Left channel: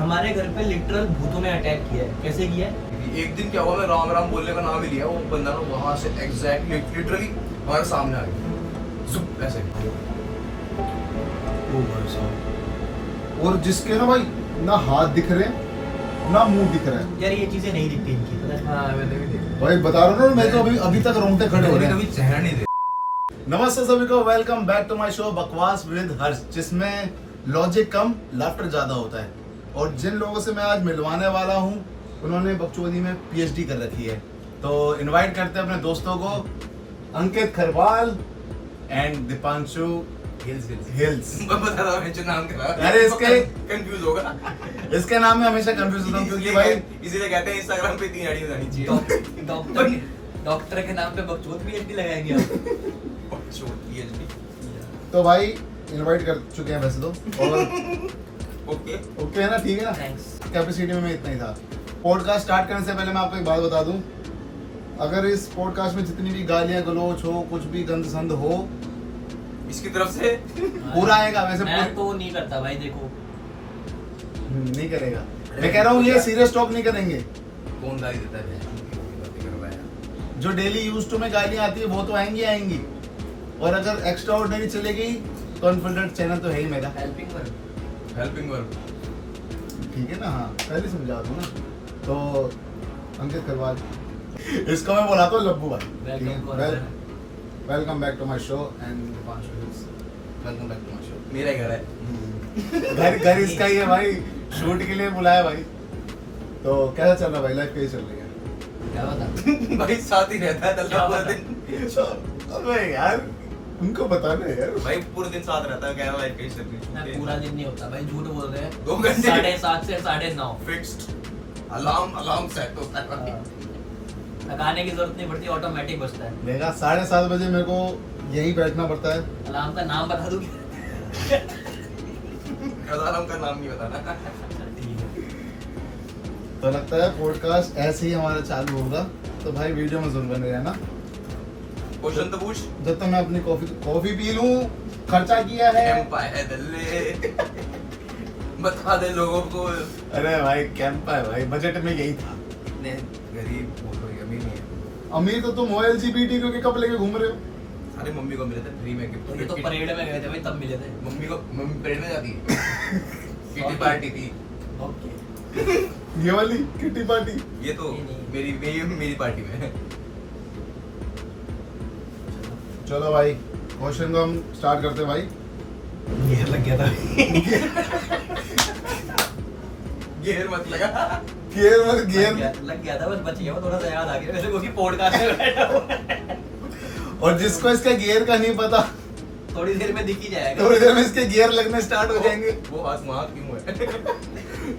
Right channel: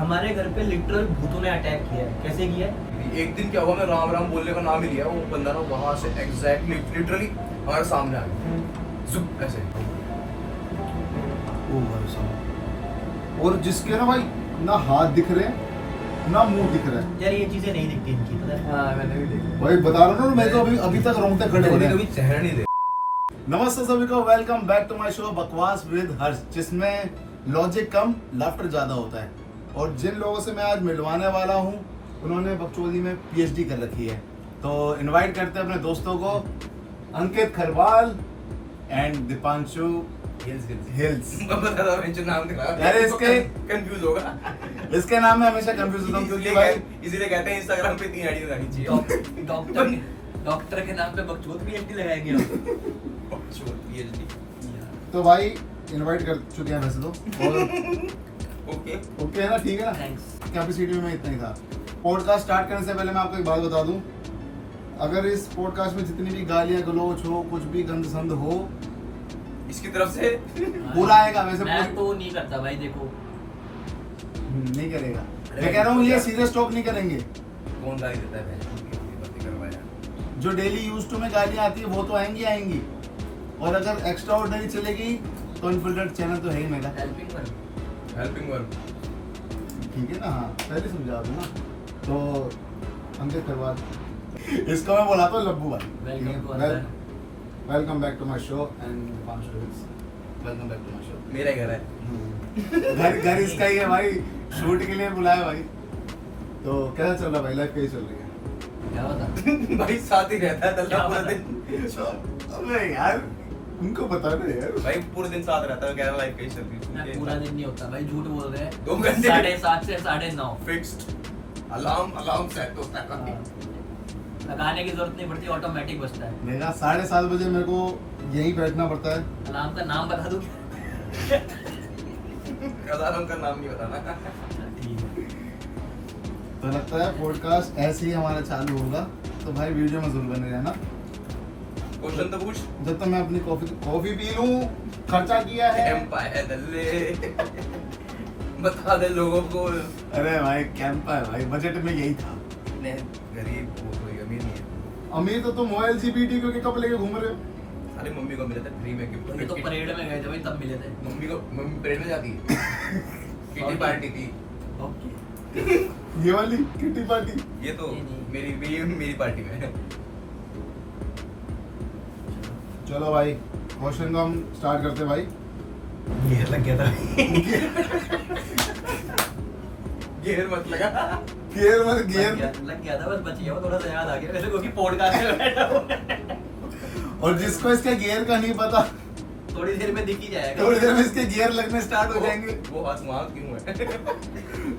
हमारे घर पे लिटरल भूतों ने अटैक किया है। कैसे किया है? एक दिन क्या हुआ, मैं राम राम बोलने का नाम ही लिया, वो बंदा ना वहां से एग्जैक्टली लिटरली हमारे सामने आ गया, जुप ऐसे। ओ भाई साहब, और जिसके ना भाई ना हाथ दिख रहे हैं ना मुंह दिख रहा है। यार ये चीजें नहीं दिखती इनकी, पता है? हाँ मैंने भी देखा भाई बता रहा हूँ ना, मैं तो अभी तक रोंगटे खड़े हो रहे हैं। कभी चेहरा नहीं दे। नमस्ते सभी को, welcome back to my show बकवास विद हर्ष, जिसमें लॉजिक कम लाफ्टर ज्यादा होता है। और जिन लोगों से मैं आज मिलवाने वाला हूँ उन्होंने बकचोदी में पीएचडी कर रखी है, तो इनवाइट करते हैं अपने दोस्तों को, अंकित खरवाल एंड दीपांशु हिल्स। बता दो मैं जो नाम करा अरे इसके कंफ्यूज होगा। इसके नाम में हमेशा कंफ्यूज होता हूँ क्योंकि भाई इसीलिए कहते हैं इंस्टाग्राम पे 3 आईडी बनानी चाहिए। डॉक्टर के नाम पे बकचोद पीएचडी लगाएंगे हम। पीएचडी तो भाई इनवाइट कर चुके हैं वैसे तो, और ओके ओके है ना, ठीक है ना। थैंक्स। कैपेसिटी में मैं इतना ही था। पॉडकास्ट स्टार्ट करने से पहले मैं आपको एक बात बता दूं, अगर इस पॉडकास्ट में जितनी भी गालियां गलोच हो, कुछ भी गंद संद हो, इसकी तरफ से पूरा आएगा। वैसे मैं तो नहीं करता भाई, देखो नहीं करेगा, मैं कह रहा हूँ ये सीरियस टॉक नहीं करेंगे। कौन गाली देता है? जो डेली यूज टू में गालियां आती है वो तो आएंगी आएंगी, और अगर एक्स्ट्रा ऑर्डिनरी चलेगी तो अनफिल्टर्ड चैनल तो है ही मेरा। हेल्पिंग वर्क ठीक है ना, हाँ पहले समझा दूँ ना। तो अंकित खरवाल, इसको मैं बोला तो लब्बू भाई। Welcome back to my show and welcome back to my show. मेरा ही घर है। घर इसका ही है भाई, शूट के लिए बुलाया भाई। तो कैसा चल रहा भाई, लाइफ कैसी चल रही है? क्या बता? भाई साथ ही रहता है कल पूरा दिन। अबे यार उनको बताना है यार। भाई पूरे दिन साथ रहता है, कह रहा लाइफ कैसी चल रही ना है? पूरा दिन नहीं होता भाई, झूठ बोल रहे हैं। 2 घंटे 7:30 से 9:30 फिक्स्ड अलार्म सेट होता है। लगाने की जरूरत नहीं पड़ती, ऑटोमेटिक बजता है। मेरा 7:30 बजे मेरे को यही बैठना पड़ता है। अलार्म का नाम बता दूं? अलार्म का नाम नहीं बताना। तो लगता है पॉडकास्ट ऐसे ही हमारा चालू होगा, तो भाई वीडियो में जरूर बने रहना। क्वेश्चन तो पूछ। जब तक मैं अपनी कॉफी पी लूं, खर्चा किया है। एम्पायर दल्ले बता दे लोगों को। अरे भाई कैंप है भाई, बजट में यही था। गरीब कोई अमीर नहीं है। अमीर तो तुम हो LGBT के कप लेके घूम रहे हो। अरे मम्मी को मिले थे फ्री में गिफ्ट। ये तो परेड में गए थे भाई, तब मिले थे। मम्मी परेड में जाती है। किटी पार्टी थी। ओके। ये वाली किटी पार्टी। ये तो नहीं। मेरी पार्टी में है। चलो भाई क्वेश्चन को हम स्टार्ट करते हैं भाई। ये लग गया था। घेर मत लगा। गियर मत गियर। लग गया था, बस बच गया, थोड़ा सा याद आ गया मेरे को कि पॉडकास्ट में बैठा हुआ है। और जिसको इसका गियर का नहीं पता, थोड़ी देर में दिख ही जाएगा। थोड़ी देर में इसके गियर लगने स्टार्ट हो जाएंगे, वो हाथ मार क्यों है?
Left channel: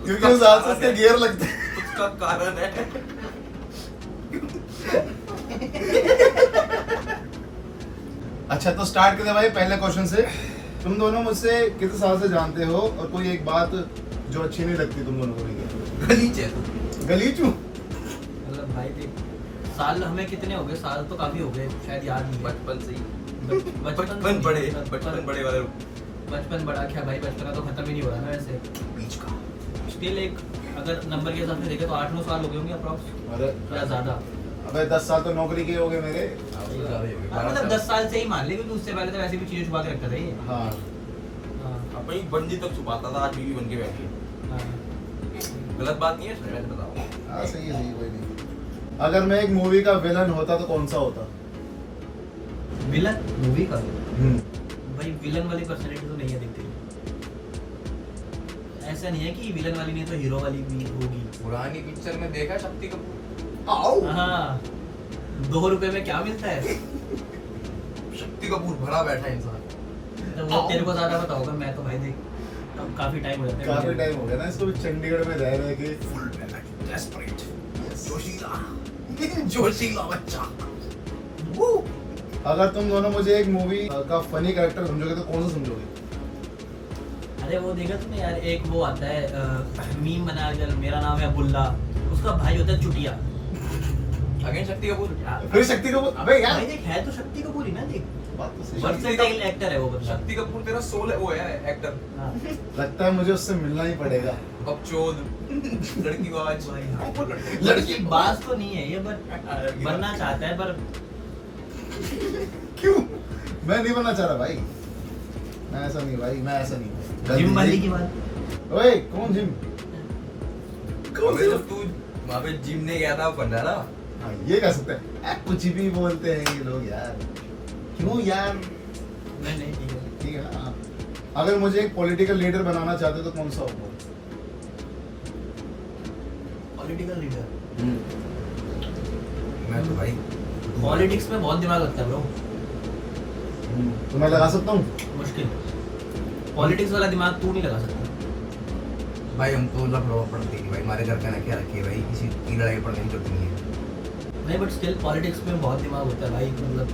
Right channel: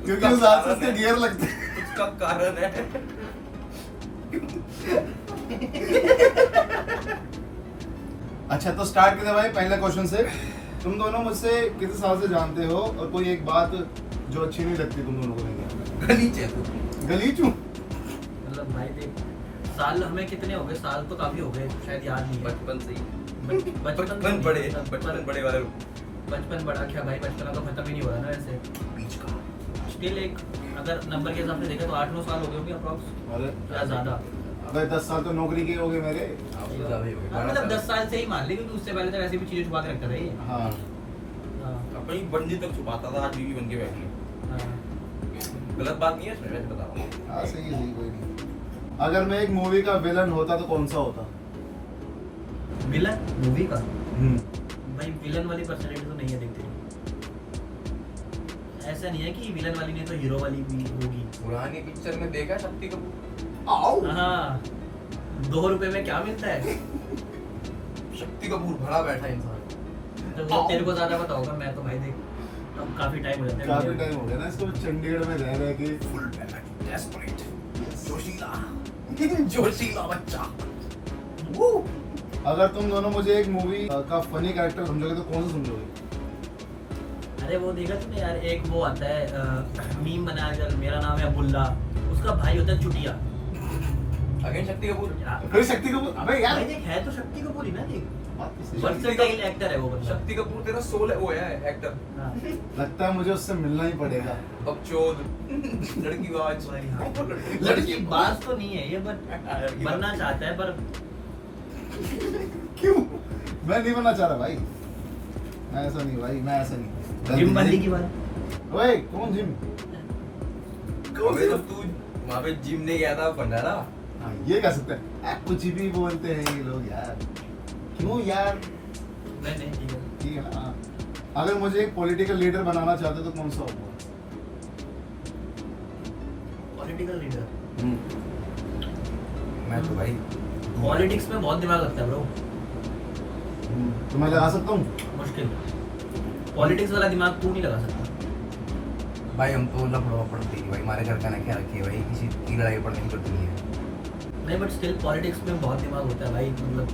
क्योंकि उस हाथ से इसके गियर लगते हैं। उसका कारण है। अच्छा तो स्टार्ट करते हैं भाई पहले क्वेश्चन से। तुम दोनों मुझसे कितने साल से जानते हो, और कोई एक बात जो अच्छी नहीं लगती तुम दोनों को लेकर? नीचे तो गलीच हूँ। मतलब भाई देख, साल हमें कितने हो गए? साल तो काफी हो गए, शायद याद नहीं है। बचपन से ही। बचपन बचपन बड़े वाले बचपन बड़ा क्या भाई, बचपन का तो खत्म ही नहीं हो रहा ना वैसे। बीच का। स्टिल एक अगर नंबर के हिसाब से देखें तो 8-9 साल हो गए होंगे अप्रॉक्स, अरे या ज्यादा। अबे 10 साल तो नौकरी के हो गए मेरे। आपसे ज्यादा ही हो गया। मतलब 10 साल से ही मान ले, क्योंकि उससे पहले तो वैसे भी चीजें छुपा के रखता था ये। हाँ हाँ, अपनी बंदी तक छुपाता था, आज बीवी बन के बैठी है। हाँ। गलत बात नहीं है इसमें, मैं बता रहा हूँ। हाँ सही है, सही, कोई नहीं। अगर मैं एक मूवी का विलन होता तो कौन सा होता? विलन मूवी का भाई, विलन वाली पर्सनालिटी तो नहीं है देखते। ऐसा नहीं है कि विलन वाली नहीं तो हीरो वाली भी होगी। पुरानी पिक्चर में देखा शक्ति कपूर। हाँ, 2 रुपए में क्या मिलता है? शक्ति कपूर भरा बैठा इंसान। वो तेरे को ज्यादा पता होगा, मैं तो भाई देख अब काफी टाइम हो जाता है। काफी टाइम हो गया ना इसको चंडीगढ़ में रह रहे के। फुल डेस्परेट जोशीला बच्चा। अगर तुम दोनों मुझे एक मूवी का फनी कैरेक्टर समझोगे तो कौन सा समझोगे? अरे वो देखा तुमने यार, एक वो आता है मीम बनाया चल, मेरा नाम है अब्दुल्ला, उसका भाई होता है चुटिया। अगेन शक्ति कपूर। फिर शक्ति कपूर। अबे यार भाई देख, है तो शक्ति कपूर ही ना, देख बात तो सही है। वर्सेटाइल एक्टर है वो बंदा। शक्ति कपूर तेरा सोल है, वो है एक्टर। हाँ। लगता है मुझे उससे मिलना ही पड़ेगा। बकचोद, लड़कीबाज। लड़की बात तो नहीं है ये, बट बनना चाहता है पर क्यों? मैं नहीं बनना चाह रहा भाई, मैं ऐसा नहीं भाई, मैं ऐसा नहीं। जिम वाली की बात। ओए कौन जिम? अबे जब तू वहाँ पे जिम नहीं गया था, वो बन रहा था। हाँ ये कह सकते हैं, कुछ भी बोलते हैं ये लोग यार, क्यों यार? नहीं ठीक है। ठीक है ना। अगर मुझे एक पॉलिटिकल लीडर बनाना चाहते हो तो कौन सा होगा? Political leader. मैं तो भाई पॉलिटिक्स में बहुत दिमाग लगता है ब्रो। तो मैं लगा सकता हूँ। मुश्किल। पॉलिटिक्स वाला दिमाग तू नहीं लगा सकता। भाई हम तो लफड़वा पड़ती है भाई, हमारे घर का ना क्या रखी है भाई, किसी की लड़ाई पड़ने की जरूरत नहीं है। नहीं बट स्टिल पॉलिटिक्स में बहुत दिमाग होता है भाई, मतलब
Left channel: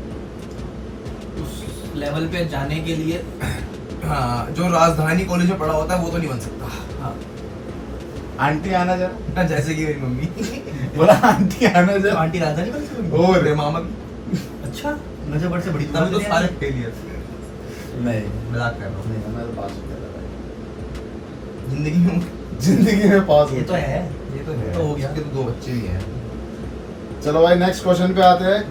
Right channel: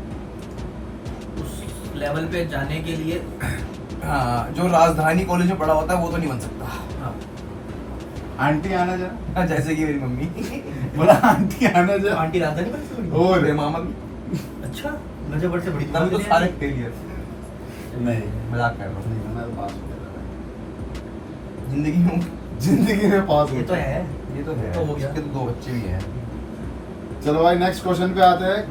उस लेवल पे जाने के लिए। हाँ, जो राजधानी कॉलेज में पढ़ा होता है वो तो नहीं बन सकता। हाँ। आंटी आना जरा। हाँ, जैसे कि मेरी मम्मी। बोला आंटी आना तो जरा। आंटी राजधानी कौन सी हुई? और मेरे मामा की। अच्छा, मुझे बड़े से बड़ी तभी तो दुआ सारे मिली। फेलियर। नहीं मजाक कर रहा नहीं, मैं पास हो गया था भाई। हूँ। जिंदगी में जिंदगी में पास हो ये तो गया। है। ये तो है। तो हो गया। उसके तो 2 बच्चे भी हैं। चलो भाई नेक्स्ट क्वेश्चन पे आते हैं।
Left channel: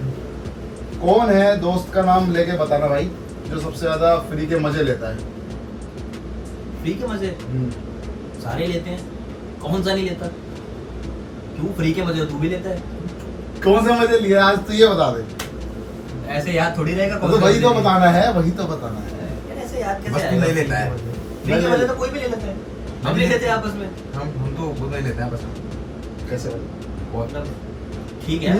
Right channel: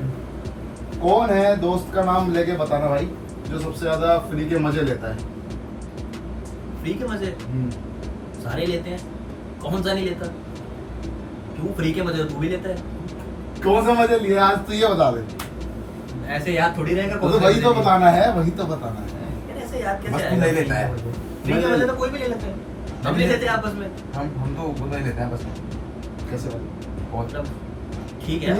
कौन है दोस्त का नाम लेके बताना भाई, जो सबसे ज्यादा फ्री के मजे लेता है? फ्री के मजे सारे लेते हैं, कौन सा नहीं लेता? क्यों, फ्री के मजे तू भी लेता है। कौन सा मजे लिए आज तो ये बता दे। ऐसे याद थोड़ी रहेगा। तो कौन सा वही तो मजे बताना है, वही तो बताना है। लेगा। ऐसे याद कैसे बस तू आएगा? नहीं लेता है। फ्री के मजे तो कोई भी ले लेता है, हम नहीं लेते आपस में। हम तो वो नहीं लेते हैं बस। कैसे बता? बहुत मतलब ठीक है,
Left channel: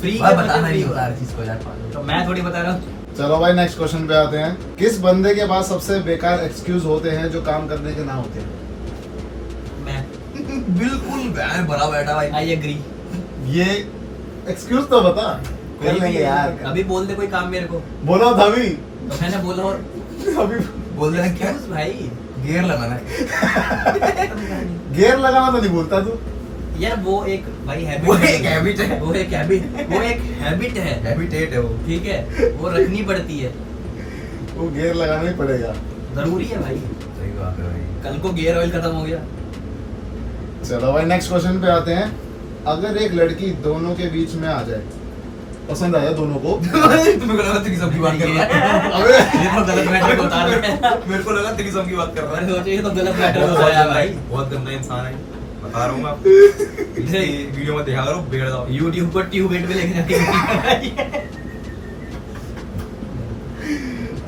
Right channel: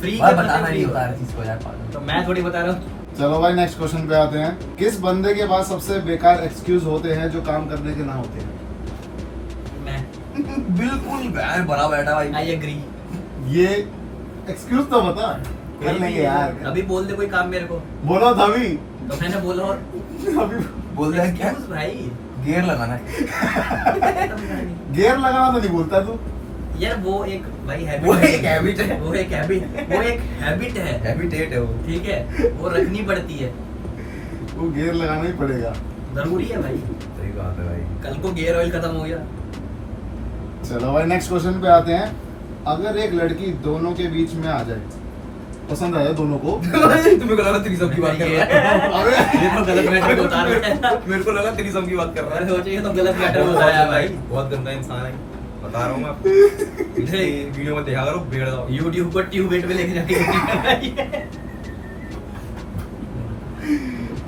फ्री भाई के बताना मजे नहीं free होता हर चीज को यार, पागल। तो मैं थोड़ी बता रहा हूँ। चलो भाई नेक्स्ट क्वेश्चन पे आते हैं। किस बंदे के पास सबसे बेकार एक्सक्यूज होते हैं जो काम करने के ना होते हैं? मैं बिल्कुल मैं भरा बैठा भाई। I agree. ये एक्सक्यूज तो बता। कर लेंगे यार। अभी बोल दे कोई काम मेरे को, बोलो तभी। तो मैंने बोला और अभी बोल रहे हैं क्या? Excuse भाई। गियर लगाना है। गियर लगाना तो नहीं बोलता तू। यार वो एक भाई हैबिट वो एक habit है। वो एक हैबिट है। हैबिटेट है वो। ठीक है, वो रखनी पड़ती है, वो गियर लगाना ही पड़ेगा। जरूरी है भाई। सही बात है भाई। कल को गियर ऑयल खत्म हो गया। चलो भाई नेक्स्ट क्वेश्चन पे आते हैं। अगर एक लड़की दोनों के बीच में आ जाए, पसंद आ जाए दोनों को। तुम्हें को लगा तेरी सबकी बात कर रहा है। अबे ये तो गलत मैटर को उतार रहा है। मेरे को लगा तेरी सबकी बात कर रहा मैंने है। सोचा ये तो गलत मैटर हो गया भाई। बहुत गंदा इंसान है, बता रहा हूँ मैं आपको। इसे वीडियो में देखा करो, बिगड़ जाओ। YouTube पर ट्यूबेट पे लेके जाके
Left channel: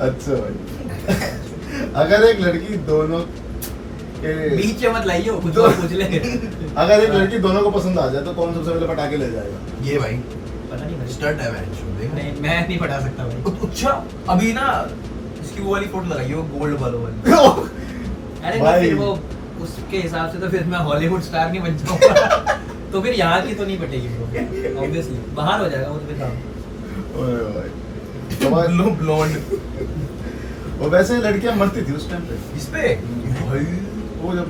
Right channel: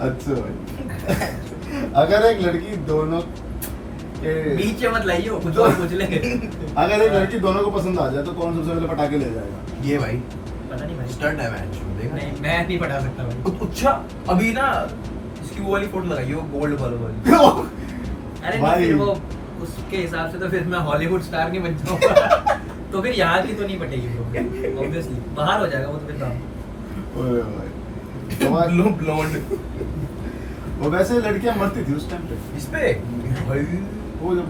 अच्छा भाई। अगर एक लड़की दोनों के बीच में मत लाइयो, कुछ और पूछ लेंगे। अगर एक लड़की दोनों को पसंद आ जाए तो कौन सबसे पहले पटाखे ले जाएगा? ये भाई पता नहीं भाई। स्टंट है मैच, देख। नहीं, मैं नहीं पढ़ा सकता भाई। अच्छा, अभी ना इसकी वो वाली फोटो लगाई है, वो गोल्ड वाली। अरे नहीं, भाई। फिर वो उसके हिसाब से तो फिर मैं हॉलीवुड स्टार नहीं बन जाऊंगा। तो फिर यहाँ की तो नहीं पटेगी ब्रो, ऑब्वियसली बाहर हो जाएगा वो तो फिर काम। ओए भाई। तो भाई, ब्लोंड वो वैसे लड़कियां मरती थी उस टाइम पे। इस पे भाई वो जब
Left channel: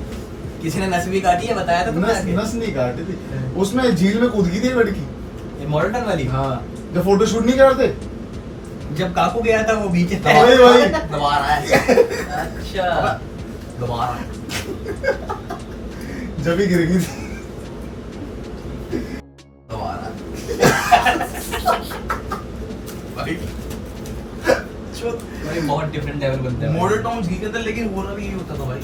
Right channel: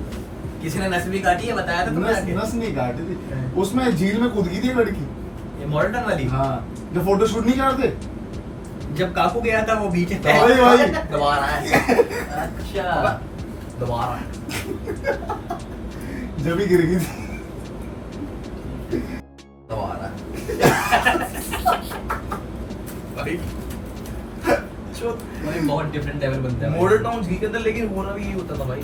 किसी ने नस भी काटी है, बताया था तुमने नस आके? नस नहीं काटी थी, उसमें झील में कूद गई थी एक लड़की। ये मॉडर्न वाली। हाँ, जब फोटो शूट नहीं करते। जब काकू गया था वो बीच में। वही वही। दबा रहा है, अच्छा, दबा रहा है। जब ही गिर गई थी। दबा रहा है भाई। भाई बहुत डिफरेंट लेवल बनता है। मॉडल टाउन झील के अंदर लेकिन हो रहा भी यही होता था भाई।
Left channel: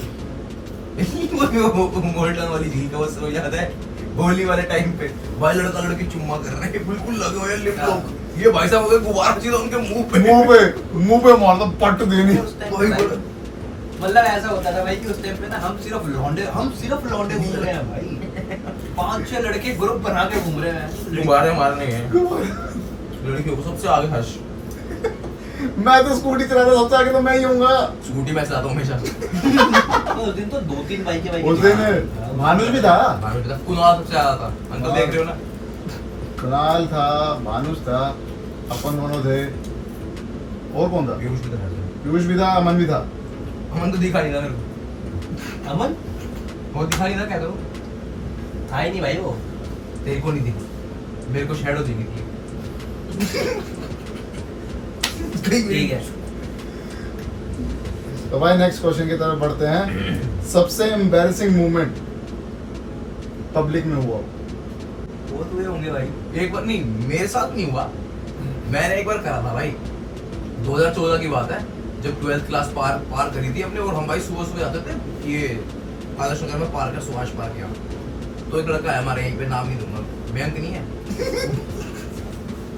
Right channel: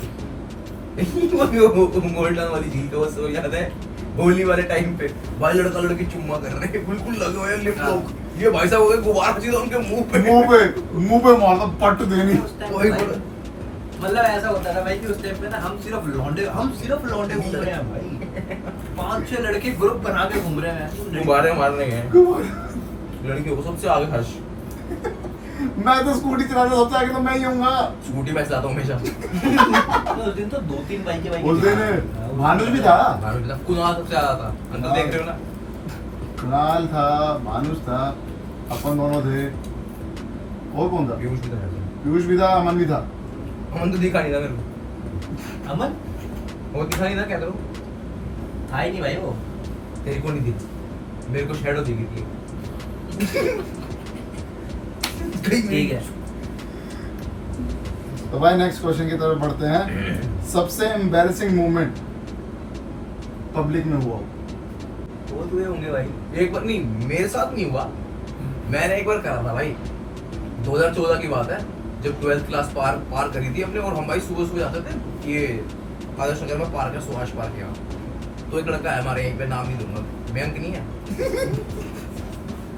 मॉडल टाउन वाली झील का वो सब याद है, होली वाले टाइम पे भाई लड़का लड़की चुम्मा कर रहे हैं, बिल्कुल लगे हुए हैं लिप लॉक। ये भाई साहब अगर गुब्बारा चीज उनके मुंह पे मुंह पे मारता पट देनी। उस time पे वही भाई, बोला। मतलब ऐसा होता था भाई कि उस टाइम पे ना हम सिर्फ लौंडे घूम रहे हैं भाई। 5-6 लड़के ग्रुप बना के घूम रहे हैं। गुब्बारे मारने गए लड़कियों को सबसे आगे हर्ष। मैं तो स्कूटी चलाता सबसे आगे तो मैं ही हूँगा। स्कूटी में चलाता हूँ हमेशा। तो उस दिन तो 2-3 बाइकें उस दिन भानुष भी था। कुनाल सबसे आया था, अंदर देख रहे हो ना। कुणाल था, भानुष था, अपन दोनों थे, और कौन था? पीयूष भी था। पीयूष भी था, अमन भी था। अमन तो दिखा नहीं था मेरे को। अमन वो दिखा नहीं था, क्या करूँ? था ही नहीं भाई वो। तेरे को नहीं दिखी, मेरे को शैडो दिखी थी। ठीक है। तो भाई नेक्स्ट क्वेश्चन की तरफ बढ़ते हैं। सबसे एम्बैरेसिंग मोमेंट पब्लिक में हुआ? बहुत हुए होंगे भाई। एक बार नहीं, मेरे साथ नहीं हुआ, मैंने एक बार करा था भाई। 2014 की बात है, जब 12th क्लास पार करी थी हमने, और हम भाई सुबह सुबह जाते थे। ये आदर्श नगर में पार्क है, सुभाष पार्क है। तो एक लड़का है हमारे यहीं पे, नाम नहीं दूंगा, मयंक नहीं है।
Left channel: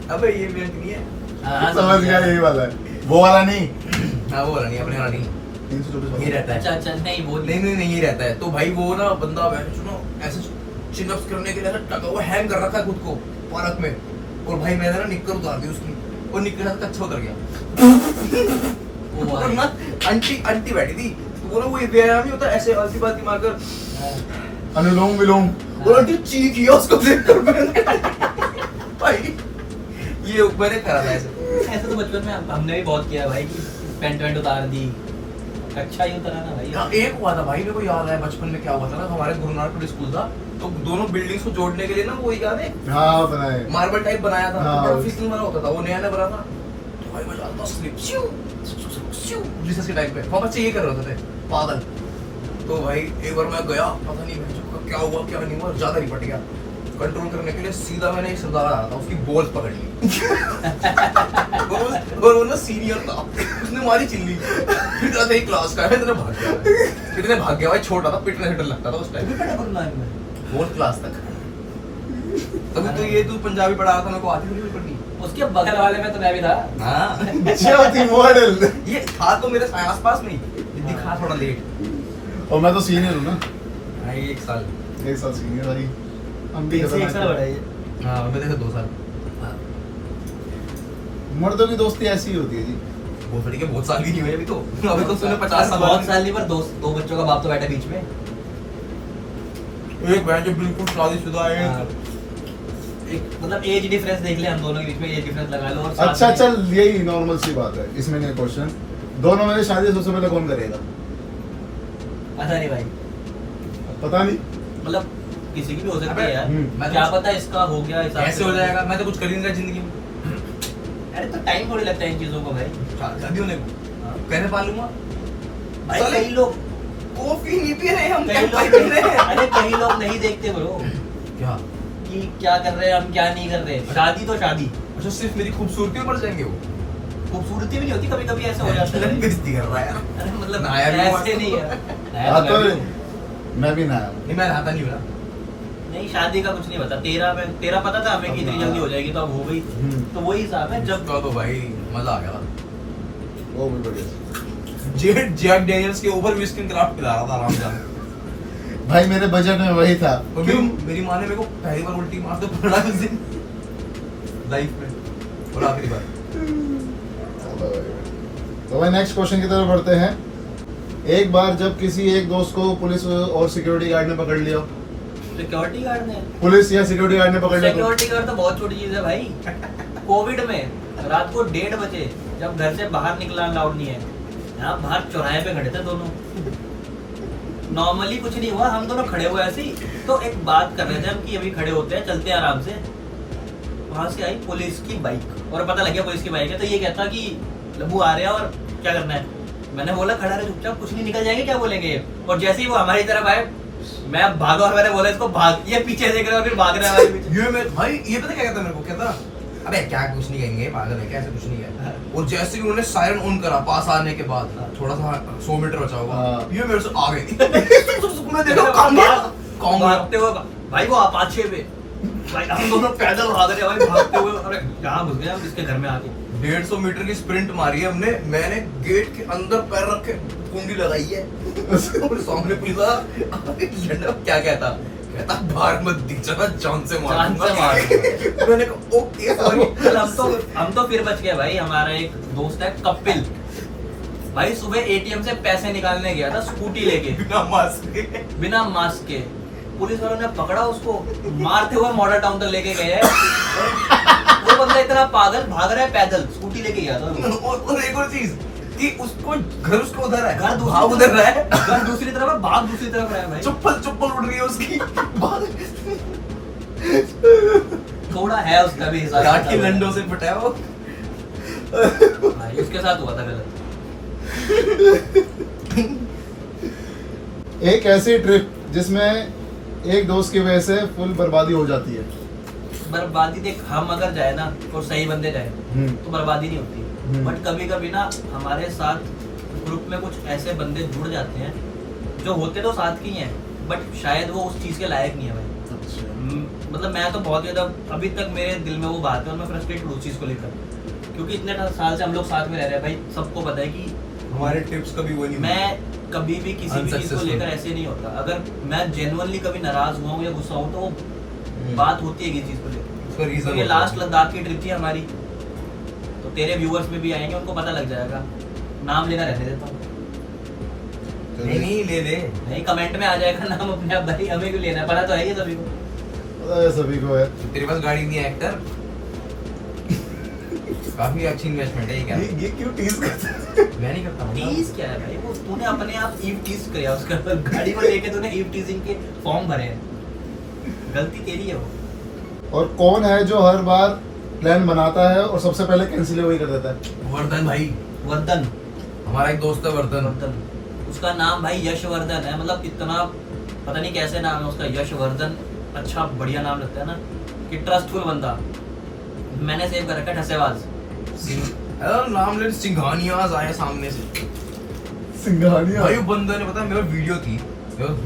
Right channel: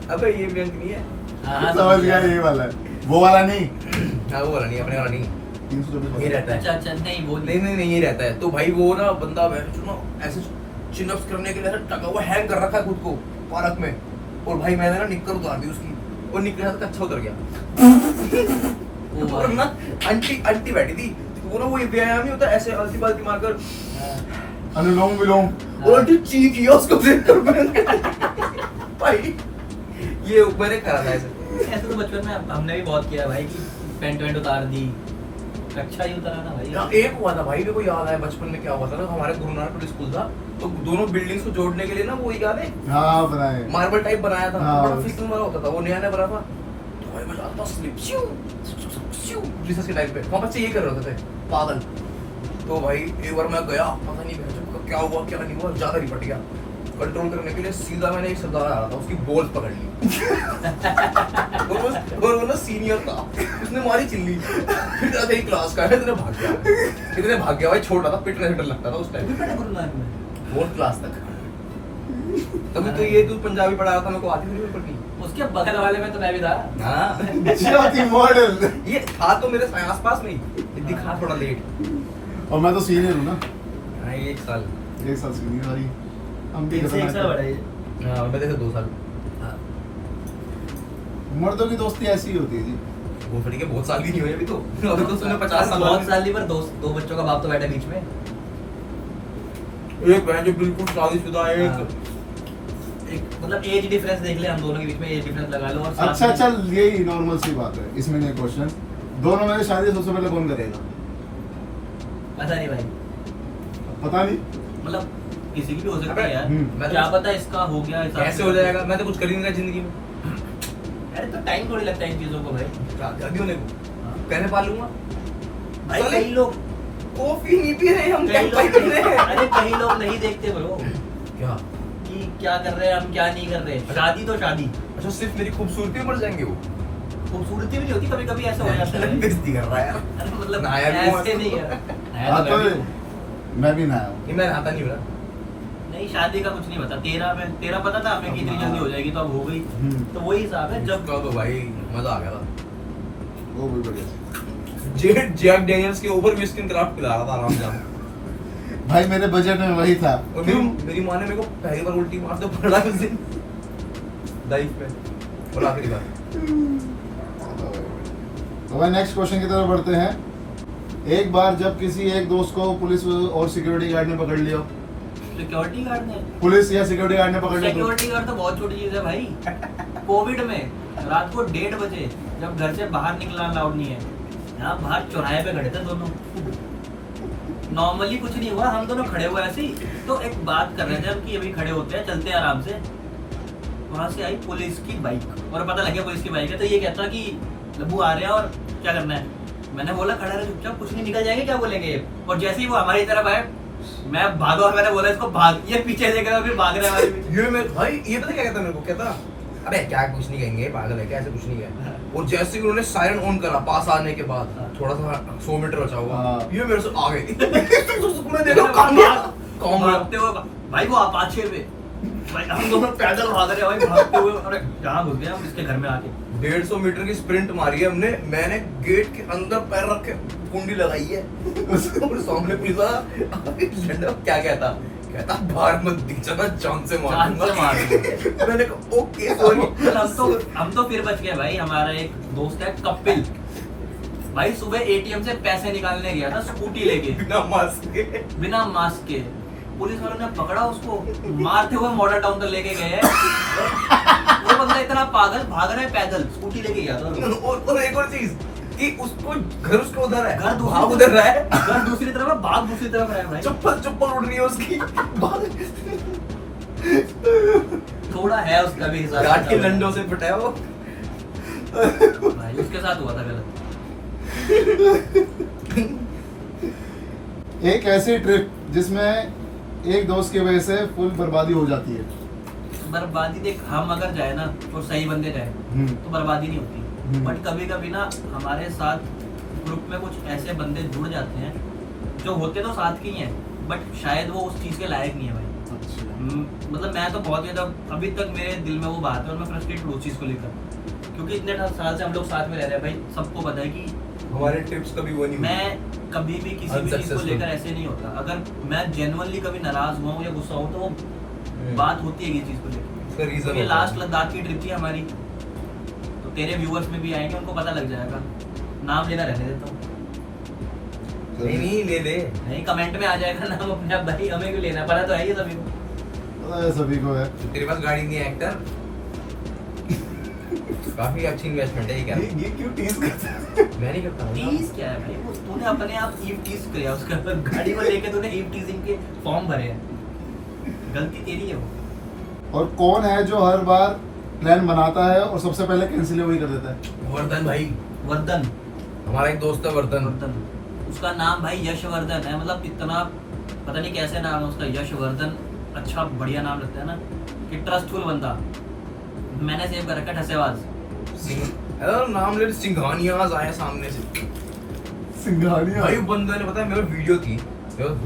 अबे ये मयंक नहीं है। हाँ, समझ गया, यही वाला है, वो वाला नहीं। हाँ वो वाला नहीं, अपने वाला नहीं, 324 ये रहता है। अच्छा अच्छा, नहीं वो नहीं ये रहता है। तो भाई वो ना बंदा ऐसे चिनअप्स करने के लिए टका हुआ हैंग कर रखा है खुद को पार्क में। और भाई मैंने ना निक्कर उतार दी उसकी, और निक्कर हाथ कच्चा उतर गया। और ना आंटी बैठी थी, तो वो ना वो व्यायाम ही होता है, ऐसे आलती पालती मारकर अनुलोम विलोम। और आंटी चीख किया उसको देख कर मैंने। भाई ये मैंने करा था ऐसे। तो बचपन में हमने भी बहुत किया भाई, कि पेंट वेंट उतार दी। अच्छा ही उतारा ना भाई। हाँ, एक हुआ था भाई, मेरे को याद है बचपन में क्या हुआ था ना, हमारे गुरु नानक पब्लिक स्कूल था, तो दोनों बिल्डिंग्स को जोड़ने के लिए ना वो याद है हाँ बनाए, मार्बल टाइप बनाया था, हाँ, बड़ा फिसल वाला होता था, वो नया बना था। तो भाई मजा आता स्लिप रिसर्च के टाइम पे हम बच्चे ये कर रहे होते थे पागल। तो भाई एक बार मैं गया, पता नहीं भाई क्या हुआ क्या नहीं हुआ, ज्यादा रिपट गया। कंट्रोल करने के लिए सीधा मैंने एक सरदार आ रहा था, उसकी बॉल्स पकड़ ली। और वो ना सीनियर था, उसने मारी चिल्ली। फिर आते ही क्लास का है, इतने भाग गया भाई, छोटा था, पिटने से डर लगता था उस टाइम। गुरु नानक में 4th क्लास तक। तभी तो ये तू पंजाबी पढ़ा रहा था, मेरे को आती थी पढ़नी। उसके बगल वाले में तो मैं भी था। हाँ ज्योति मॉडल। ये था तो मेरे आसपास में ही, ये दिखा थोड़ा लेट। और मैं तो सीनियर हूँ ना, हाँ 1 साल। 1 साल सीनियर भाई। हम भी एक साल खतरनाक बड़ा हैं। है। हाँ मैं देखा 2 साल। मर्दों की दोस्ती ऐसी ही होती है जी। वो फटी के बहुत साल की नहीं हुई अभी तो। अभी तो उसने 50 साल बहुत साल नहीं, पर दो बच्चों का बाप तो बैठा बीच में। एक बहन जो बिल्कुल शादीशुदा है। हाँ। एक मतलब एज डिफरेंस देख ले, हम दोनों के बीच में एज डिफरेंस लगा लो। और साथ अच्छा में- चल, यही नॉर्मल सी बात है। इसमें नहीं क्वेश्चन, दोनों में से शादी सबसे पहले कौन करेगा? पता नहीं भाई, पता नहीं। मतलब किसी की भी हो सकती अबे, है यार। मैं क्या तो- पता इसका हो गया हिसाब कैसे से। हो जाएगा? मैं तो कुछ कर ही नहीं रहा जिंदगी में। अरे तो टाइम थोड़ी लगता है इन चीजों को भाई। शादी होने को हाँ। कहने पालूंगा। भाई साले- कई लोग कॉफी नहीं पी रहे हम, कई क्या लोग पाई कर रहे हैं? अरे कई लोग नहीं देखते ब्रो क्या? कि क्या कर रहे हैं हम, क्या नहीं कर रहे। शादी तो शादी, अच्छा सिर्फ मेरी खूबसूरती में मर जाएंगे वो? खूबसूरती भी नहीं होती, कभी कभी ऐसा हो जाता है। बेइज्जती कर रहा है यार। अरे मतलब नहाया भी हुआ। ऐसे नहीं है। नहाया हाँ तो तो मैं भी हूँ। मैं भी नया हूँ। नहीं मैं नहाता नहीं मेरा। नहीं शादी का कुछ नहीं पता। तेरा पता था हमें कि इतनी जल्दी हो जाएगी, तो अब हो गई। तो वही हिसाब है जब इसका तो भाई मजा आ गया था। वो भी बढ़िया। जैक डेनियल्स के ओवर विस्किन क्राफ्ट पिला रहा था आराम से। भाई मेरे बजट में वही था। और मेरी माँ ने मेरे को पहली बार उल्टी मार तो पड़ा उस दिन लाइफ में, और आखिरी बार। तो भाई नेक्स्ट क्वेश्चन की तरफ बढ़ते हैं। एक बार जब किसी एक दोस्त को पुलिस और सिक्योरिटी गार्ड ने पकड़ लिया, सिक्योरिटी गार्ड ने पुलिस या सिक्योरिटी गार्ड ने पकड़ लिया तो सिक्योरिटी गार्ड तो बहुत छोटी चीज है भाई। कोविड में रात को 1:30 बजे जब घर से बाहर निकलना अलाउड नहीं है, यहाँ बाहर चौराहे पे खड़े थे दोनों। नॉर्मली कुछ नहीं हुआ, हम दोनों खड़े हुए ऐसे ही, तो एक बात कर रहे थे हम कि अभी खड़े होते हैं, चलते हैं आराम से। वहां से आई पुलिस की बाइक और पता लग गया पुलिस की बाइक है। तो ये कहता कि लब्बू आ रहे हैं और क्या करना है। मैंने बोला खड़ा रहे चुपचाप, कुछ नहीं, निकल जाएंगे, क्या बोलेंगे। और जैसे ही वो हमारी तरफ आए, मैं भागा और मैंने बोला इसको भाग। ये पीछे देख रहा है, फिर भाग रहा है हमारे पीछे। ये मैं भाई ये पता क्या कहता मेरे को, कहता अबे क्या कुछ नहीं कहेंगे, पागल है क्या, ऐसे कुछ नहीं है। और जैसे ही उन्होंने सायरन ऑन करा पास आने के बाद, थोड़ा सा 100 मीटर बचा हुआ, हाँ। ये मेरे से आ गई। मैं देखा कौन गया, कौन गया। भागते हुए भाई वो अपाचे पे, भाई हम दोनों पैदल भाग रहे हैं भाई, भागते हुए। अरे यहाँ घुस गए हम इसके घर में आके। 150 मीटर की स्प्रिंट मारी है हमने। मैंने गेट के अंदर पैर रख के कुंडी लगाई है। और सामने पुलिस वाला क्या कहता बाहर मत दिख जाना, जान से जान से मार मारूंगा। मैंने कहा ओके सॉरी। हम तो फिर बच गए भाई। हमारा एक दोस्त है कपिल, भाई सुबह एटीएम से पैसे निकालने गया था स्कूटी लेके, बिना मास्क के। बिना मास्क के। पुलिस वालों ने पकड़ा उसको, मारते हुए मॉडल टाउन तक लेके गए हैं। वो बंदा इतना पागल भाग रहा है पैदल, स्कूटी लेके गया था। और एक और चीज कि उसको घर उसको उधर है, घर भाग उधर रहा है, घर दूसरी तरफ है, भाग दूसरी तरफ है भाई। चप्पल उड़ रही है उसकी। थोड़ा है उसका भी हिसाब। गाठ के लंडों से पिटा है वो। भाई उसके साथ हुआ था गलत। एक ऐसी ट्रिप जिसमें एक दोस्त की वजह से फुल बर्बादी हो जाती है। बर्बादी देख, हम अगर जाए ना और सही बंदे जाए तो बर्बादी नहीं होती, बट कभी कभी ना हमारे साथ ग्रुप में कुछ ऐसे बंदे जुड़ जाते हैं जो होते तो साथ के ही हैं, बट शायद वो उस चीज़ के लायक नहीं है भाई। मतलब मैं तो बहुत ज़्यादा अभी तक मेरे दिल में वो बात है और मैं फ्रस्ट्रेट हूँ उस चीज़ को लेकर, क्योंकि इतने साल से हम लोग साथ में रह रहे हैं भाई, सबको पता है कि हमारे ट्रिप्स कभी वो नहीं मैं कभी भी किसी भी चीज़ को लेकर ऐसे नहीं होता। अगर मैं जेन्युइनली कभी नाराज हुआ हूँ या गुस्सा हूँ तो वो बात होती है किसी चीज़ को उसका लेकर। reason तो ये होता है। लास्ट लद्दाख की ट्रिप थी हमारी, तो तेरे व्यूअर्स में भी आएंगे, उनको पता लग जाएगा। नाम लेना रहने देता हूँ, नहीं ले ले। नहीं कमेंट में आ जाएगा नाम अपने आप भाई, हमें क्यों लेना है, पता तो है ये सभी को। पता है सभी को है। तेरे पास गाड़ी नहीं है एक्टर? काफी अच्छी इन्वेस्टमेंट है ये क्या? ये क्यों टीज करता है? मैं नहीं करता हूँ। टीज क्या है भाई, वो तूने अपने आप ईव टीज किया उसका, गाड़ी को लेके तूने ईव टीजिंग के फॉर्म भरे हैं, गलती तेरी है वो। और कौन है जो हर बार प्लान बनाता है और सबसे पहले कैंसिल वही कर देता है? वर्धन भाई, वर्धन, हमारा एक दोस्त है वर्धन। वर्धन, उसका नाम भाई यशवर्धन है, मतलब इतना पता नहीं कैसे नाम है उसका, यशवर्धन, अच्छा बढ़िया नाम लगता है ना, कि ट्रस्टफुल बंदा। मैंने सेव कर रखा है ठसेबाज। नाम ले, सिंघानियाज आए सामने से। सिंघानिया भाई बंदे ने, पता है मेरे वीडियो की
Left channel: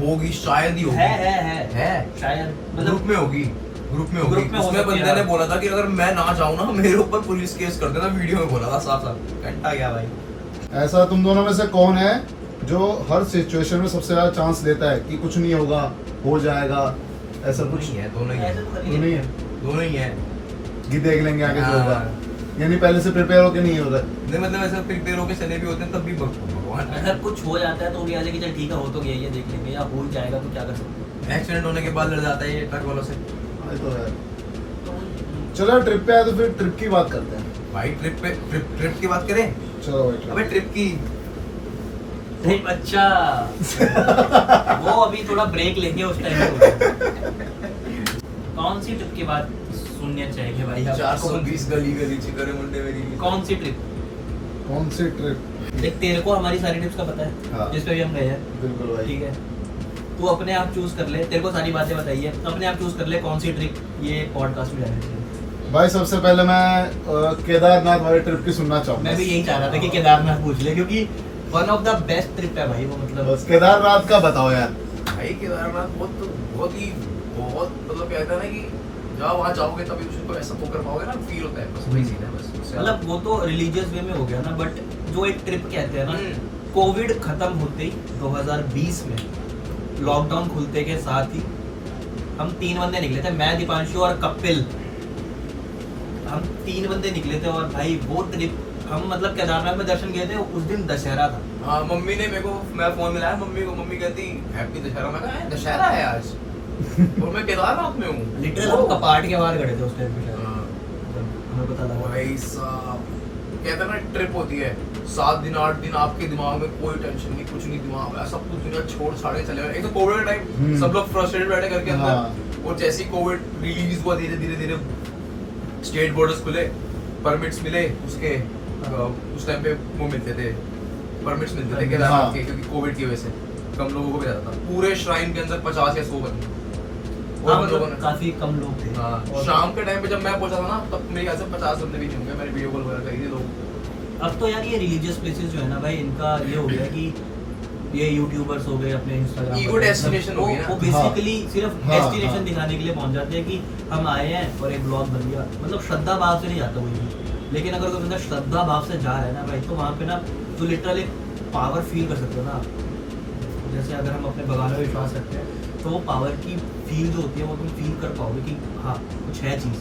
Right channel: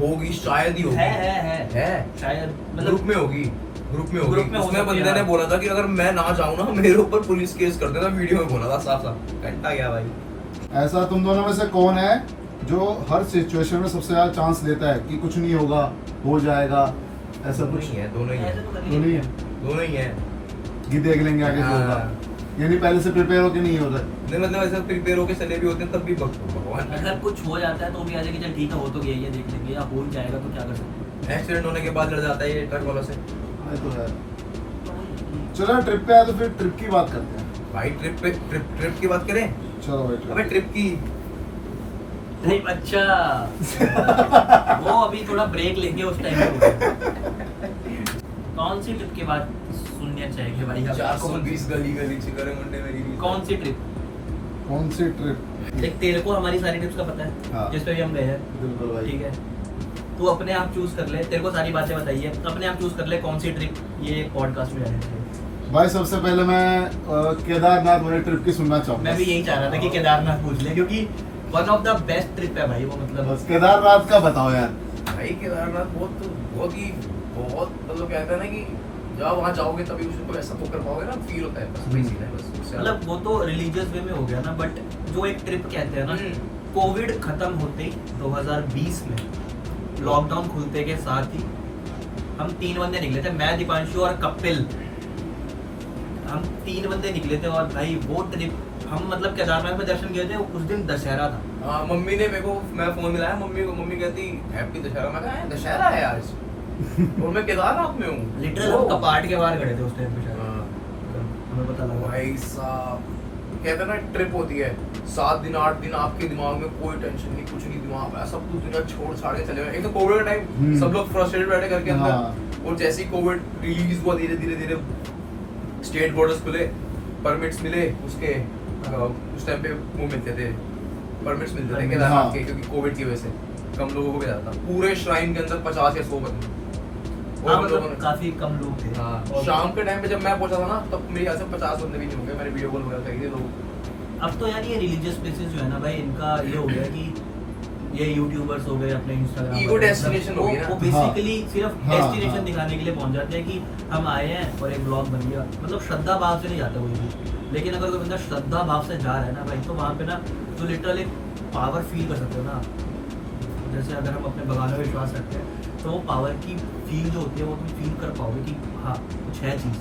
होगी, शायद ही होगी, है शायद, ग्रुप मतलब में होगी, ग्रुप में होगी। ग्रुप में हो उसमें सकती बंदे है। ने बोला था कि अगर मैं ना जाऊँ ना मेरे ऊपर पुलिस केस कर देना, वीडियो में बोला था साफ साफ। घंटा गया भाई। ऐसा तुम दोनों में से कौन है जो हर सिचुएशन में सबसे ज्यादा चांस लेता है कि कुछ नहीं होगा, हो जाएगा, ऐसा दोनों कुछ? ही है, दोनों ही है, ऐसे तो कर ही नहीं है दोनों ही है। कि देख लेंगे आगे जो होगा, हाँ। यानी पहले से प्रिपेयर होके नहीं होता। नहीं मतलब ऐसा प्रिपेयर होके चले भी होते हैं तब भी भगवान। अगर कुछ हो जाता है तो भी आगे कि चल ठीक है, हो तो गया, ये देख लेंगे, या हो ही जाएगा तो क्या कर सकते हैं। एक्सीडेंट होने के बाद लड़ जाता है ये ट्रक वालों से। हाँ, ये तो है। तो वही- चलो ट्रिप पे आए तो फिर ट्रिप की बात करते हैं। भाई ट्रिप की बात करें? चलो भाई अबे ट्रिप की नहीं, अच्छा वो अभी थोड़ा ब्रेक लेंगे उस टाइम पे। कौन सी ट्रिप की बात सुननी चाहिए भाई आप? 420 गली गली चिकरे मुंडे मेरी। कौन सी ट्रिप? कौन सी ट्रिप? देख तेरे को हमारी सारी ट्रिप्स का पता है, हाँ। जिस पे भी हम गए हैं, बिल्कुल भाई। ठीक है, तू अपने आप चूज कर ले, तेरे को सारी बातें बताइए, अपने आप चूज कर ले कौन सी ट्रिप ये पॉडकास्ट में जाने चाहिए। भाई सबसे पहले मैं केदारनाथ वाली ट्रिप की सुनना चाहूंगा। मैं भी यही चाह रहा था कि केदारनाथ पूछ ले, क्योंकि one of the best trip है भाई वो, मतलब बस केदारनाथ का बताओ यार। भाई केदारनाथ बहुत मतलब कहते हैं ना कि जब वहाँ जाओगे तभी उसको ऐसा वो कर पाओगे ना, फील होता है, बस वही सीन है बस उससे मतलब वो तो रिलीजियस वे में हो गया ना, बट जो एक ट्रिप कहते हैं ना, कोविड खत्म होते ही 2020 में लॉकडाउन खुलते के साथ ही हम 3 बंदे निकले थे, मैं, दीपांशु और कपिल, हम 3 बंदे निकले थे। और भाई वो ट्रिप हम मतलब केदारनाथ में दर्शन गए थे, उस दिन दशहरा था। हाँ मम्मी ने मेरे को, मैं फोन मिलाया मम्मी को, मम्मी कहती हैप्पी दशहरा। मैं कहा दशहरा है आज और मैं केदारनाथ में हूँ। लिटरल हम कपाट के बाहर खड़े थे उस टाइम पे शायद। हाँ। हमें पता लगा भाई साहब कहते हैं ना ट्रिप होती है 7 दिन 8 दिन, आपके दिमाग में कोई टेंशन नहीं, कुछ नहीं, दिमाग में सब कुछ दुनिया छोड़ छाड़ के चले गए। एक तो कोविड का टाइम, सब लोग फ्रस्ट्रेटेड बैठे करके अंदर, और जैसे ही कोविड रिलीज हुआ धीरे धीरे स्टेट बॉर्डर्स खुले, परमिट्स मिले उसके, उस टाइम पे वो मिलते थे, परमिट्स मिलते थे केदारनाथ के, क्योंकि कोविड की वजह से कम लोगों को भी जाता था। पूरे श्राइन के अंदर 50 या 100 बंदे, हाँ, मतलब काफी कम लोग थे। हाँ, और शाम के टाइम पे जब मैं पहुंचा था ना, तब मेरे यहाँ से 50 बंदे भी नहीं होंगे। मैंने वीडियो कॉल वगैरह करी थी लोग। अब तो यार ये रिलीजियस प्लेसेस जो है ना भाई, इनका ये हो गया कि ये यूट्यूबर्स हो गए अपने इंस्टाग्राम Ego destination हो गई ना। वो बेसिकली सिर्फ हाँ, डेस्टिनेशन हाँ। दिखाने के लिए पहुंच जाते हैं कि हम आए हैं और एक ब्लॉग बन गया। मतलब श्रद्धा भाव से नहीं जाता कोई भी, लेकिन अगर कोई बंदा श्रद्धा भाव से जा रहा है ना भाई, तो वहाँ पे ना तो लिटरली पावर फील कर सकते हो ना आप। जैसे अगर हम अपने भगवान में विश्वास रखते हैं तो वो पावर की फील जो होती है वो तुम फील कर पाओगे कि हाँ कुछ है चीज़।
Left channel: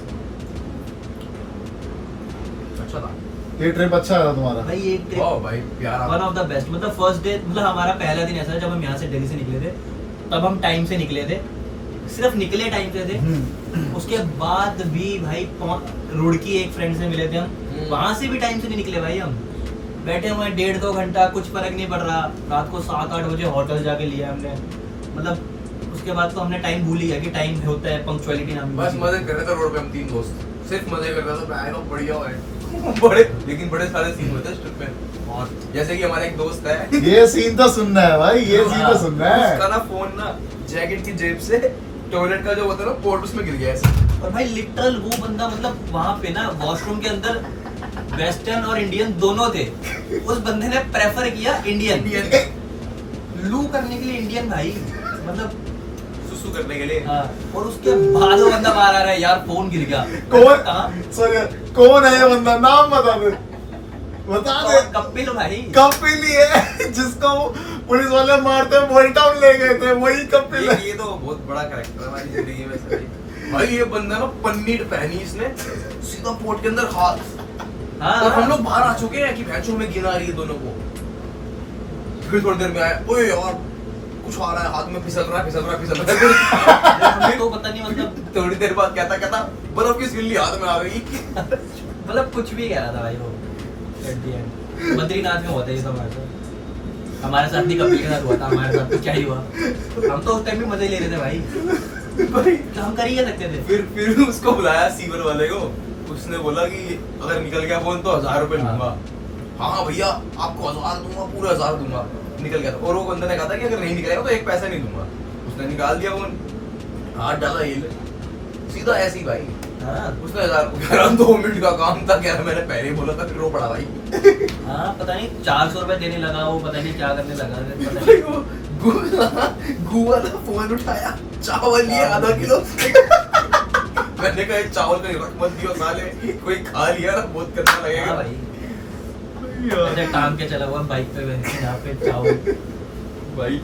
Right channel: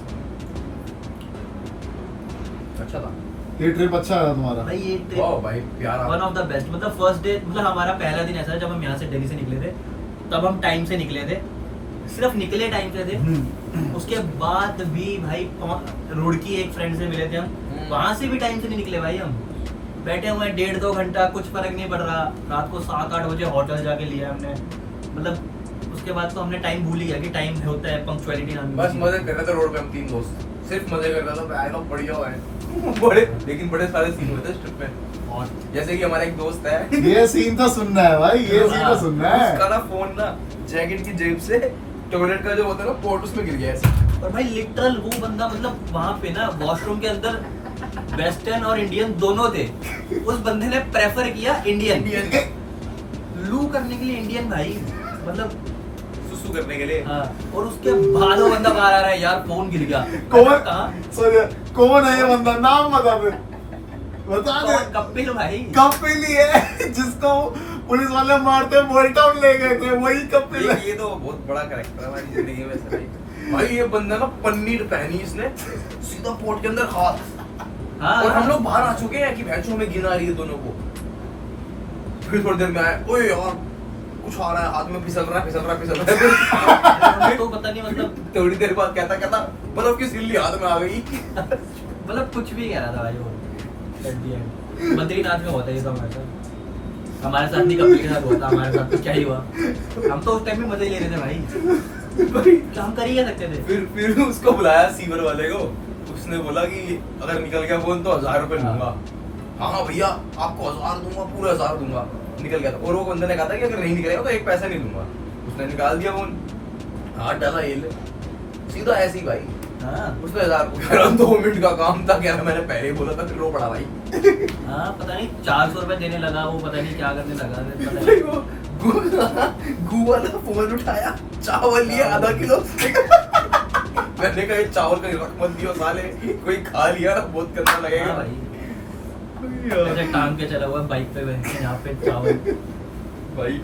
अच्छा था ये ट्रिप अच्छा रहा तुम्हारा? भाई ये वाह भाई प्यारा। वन ऑफ द बेस्ट, मतलब फर्स्ट डे, मतलब हमारा पहला दिन ऐसा है जब हम यहाँ से दिल्ली से निकले थे, तब हम टाइम से निकले थे, सिर्फ निकले टाइम से थे। उसके बाद भी भाई रुड़की एक फ्रेंड से मिले थे हम, वहां से भी टाइम से नहीं निकले भाई। हम बैठे हुए 1.5-2 घंटा, कुछ फर्क नहीं पड़ रहा। रात को 7-8 बजे होटल जाके लिया हमने, मतलब उसके बाद तो हमने टाइम भूल ही गया कि टाइम होता है, पंक्चुअलिटी नाम की बस चीज़। मजे कर रहे थे रोड पे हम 3 दोस्त, सिर्फ मजे कर रहे थे। आएगा बढ़िया है, बड़े लेकिन बड़े सारे सीन होते हैं ट्रिप पे। और जैसे कि हमारा एक दोस्त है, ये सीन तो सुनना है भाई, ये सीन तो सुनना उसका है। ना फोन ना जैकेट की जेब से टॉयलेट का जो होता है ना पोर्ट उसमें गिर गया ऐसे। और भाई लिटरल वो बंदा मतलब वहां पे ना वॉशरूम के अंदर वेस्टर्न और इंडियन दोनों थे, उस बंदे ने प्रेफर किया इंडियन लू करने के लिए इंडियन भाई, मतलब सुसु करने के लिए। हाँ। और उसके बाद वो बंदा बाहर आ रहा है यार फोन गिर गया। कौन कहाँ? सर कौन है ये बंदा, नाम बता दे, बता दे। कपिल भाई। कपिल ही है जिसको पुलिस वाले मारते हुए बॉडी टाउन ले गए थे, वही कपिल है। ये तो बहुत बड़ा कैरेक्टर है हमारी जिंदगी में सर। भाई ये बंदा ना पन्नी पहनी इसने सीधा पोर्ट के अंदर हाथ। हाँ और हम लोग बाहर आ चुके हैं कि भैंसो हमें गिन आ रही है दोनों को। फिर थोड़ी देर में आए, ओए यार कुछ आ रहा है हाथ में, फिसल रहा है। हमें तो पता नहीं मतलब थोड़ी देर बाद कहता बर्फ की सिल्ली हाथ में आ गई। मतलब कुछ भी कह रहा था भाई वो at the end। बद्रीनाथ में होता है ये सब हमारे साथ नहीं, कपिल के साथ हुआ था, हमारे साथ तो क्या ही हुआ। हम तो उस टाइम भी मजे ले रहे थे भाई, तो हम कर ही क्या सकते थे। फिर उसको बुलाया सीवर वाले को, उसने बोला कि अगर निकल गया फोन तो 1000 रुपए लूंगा। हाँ भैया आपको 1000 दूंगा, पूरा 1000 दूंगा। निकल गया था और वो बंदे ने कहा था कि अगर नहीं निकलेगा तो एक पैसा नहीं दूंगा। उसने निकाल दिया फोन, हाथ डाला हिल, सीधा ऐसे ही भाई। हाँ उसने 1000 को कह रहा 2 मिनट का काम था, कह रहा मैंने पहले ही बोला था, फिर रो पड़ा भाई। हाँ पता नहीं 400 रुपए देने लगा वो, पता नहीं क्या करने लगा, पता नहीं। गु वाला फोन उठाया, चावल लिए आधा किलो। मैंने कहा ये चावल का रख मत दियो साले, कोई खा लिया ना बहुत करना लगेगा। हाँ भाई ऐसे टांग के चला हुआ बाइक पे बैठ यहाँ पे चावल। भाई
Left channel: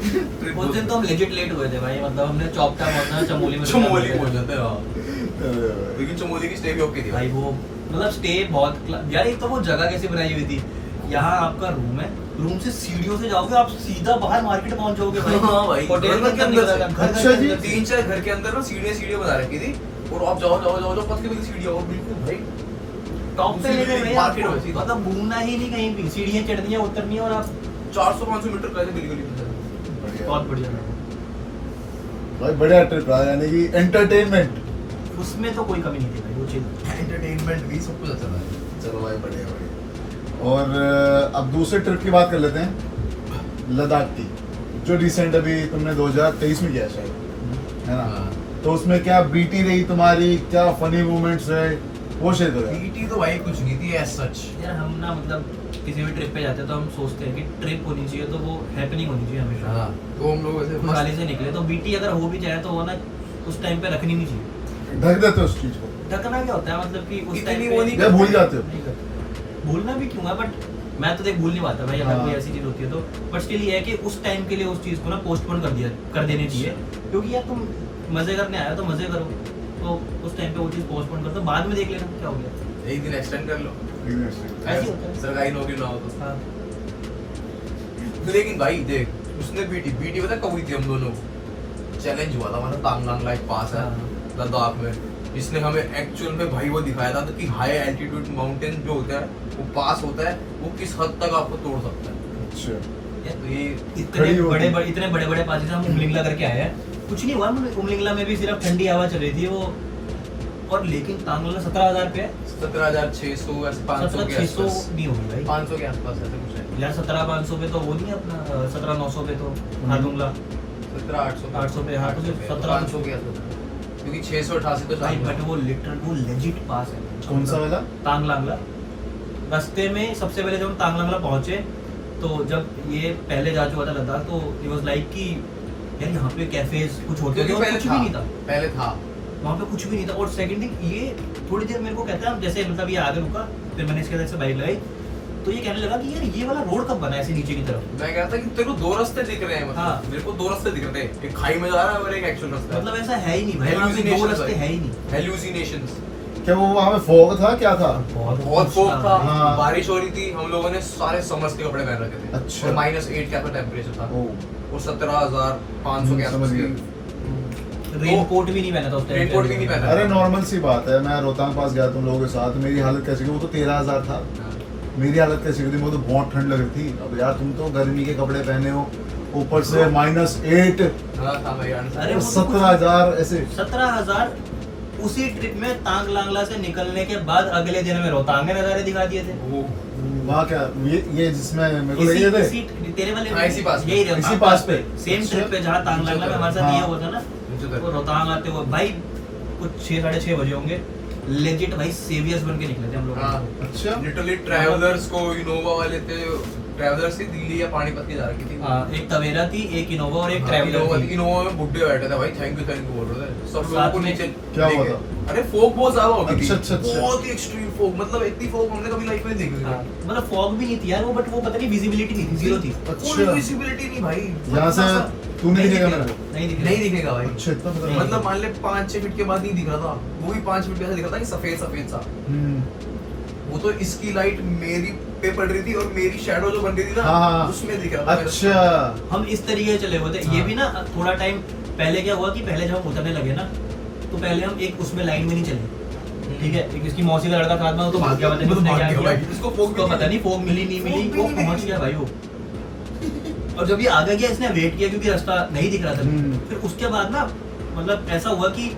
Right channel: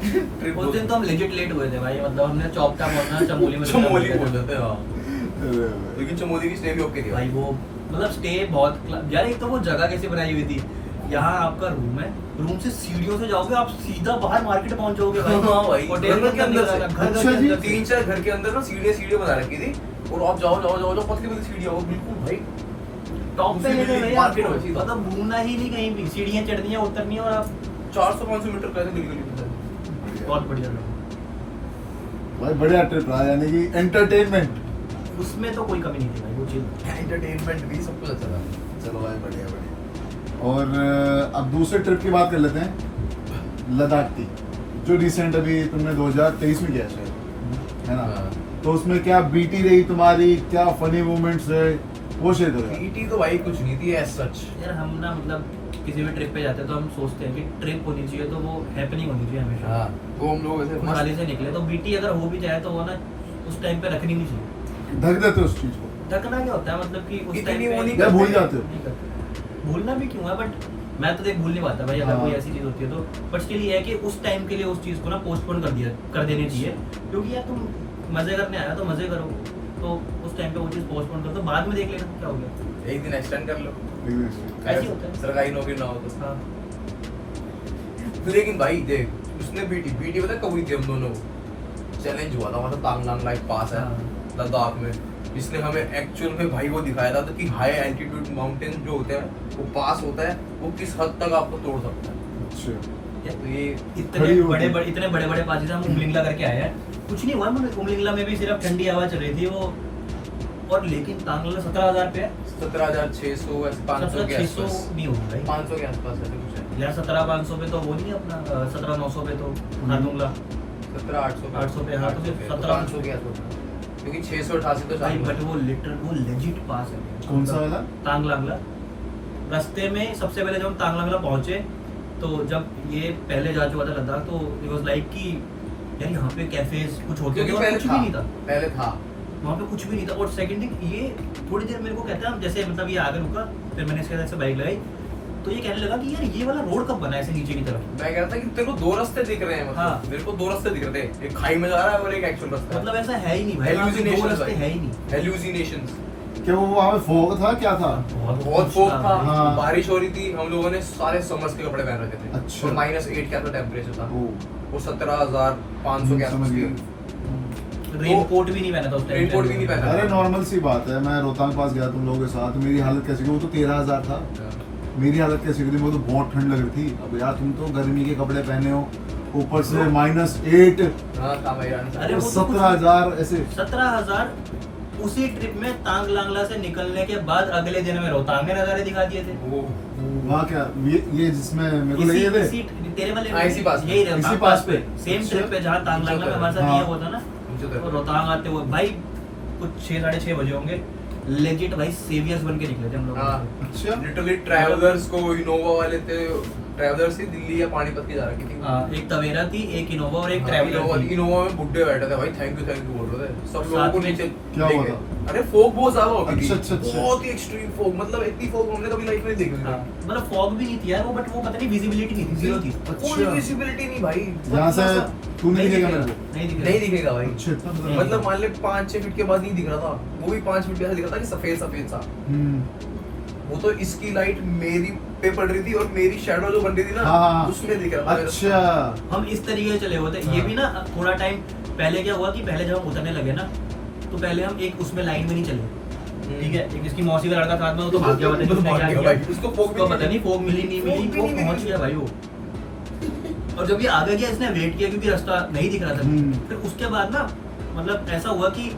उस दिन तो हम लेजिट लेट हुए थे भाई, मतलब हमने चौपटा पहुंचना चमोली में चमोली पहुंच जाते हैं हाँ। लेकिन चमोली की स्टे भी ओके थी भाई। वो मतलब स्टे बहुत यार, एक तो वो जगह कैसी बनाई हुई थी, यहाँ आपका रूम है, रूम से सीढ़ियों से जाओगे आप सीधा बाहर मार्केट पहुंच जाओगे भाई। हाँ भाई होटल घर के अंदर से। अच्छा जी। 3-4 घर के अंदर ना सीढ़ियां बना रखी थी और आप जाओ पतली सीढ़ियां वो बिल्कुल भाई टॉप पे ले गए मार्केट आपको, होती है। मतलब घूमना ही नहीं कहीं भी, सीढ़ियाँ चढ़नी है उतरनी है और आप 400-500 मीटर कैसे बिल्कुल बहुत बढ़िया। भाई बढ़िया ट्रिप रहा, यानी कि एंटरटेनमेंट, उसमें तो कोई कमी नहीं थी भाई, वो चीज एंटरटेनमेंट भी सब कुछ अच्छा था। चलो भाई बढ़िया बढ़िया। और अब दूसरे ट्रिप की बात कर लेते हैं, लद्दाख की, जो रिसेंट अभी तुमने 2023 में किया शायद, है ना? हाँ। तो उसमें क्या बीटी रही तुम्हारी, क्या फनी मोमेंट्स है, वो शेयर करो। पीटी तो भाई कुछ नहीं थी एज सच। यार हम ना मतलब किसी भी ट्रिप पे जाते हैं तो हम सोचते हैं कि ट्रिप होनी चाहिए तो वो हैपनिंग होनी चाहिए हमेशा। हाँ तो हम लोग ऐसे खुशहाली से निकले, तो बीटी अगर हो भी जाए तो वो ना उस टाइम पे रखनी नहीं चाहिए। ढक देते हो उस चीज को, ढकना क्या होता है मतलब कि उस इतनी टाइम पे वो नहीं या भूल जाते हो? नहीं करते। भूलना भी क्यों है, बट मैं तो देख भूल नहीं पाता भाई अगर हाँ। कोई ऐसी चीज होती है तो, बट स्टिल ये है कि उस टाइम के लिए उस चीज को ना पोस्टपोन कर देनी चाहिए, क्योंकि यार तुम मजे करने आया तो मजे करो, तो उस टाइम पे वो चीज पोस्टपोन कर दो, बाद में देख लेना क्या हो गया। एक दिन एक्सटेंड कर लो, ऐसे ही होता है। सरकारी नौकरी ना हो तो। हाँ लेकिन भाई देख उसने बीटी पता कब हुई थी हम दोनों, चैलेंज हुआ था हमारा तांगलांग लाइक पास है लद्दाख में, जिसने हमें एक्चुअल में भाई वो दिखाया था कि हाई एल्टीट्यूड माउंटेन जो होता है वो पास होता है, वो किस हद तक आपको तोड़ सकता है। अच्छा तो ये इतने बड़े बड़े पास से हम उमलिंगला करके आए हैं, कुछ नहीं हुआ। उमलिंगला में भी सिर्फ ठंडी हवा चल रही थी वो, और लेकिन तांगला 17,000 पे है, 17,600 ऐसे 500 के 17,600 आसपास, नहीं होगा भाई 500 के आसपास ऐसे कुछ है। यार 17,500 पे तो वो नहीं है अपना, 17,900 पे तो नादुंगला 17,800 800 पे, हाँ, तो सिर्फ 17,500 के आसपास, क्योंकि 688 तो भाई, चालू बट है। वो लिटरल वो लेजिट पास है। कौन सा वाला? तांगलांगला। रास्ते में सबसे पहले जब हम तांगलांगला पहुंचे तो जब ये पहले जा चुका था लद्दाख, तो इट वाज लाइक कि यार यहाँ पे कैफेज कुछ होते थे क्योंकि और पहले कुछ भी नहीं था, पहले था वहाँ पे कुछ भी नहीं था। और सेकंड थिंग ये थोड़ी देर मेरे को कहता है, हम जैसे मतलब ये आगे रुका, फिर मैंने इसके साथ से बाइक लगाई, तो ये कहने लगा कि यार ये वाला रोड कब बना है ऐसे नीचे की तरफ। मैं कहता कि तेरे को 2 रास्ते दिख रहे हैं, मतलब हाँ। मेरे को 2 रास्ते दिख रहे थे, एक खाई में जा रहा है और एक एक्चुअल रास्ता मतलब ऐसा है ही नहीं भाई, वहाँ पे दो रास्ते है ही नहीं। हेलुसिनेशंस, क्या वो वहाँ पे फॉग था, क्या था? बहुत फोक था, हाँ। बारिश हो रही थी, हम लोगों ने सारे समर्स के कपड़े पहन रखे थे। अच्छा। और -8 क्या तो टेम्परेचर था, ओह, और 17,500 के समझ आसपास गया। रेनकोट भी नहीं पहना था उस टाइम। रेनकोट भी नहीं पहना। अरे नॉर्मल सी बात है, मैं रोहतांग पास गया तुम लोगों के साथ, मेरी हालत कैसी थी, वो तो 13,000 था, मेरी हालत कैसी थी, मुझे तो बहुत ठंड लग रही थी। अब यार तुम तो गर्मी के कपड़े पहने हो, ऊपर से -8, हाँ था भाई। अरे और वो तो 17,000 ऐसे। 17,000 उसी ट्रिप में तांग लांगला से निकलने के बाद अगले दिन में रोहतांग के नज़ारे दिखा दिए थे। वहाँ क्या ये जिसमें मेरे को ले इसी गए थे इसी तेरे वाले हाँ, इसी पास पे। यही इसी पास पे। सेम ट्रिप पे जहाँ तांग लांगला में हमारे साथ हाँ। ये हुआ था ना, तो रोहतांग आते हुए भाई कुछ 6-6:30 बजे होंगे, लेजिट भाई सेवियर्स बन के निकले थे हम लोग। हाँ अच्छा लिटरली ट्रैवलर्स को इनोवा वाले थे, ट्रैवलर्स थी दिल्ली या पानीपत की जा रही थी। हाँ, एक तवेरा थी, एक इनोवा और एक ट्रैवलर थी। इनोवा में बुड्ढे बैठे थे भाई, थैंक यू बोल रहे थे सब लोगों साथ को में नीचे। क्या हुआ लेके। था? अरे फोग बहुत ज्यादा हो गई थी। अच्छा। बहुत ही एक्सट्रीम फोग, मतलब इतनी फोग हमने कभी लाइफ में नहीं देखी हाँ, थी। मतलब फॉग भी नहीं थी यार वो, बट वो पता नहीं विजिबिलिटी नहीं थी, जीरो थी। कोई विजिबिलिटी नहीं भाई। यहाँ से तू नहीं दिखेगा मेरे को। नहीं दिख नहीं दिखेगा भाई। अच्छा इतना खतरनाक। मतलब मान ले 5-6 फीट के बाद नहीं दिख रहा था, वो भी 5 फीट के ऐसा दिख रहा था कि सफेद सफेद सा। वो तो इसकी लाइट मेरी पे पड़ रही थी और मेरी शैडो जो बन रही थी ना हाँ। उसमें दिख रहा था। अच्छा हम इस तरीके से चले हुए थे। ये हाँ। भी ना थोड़ा टाइम पहले क्या हुआ कि पहले जब हम उतरने लगे ना, तो पहले हम एक उसमें लाइन में नहीं चले, ठीक है। एक इसकी मौसी का लड़का साथ में, वो तो भाग गया, पता नहीं उसने क्या किया। इसको फोग उसको पता नहीं फोग मिली नहीं मिली, वो पहुंच गया भाई वो। और जब ये आगे गया इसने वेट किया क्योंकि रास्ता नहीं दिख रहा था। फिर उसके बाद ना मतलब ऐसा हुआ कि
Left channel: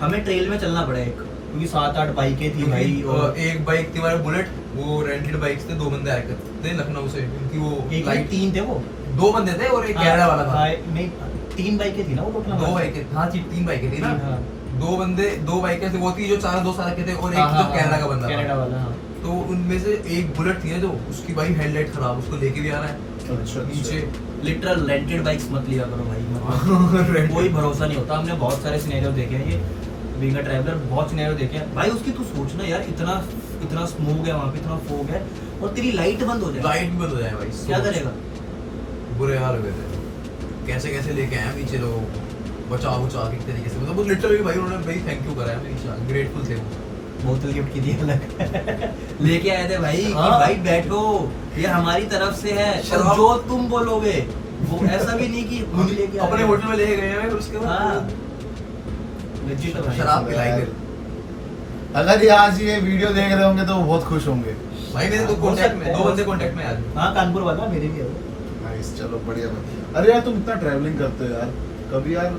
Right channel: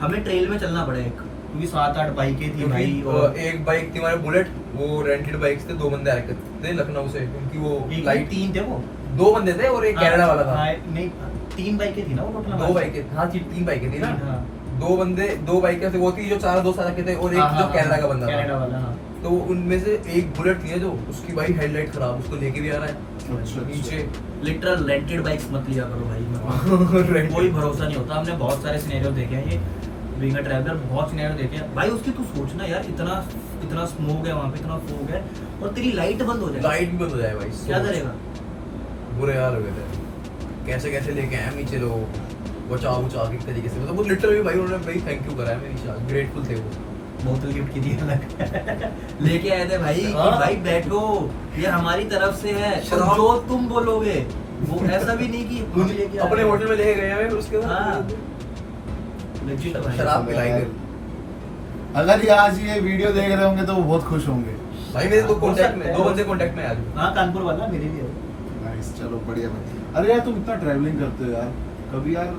हमें ट्रेल में चलना पड़ा एक, क्योंकि 7-8 बाइकें थी भाई। और एक बाइक थी हमारे बुलेट, वो रेंटेड बाइक्स थे, 2 बंदे आए थे लखनऊ से, उनकी वो एक लाइट 3 थे वो। 2 बंदे थे और एक कनाडा वाला था। हाँ, नहीं 3 बाइकें थी ना वो टोटल। 2 बाइकें, हाँ 3 बाइकें थी ना। हाँ। 2 बंदे 2 बाइकें थे, वो थी जो 4 दोस्त के थे और एक हाँ, जो कनाडा का बंदा कनाडा था। वाला, हाँ। तो उनमें से एक बुलेट थी जो उसकी भाई हेडलाइट खराब, उसको लेके भी आना है अच्छा नीचे। लिटरल रेंटेड बाइक्स मत लिया करो भाई, मतलब कोई भरोसा नहीं होता। हमने बहुत सारे सिनेरियो देखे हैं, ये बीइंग अ ट्रैवलर बहुत सिनेरियो देखे हैं भाई। उसकी तू सोचना यार, इतना स्मोक है वहाँ पे, इतना फोग है और तेरी लाइट बंद हो जाए, लाइट भी बंद हो जाए भाई, क्या करेगा? बुरे हाल हो गए थे। कैसे कैसे लेके आए नीचे लोग, बचाव एक तरीके से, मतलब वो लिटरली भाई उन्होंने भाई थैंक यू करा है, मेरी ग्रेटफुल थे वो। बोतल गिफ्ट की थी अलग लेके आए थे भाई कि हाँ। भाई बैठो, ये हमारी तरफ से है, और शराब- जो तुम बोलोगे वो ऐसा भी नहीं कि हम लेके आए अपने हैं। होटल में लेके गए हैं, फिर उसके हाँ। बाद Legit भाई। शराब पिलाई फिर। अगर ये आज ये वीडियो देख रहे होंगे तो वो बहुत खुश होंगे। भाई मेरे तो हो कांटेक्ट सकता में है। 2 बंदे कांटेक्ट में आ गए। हाँ, कानपुर वाला मेरे भी है। नाइस, चलो बढ़िया बात। अरे यार तुम इतना ट्रैवलिंग करते हो यार, कभी यार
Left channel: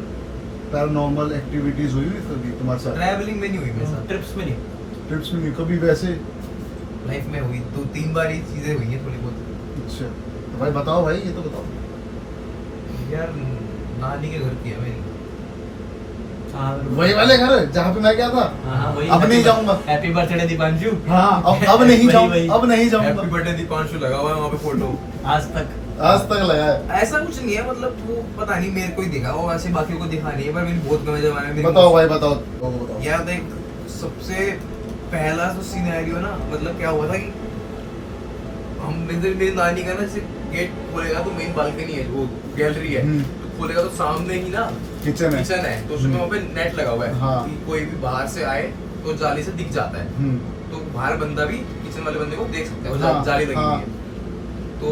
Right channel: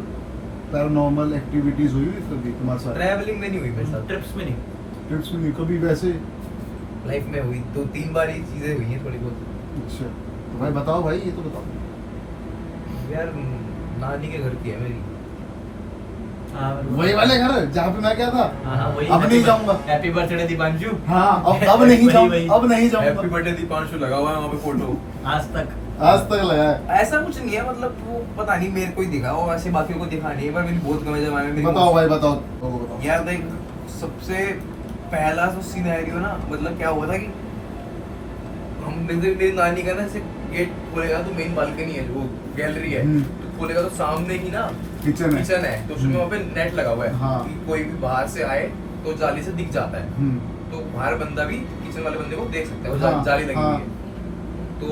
पैरानॉर्मल एक्टिविटीज हुई कभी तुम्हारे साथ? ट्रैवलिंग में नहीं हुई मेरे साथ, ट्रिप्स में नहीं। ट्रिप्स में नहीं, कभी वैसे? लाइफ में हुई 2-3 बार ये चीजें हुई हैं थोड़ी बहुत। अच्छा तो भाई बताओ भाई, ये तो बताओ। यार नानी के घर की है मेरी। हाँ, वही वाले घर जहाँ पे मैं गया था। हाँ, वही। अब नहीं जाऊंगा। Happy birthday Deepanshu. हाँ अब नहीं वही, जाऊंगा, वही। अब नहीं हैप्पी जाऊंगा। बर्थडे दीपांशु लगा हुआ है वहाँ पे फोटो। आज तक आज तक लगा है। ऐसा कुछ नहीं है, मतलब वो पता नहीं मेरे को ही दिखा, वो ऐसे बाकियों को दिखा नहीं है, पर मेरी बहुत गमे जब आए मेरी। बताओ भाई बताओ। यार देख, सबसे पहला जो सिनेरियो ना, मतलब क्या हुआ था कि हम मेरी नानी का ना ऐसे गेट खोलेगा तो मेन बालकनी है, वो गैलरी है, तो खोलेगा तो सामने ही ना किचन है। किचन है, तो उसमें वहाँ पे नेट लगा हुआ है। हाँ। कि कोई भी बाहर से आए तो जाली से दिख जाता है, तो बाहर बंदा भी किचन वाले बंदे को देख सकते हैं, वो हाँ, जाली लगी हाँ। हुई है। तो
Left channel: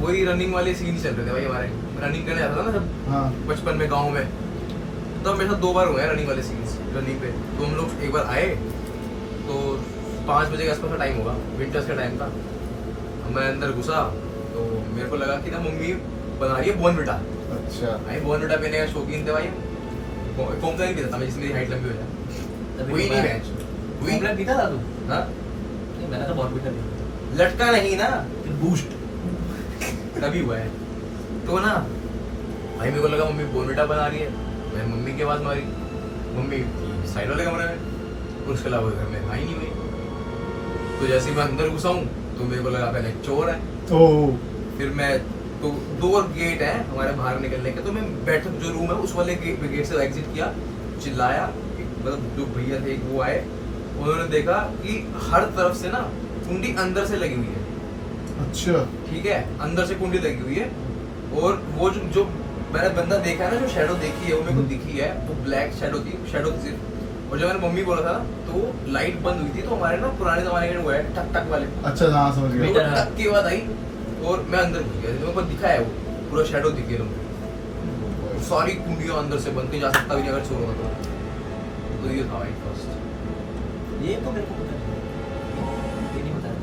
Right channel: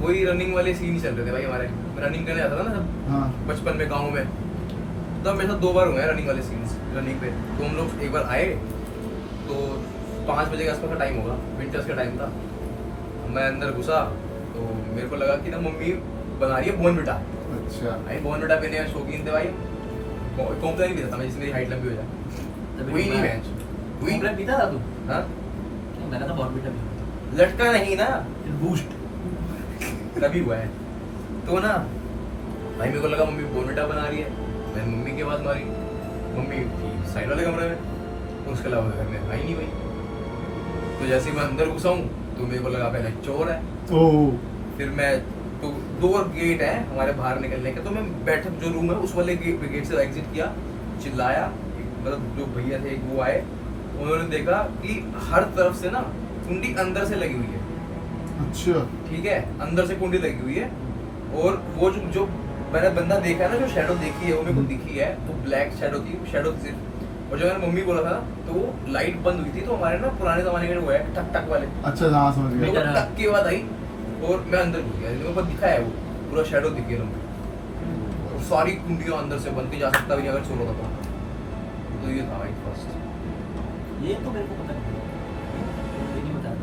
वही रनिंग वाले सीन चल रहे थे भाई हमारे, रनिंग करने जाता था ना जब हाँ बचपन में गांव में, तो मेरे साथ 2 बार हुए हैं रनिंग वाले सीन्स रनिंग पे। तो हम लोग एक बार आए तो 5 बजे के आसपास का टाइम होगा, विंटर्स का टाइम था। मैं अंदर घुसा तो मेरे को लगा कि ना मम्मी बना रही है बॉर्नविटा। अच्छा भाई बॉर्नविटा पीने का शौकीन थे भाई, कौन सा नहीं पीता था मैं, जिससे मेरी हाइट लंबी हो जाए। वही नहीं है वही कॉम्प्लेन पीता था तू? हाँ, नहीं, मैंने तो बहुत पीता नहीं। लटका नहीं ना, बूस्ट तभी हुआ है। तो ना भाई मेरे को लगा मम्मी बॉर्नविटा बना रही है, मैंने मम्मी की आवाज़ मारी, मम्मी साइड वाले कमरे में, और उसके अलावा घर में आई नहीं भाई। तो जैसे ही मैं अंदर घुसा हूँ तो मेरे को लगा पहले चोर है। ओह फिर मैं तो 2 गेट है हमारे बाहर निकलने के, तो मैं बैठक जो रूम है उस वाले गेट से एग्जिट किया, चिल्लाया, मतलब जो भैया थे वो आए, उन्होंने देखा कि हर तरफ से ना कुंडी अंदर से लगी हुई है। अच्छा ठीक है, अंदर से कुंडी लगी हुई है, और वो जो मैंने बंदा देखा है ना, जो शैडो देखी है वो मेरे को दिखी है, वो ब्लैक शैडो थी, शैडो थी सिर्फ। और जब मैंने मम्मी बोला था तो वो लाइट बंद हुई थी, तो हमारे ना पुराने जमाने के वो है टक टक वाले, अच्छा हाँ समझ वो गया। टक की आवाज आई और मैं अंदर घुस गया, मेरे को दिखा है वो पूरा शैडो दिख गया तुमको, सारी कुंडियां अंदर से बंद के जा सकता भी नहीं अगर चोर होता तो। ये था भाई फर्स्ट। ये तो मेरे को पता नहीं, ये नहीं बताया,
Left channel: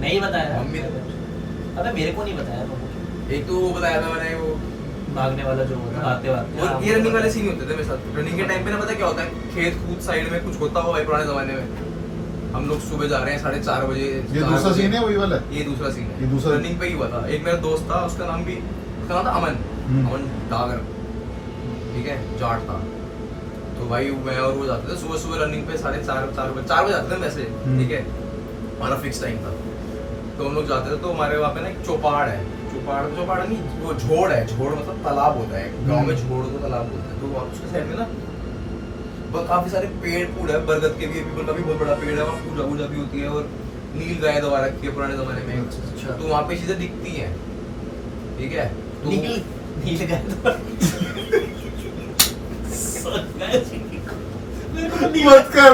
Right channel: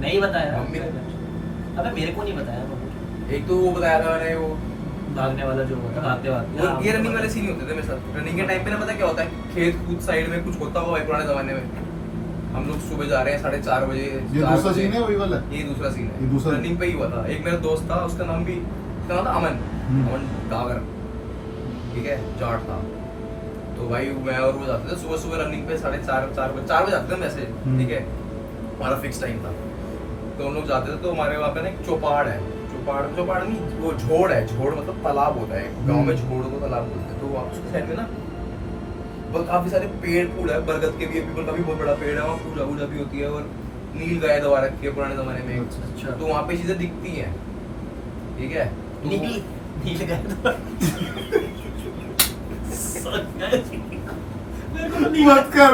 नहीं बताया मम्मी ने अबे मेरे को नहीं बताया तो। एक तो वो बताया था मैंने, वो भागने वाला जो होता भागते भागते और ये रनिंग वाले सीन होते थे मेरे साथ। रनिंग के टाइम पे ना पता क्या होता है, खेत कूद साइड में कुछ होता हुआ भाई पुराने जमाने में, हम लोग सुबह जा रहे हैं 4:30 बजे। ये दूसरा सीन है वही वाला? ये दूसरा सीन ये है, दूसरा रनिंग पे ही हुआ था। एक मेरा दोस्त था, उसका नाम था अमन, अमन डागर, ठीक है, जाट था। तो भाई मैं और वो जाते थे सुबह सुबह रनिंग पे 4:30 4 बजे जाते थे वैसे, ठीक है, हमारा फिक्स टाइम था। तो हम लोग जाते थे, तो हमारे वहाँ पे ना एक चौपाड़ है, चौपाड़ नहीं, वो झोड़ है, झोड़ मतलब तालाब होता है गांव में, झोड़ को तालाब बोलते हैं। तो उसके साइड में ना काफी सारे पेड़ पूड़ है, बरगद के भी, पीपल का भी बहुत बड़ा पेड़ है, वहाँ पूजा वूजा भी होती है, और नील गाय दबा रखी है पुराने जमाने में। अच्छा। तो वहाँ पे चीजें दिखती हैं, ठीक है। तो नील गाय मत कर,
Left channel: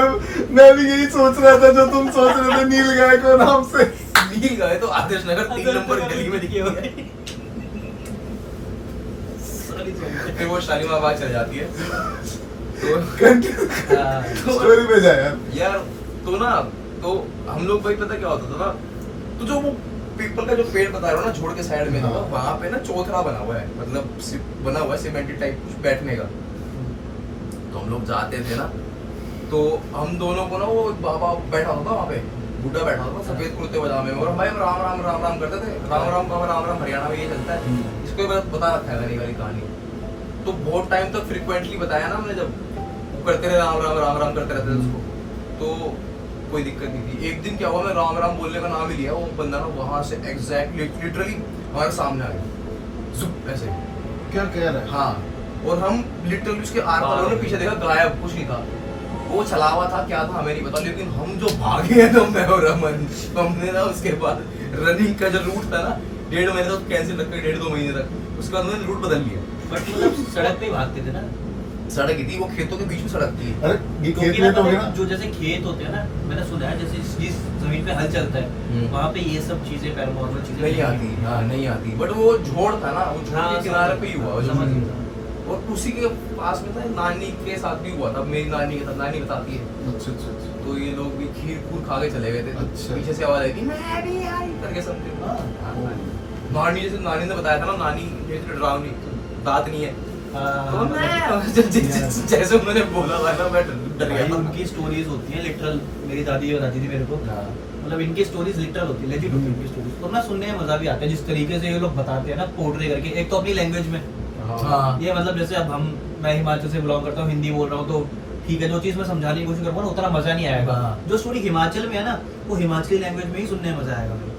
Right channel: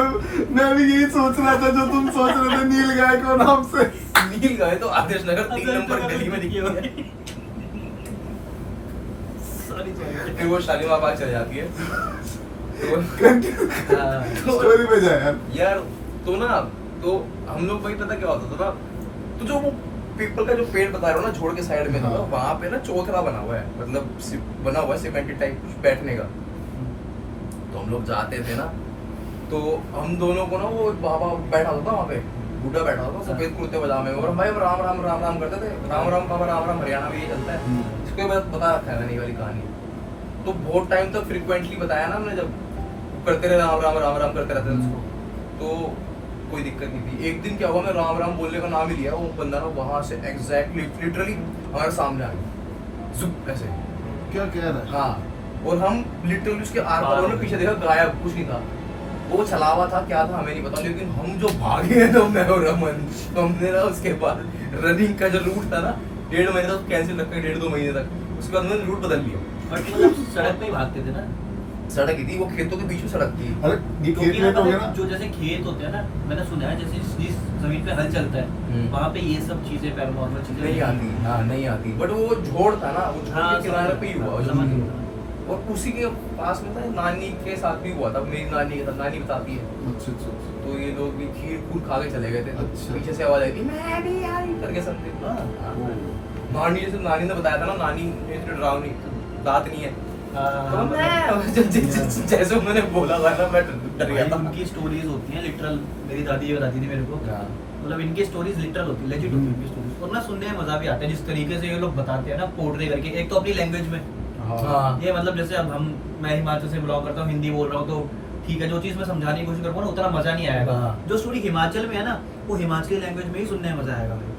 मैं भी यही सोच रहा था जो तुम सोच रहे थे, नील गाय को नाम से। नील गाय तो आदेश नगर 3 नंबर गली में दिखी है, फिर वो शालीमार बाग चले जाती है। तो स्टोरी पे जा यार, तो ना, तो हम लोग भाई पता क्या होता था ना, तो जो वो पीपल का जो पेड़ बता रहा हूँ ना, छोड़ के साइड में, हाँ। वहाँ पे ना चौथरा बना हुआ है, मतलब बना हुआ है सीमेंटेड टाइप कुछ बैठने का। तो हम लोग जाते थे ना, तो हम दोनों को ना वो एक बाबा बैठा होता था वहाँ पे, बूढ़ा बैठा होता था सफेद कुर्ते पजामे में, और भाई राम राम राम राम करते थे। राम राम बाबा राम राम हरियाणा में ये चलता है, इसको बाद बता रखा है मैंने वाली कहानी। तो बहुत टाइम तक फ्रिक्वेंटली बताया ना हमने, जब करते रहे राम राम राम राम करते रहते थे उसको, तो कोई दिक्कत नहीं थी। एक दिन क्या हुआ, मैं राम राम बोलने का नाम ही लिया, वो बंदा ना वहां से एग्जैक्टली लिटरली हमारे सामने आ गया, जुप ऐसे। क्या कह रहा है? हाँ, और हम लिटरली उसके आर पार ने पीछे देखा, गायब, कुछ नहीं था। वो छलावा था क्या था हमें नहीं पता, लेकिन हम जो भागे हैं ना, मैं और अमन, हमने ना उसके बाद रनिंग का जो रूट था ना, 1.5 महीने तक कैंसिल रखा, 1.5-2 महीने तक, उसके बाद हमने रूट बदल लिया। बट मतलब सड़क पे ही भागते थे ना, सड़क ही थी, वो खेतों के बीच में सड़क थी। अरे ये क्योंकि खेत वेत हो गया ना? जो जैसे खेत होते हैं ना, मैंने सुना है जैसे जिस जमीन पे हल चलता है वहाँ पे ये सब चीजें पैरानॉर्मल चीजें नहीं आती, हाँ नहीं आती, बट वो झोड़ था ना, वो झोड़ हाँ, के किनारे पे ही हुआ वो समझ जमीन। गया। और उसी के पास में था, नानी के साथ भी हुआ था, मेरी नानी के साथ, नानी बताती है। अच्छा अच्छा अच्छा। तो ये लोग भी खीर खूर खा के चले गए थे, तो अच्छा। पीछे से आवाज आई थी, मैं भी आई करके समथिंग। नानी जैसे नानी ने बताया था ना, नानी डरावनी, दांत नहीं है, तो मैं जैसे उन्होंने बोला था ना, मैं डर गया था। उनकी स्टोरीज होती हैं लिटरल, मेरी दादी ये बताती थी मेरे को, मतलब इनकी स्टोरीज लिटरल होती है, लेजिट होती है इनकी स्टोरीज, और ना सुनने में मजा भी आता है जिस तरीके से ये लोग बताते हैं ना, पोर्ट्रे करके, एक तो अपनी लैंग्वेज में। हाँ। ये मतलब जैसे अब मैं हिमाचल से बिलोंग करता हूँ, हिंदी बोल रहा हूँ, तो ठीक है, जो चीज मैं समझाने की कोशिश करूँगा ना, उतना मजा नहीं आएगा। हाँ। जो स्टोरी हिमाचल में है ना, वो हिमाचली लैंग्वेज में ही सुनने में मजा आएगा भाई,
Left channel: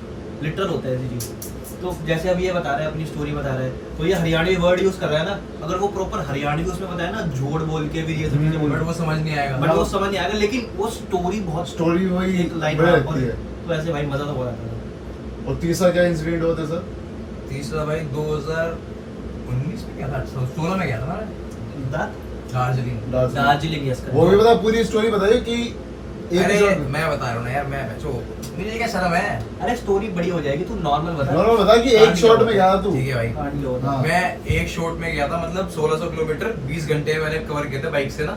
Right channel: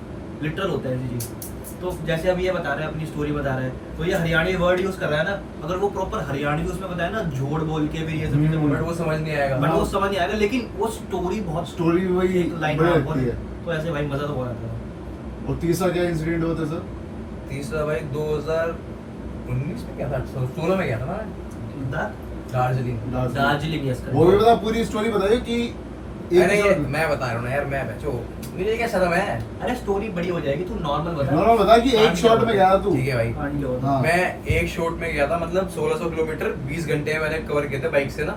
लिटरल होता है ऐसी चीज। तो जैसे अब ये बता रहा है, अपनी स्टोरी बता रहा है, तो ये हरियाणवी वर्ड यूज कर रहा है ना, अगर वो प्रॉपर हरियाणवी उसमें बताया ना, झोड़ बोल के भी ये सब चीजें बोल बट वो समझ नहीं आएगा। बट वो समझ नहीं आएगा, लेकिन वो स्टोरी बहुत स्टोरी वही एक लाइन बढ़िया में लगती है। तो ऐसे भाई मजा तो बहुत आता है। और तीसरा क्या इंसिडेंट हुआ था सर? तीसरा भाई 2019 में क्या था, 16 में गया था ना मैं, दार्जिलिंग। दार्जिलिंग यस वो भी बता, पूरी स्टोरी बताइए कि एक अरे episode में। मैं बता रहा हूँ ना यार, मैं बच्चों, मुझे क्या शर्म है। अरे स्टोरी बड़ी हो जाएगी, तू नॉर्मल बता। नॉर्मल बता कि एक शॉट में गया था तू। ठीक है भाई, कांड क्या होता हाँ। मैं एक शॉट में गया था, मतलब 1600 किलोमीटर 20 घंटे मैंने कवर किए थे बाइक से ना।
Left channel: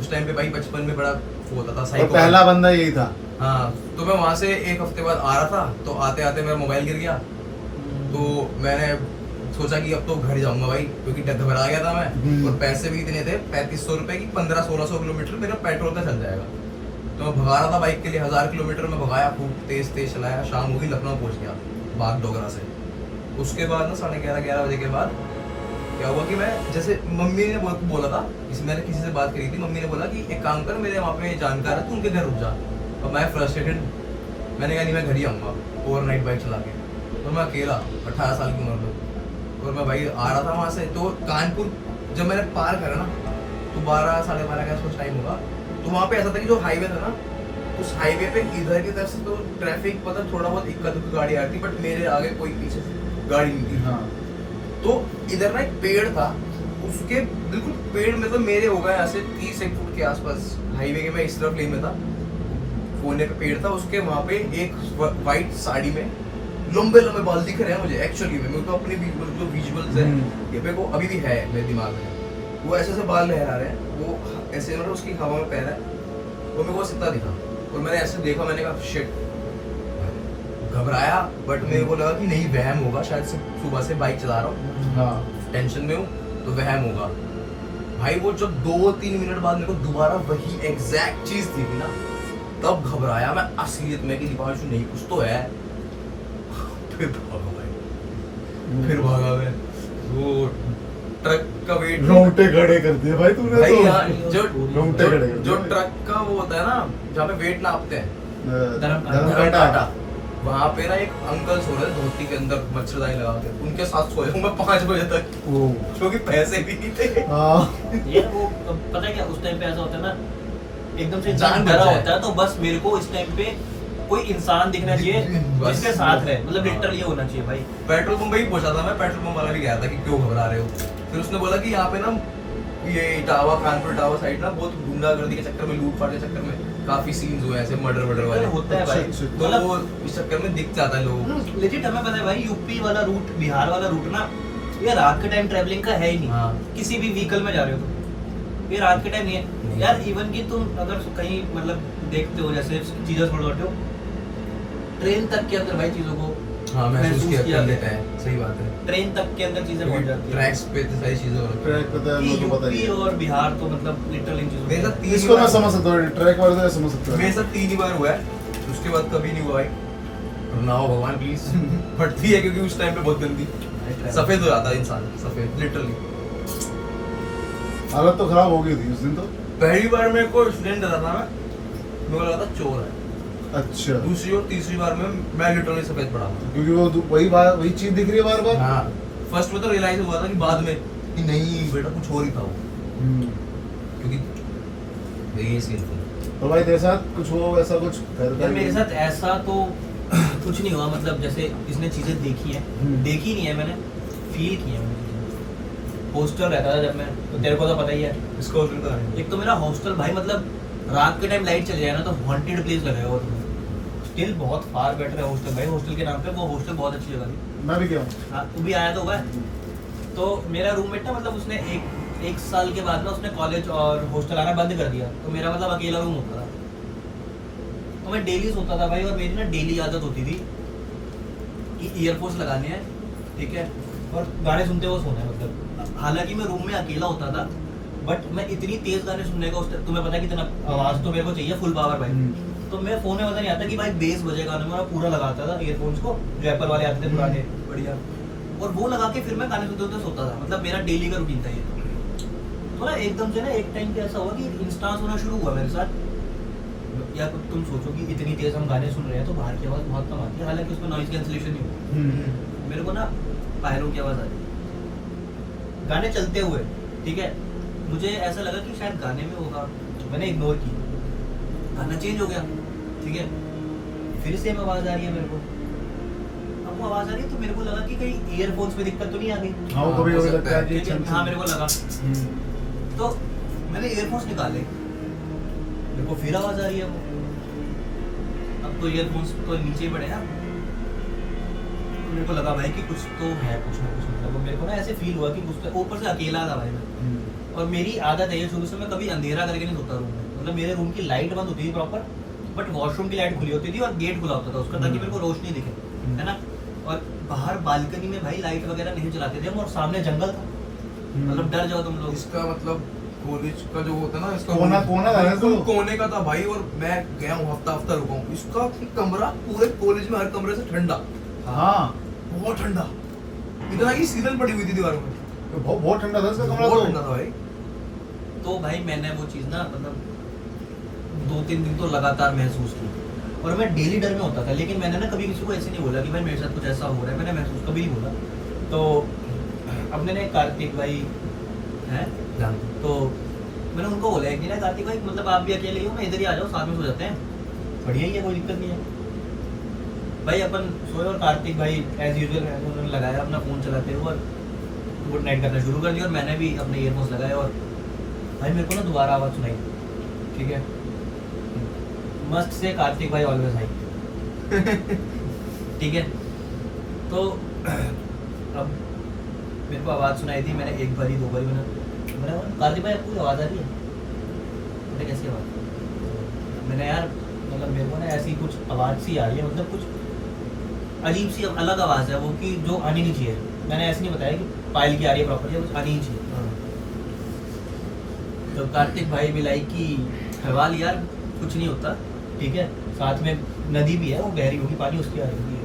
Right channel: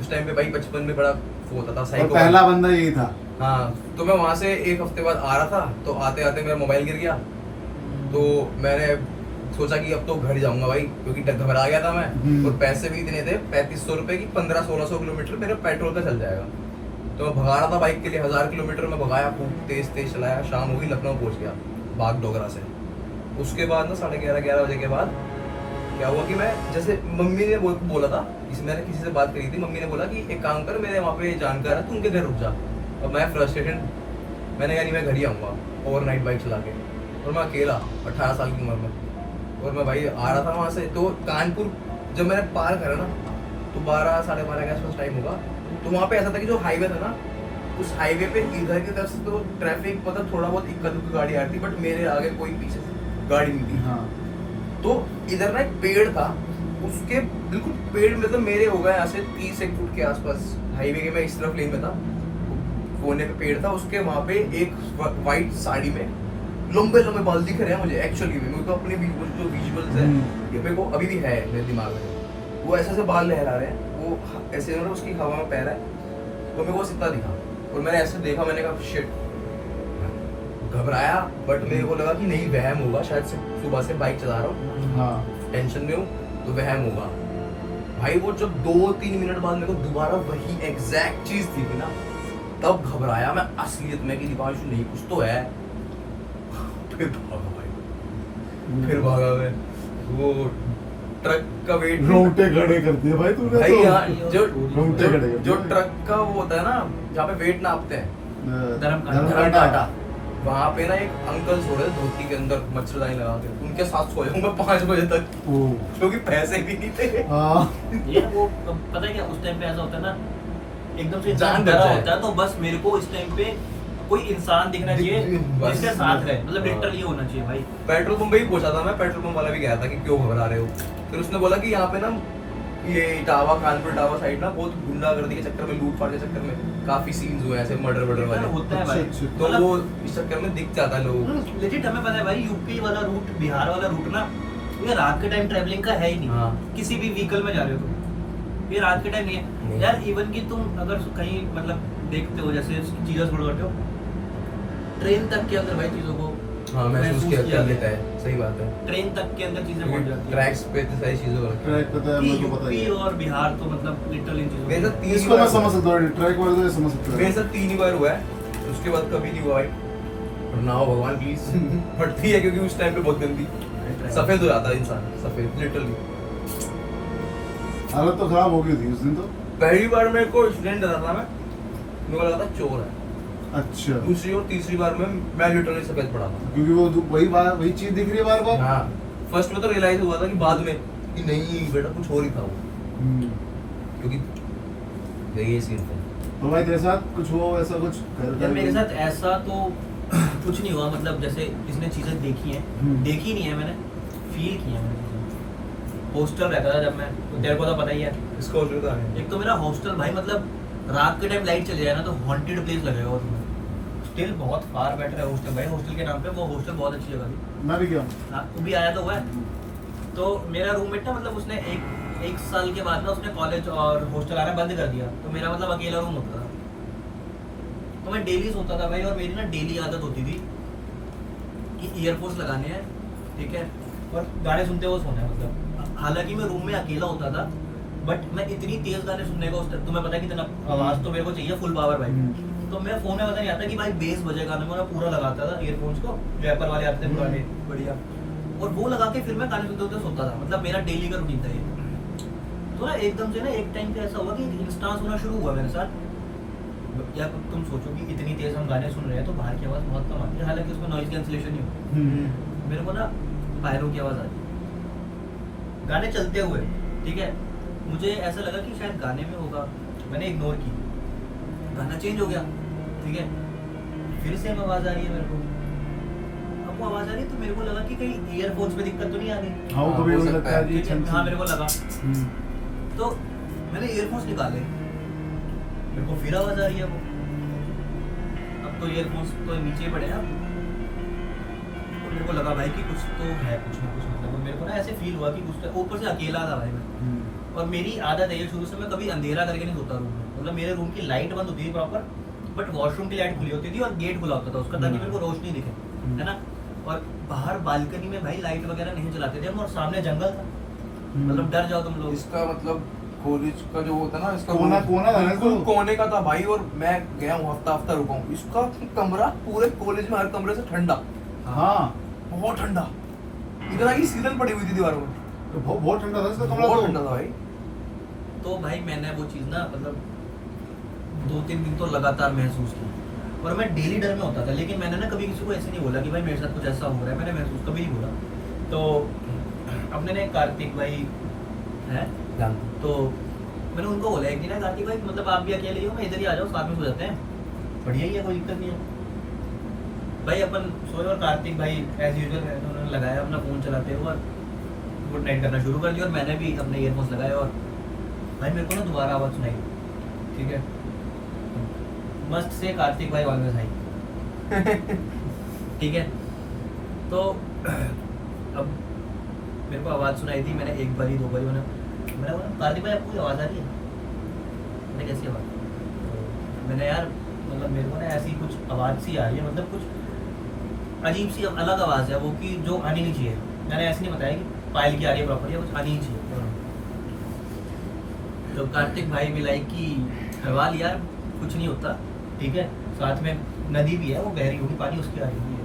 उस टाइम पे भाई बचपन में बड़ा वो होता था, और साइको। पहला बंदा यही था। हाँ, तो मैं वहां से 1 हफ्ते बाद आ रहा था, तो आते आते मेरा मोबाइल गिर गया। तो मैंने सोचा कि अब तो घर जाऊंगा भाई, क्योंकि घबरा गया था मैं, और पैसे भी इतने थे 3500 रुपए की, 1500-1600 किलोमीटर मेरा पेट्रोल का चल जाएगा। तो मैं भगा रहा था बाइक के लिए, 1000 किलोमीटर में भगाया, खूब तेज तेज चलाया, शाम हो गई, लखनऊ पहुंच गया बाग डोगरा से। उसके बाद ना 11:30 बजे के बाद क्या हुआ कि मैं, जैसे मम्मी ने बोला था, मैंने किसी से बात करी थी, मम्मी ने बोला कि एक काम कर, मेरे वहाँ पे जानकार है, तू उनके घर रुक जा। और मैं फ्रस्ट्रेटेड, मैंने कहा नहीं मैं घर ही आऊँगा ओवरनाइट बाइक चला के। और मैं अकेला 18 साल की उम्र में, और मैं भाई आ रहा था वहाँ से। तो कानपुर जब मैंने पार करा ना, तो 12-12:30 का आसपास टाइम होगा। तो वहाँ पे ऐसा था कि जो हाईवे था ना, उस हाईवे पे इधर की तरफ से तो ट्रैफिक मतलब थोड़ा बहुत इक्का दुक्का गाड़ी आ रही थी, बट मेरे आगे कोई पीछे से गाड़ी नहीं थी। हाँ। तो इधर ना एक पेड़ था, उसके बिल्कुल पेड़ मतलब मेरे हो गए ऐसे 30-1 फुट के आसपास, हाईवे के मैं इस तरफ लेन में था, कोने पे पेड़ था, उसके वहाँ पे एक वाइट साड़ी में लंबे लंबे बाल दिख रहे हैं मुझे एक्चुअली में। मेरे को अपने जो विजुअल्स है ये मेरे को अभी भी है मेरे दिमाग में, वो ऐसे ऐसे बाल लहरा रहे हैं, वो ऐसे उन्होंने उसकी हवा में पैर है, वो मेरे को सिद्धा दिखा। और मैंने ऐसे देखा, मैंने कहा शिट, घबराया, बट मेरे को लगा कि नहीं वहम होगा शायद से, सुबह से बाइक चला रहा हूँ। हाँ। टेंशन में हूँ तो वहम होगा। भाई वो जब 2-3 मिनट बाद मेरे को दोबारा वही एग्जैक्ट चीज थी ना, तब घबराया मैं असलियत में कि दीपांशु नहीं कुछ तो है। फिर भागा भाई, फिर भागा मैं। वो ट्रक का वेट रोंगटे खड़े कर दिए भाई तूने भाई तो। यार, रोंगटे खड़े कर जो दिए। ट्रक का वो होता है ना जहाँ पे वेट नापते हैं, धर्मकांटा। वहाँ पे ना एक अंकल सो रहे थे धोती के अंदर मच्छरदानी लगा के, उनके साथ सोया हूँ मैं 5 बजे तक, ओ क्योंकि पैसे भी नहीं थे। हाँ ये वो पता है क्या उस टाइम पे ऐसा होता है ना, एकदम से जान इंसान बच डरा जाए। होता है, तो बस मेरे को इस टाइम पे कोई इंसान दिखना चाहिए बस। जिसके साथ रहे, मतलब हाँ। लिटरली होना चाहिए भाई। पेट्रोल पंप ही पूछा था मैं, पेट्रोल पंप वाला भी कह रहा था कि क्यों घबरा रहे हो। फिर उसने बोला कि यहाँ पे ना ये इटावा, कानपुर इटावा साइड ना बहुत गुंडागर्दी के चक्कर में, लूटपाट के चक्कर में काफी सीन्स हुए हैं ऐसे मर्डर वर्डर वाले, होता है भाई। अच्छा, अच्छा। तो मतलब वो इस चक्कर में दिख जाता है लोग। लेजिट हमें पता है भाई, यूपी वाला रूट, बिहार वाला रूट ना, ये रात के टाइम ट्रैवलिंग का है ही नहीं। हाँ। किसी भी व्हीकल में जा रहे हो तुम, ये रात के टाइम नहीं है नहीं। यार। इवन कि तुम अगर कहीं मतलब देखते हो, जैसे चीजें छोड़ बैठे हो, ट्रेन तक के अंदर भाई चीजों को हाँ महसूस किया किया लेता गया है, सही बात है। ट्रेन तक के अंदर चीजें पहुंच जाती है। ट्रैक्स पे इतनी सारी चीजें हो रखी हैं। ट्रैक पता है कि उनको पता ही यूपी है। और बिहार तो मतलब लिटरली इन चीजों मेरे साथ में 3 इसको मैं समझ सकता हूँ, ट्रैक वाले तो समझ सकता मेरे हूँ। साथ 3 ही बार हुआ है, उसके बाद कभी नहीं हुआ भाई। ना हो भगवान प्लीज। फटती है क्योंकि उस टाइम पे बहुत गंदी सफेद हो जाता है इंसान, सफेद लिटरली। हालत तो खराब हो गई थी उस दिन तो। पहली बार मेरे को एक्सीडेंट हुआ था, मेरे को लगा था चोर है। अच्छा दूसरी और तीसरी बार में मैं लिटरली सफेद पड़ा था। क्योंकि वो वही चीज दिख रही है बार बार। हाँ फर्स्ट में तो रियलाइज हुआ था कि बाद में कि नहीं बेटा कुछ और ही था वो, क्योंकि ये सीन था। तो भाई तेरे साथ कुछ हो ऐसा कुछ यार मेरे साथ ऐसा तो कुछ नहीं हुआ, मतलब जैसे इसने चीजें देखी हैं, देखी नहीं है मैंने, फील की है मैंने। हॉस्टल रहता था जब मैं, तो तेरे को तो पता ही है। इसको और जुड़ा है। एक तो मेरा हॉस्टल भाई, मतलब रात के टाइम लाइट चले जाए ना तो हॉन्टेड प्लेस लगेगा वो तुम्हें। स्टिल बहुत फार बेटर है हॉस्टल भाई, हॉस्टल के नाम पे वो हॉस्टल बहुत अच्छी जगह थी। मैं भी गया हाँ, तू भी आया तो हुआ है। तो मेरा रूममेट ना, मतलब उसने एक साल के बाद ना उसने कॉलेज और हॉस्टल आना बंद कर दिया, तो मेरा मतलब अकेला रूम होता था। तो मैं डेली सोता था भाई, और मेरी ना डेली आदत होती थी कि ईयरफोन्स लगाने हैं, ठीक है, और गाने सुनते हुए सोना है। मतलब हालांकि मैं रूम में अकेला होता था, बट मैं इतनी तेज गाने सुनने का, तुम्हें पता है कितना आवाज तो मेरे को चाहिए, फुल पावर भाई। तो मैं फोन में पता नहीं आता कि भाई बेस बजे गाने में, मैं पूरा लगाता था ईयरफोन्स को, जो एप्पल वाले आते थे पुराने बढ़िया, और वो लगा के फिर मैं गाने सुनते हुए सोता था। मतलब मेरा डेली का रूटीन था ये। तो ना एकदम से ना एक टाइम पे ऐसा हुआ कि इंस्टांस होना शुरू हुआ मेरे साथ। या तुम सोचो कि इतनी तेज हम गाने सुन रहे हैं तो बाहर की आवाज बहुत कम आती है, हालांकि उसमें नॉइज कैंसिलेशन नहीं होती। मेरे को ना बाहरों की आवाज आ रही, गाने चलते हुए, ठीक है। मुझे ऐसा लगा कि शायद गाने में होगा, मैंने इग्नोर की, गाना चेंज हो गया, ठीक है। फिर सेम आवाज आ रही है मेरे को। अब वो आवाज आ रही है तो मेरे को लगा कि कहीं ईयरफोन्स में दिक्कत तो नहीं आ गई। हाँ वो कभी कभी लगता है कि ठीक है, हाँ मेरे को लगा। तो मैंने ईयरफोन्स निकाले, मेरे को फिर आवाज आ रही है वो। अब तो ईयरफोन्स तो नीचे ही पड़े हैं। तो मेरे को लगा भाई कि कुछ तो है, कुछ ना कुछ, मतलब मेरे को ना ऐसे फील हुआ कि कुछ तो, ऊपर से अकेला था भाई मैं। और मेरी आदत है ये शुरू से, मैं कभी अंधेरा करके नहीं सोता रूम में। मतलब मेरे रूम की लाइट बंद होती थी प्रॉपर, बट वॉशरूम की लाइट खुली होती थी और गेट खुला होता था उसका, ताकि मेरे को रोशनी दिखे, है ना। और बाहर बालकनी में भाई लाइट वगैरह नहीं जलाते थे हम, और सामने जंगल था, मतलब डर जाओ तुम लोग। इसका मतलब कॉलेज का जो होता है ना, इसका कोना था ना बिल्कुल इसको। कोने का था भाई। और मैं गया हूँ हफ्ता रुका हूँ, इसका कमरा पूरे कॉलेज में हर कमरे से ठंडा, हाँ बहुत ठंडा, इतना की सीलन पड़ी हुई थी दीवारों में, बहुत ठंडा था इसका कमरा बहुत तो। ठंडा था भाई। तो भाई मैंने वो चीज़ ना, मतलब 2-3 दिन तो लगातार महसूस की, और मैं डेली डर में होता था। लेकिन मैंने ना कभी किसी को ऐसे नहीं बोला कि भाई मेरे साथ कुछ ऐसा हो रहा है, मैंने महसूस कभी नहीं बोला। तो अपने ने कार्तिक भाई हैं, तो मैंने उनको बोला एक दिन, कार्तिक भाई मतलब आप भी अकेले ही हो, मैं इधर ही आ जाओ, साथ में सो जाते हैं, बढ़िया ही है, कोई दिक्कत नहीं है। भाई अपन सोए, और कार्तिक भाई एज यूजुअल उन्होंने लगाया अपना फ़ोन चलाते हुए और गुड नाइट करना शुरू कर दिया, और मैंने भी अपने ईयरफोन्स लगाए। और भाई मेरे को ना दोबारा आवाज़ सुनाई, ठीक है, मस्त से कार्तिक भाई ऑलवेज हाई, ठीक है। तो अब मेरे को आवाज़ सुनाई थी, मैंने एक बारी 2 बारी मैंने बोला कार्तिक भाई आपको आवाज़ आ रही है? मैंने कैसी आवाज़? मैंने यार मतलब मेरे को ना ऐसी कुछ आवाज़ सी आ रही है, मतलब कुछ अजीब सी अलग आवाज़ है वो, कि जो आनी नहीं चाहिए। मैंने ऐसे नहीं बताया कि पायल की आ रही है प्रॉपर्टी, कुछ आनी ही चाहिए। तो कार्तिक भाई भी लाइक कि हवाल यार कुछ नहीं होता, ठीक है, साथ में नदी भी है, वो बह रही होगी, पानी उसकी आ रही है।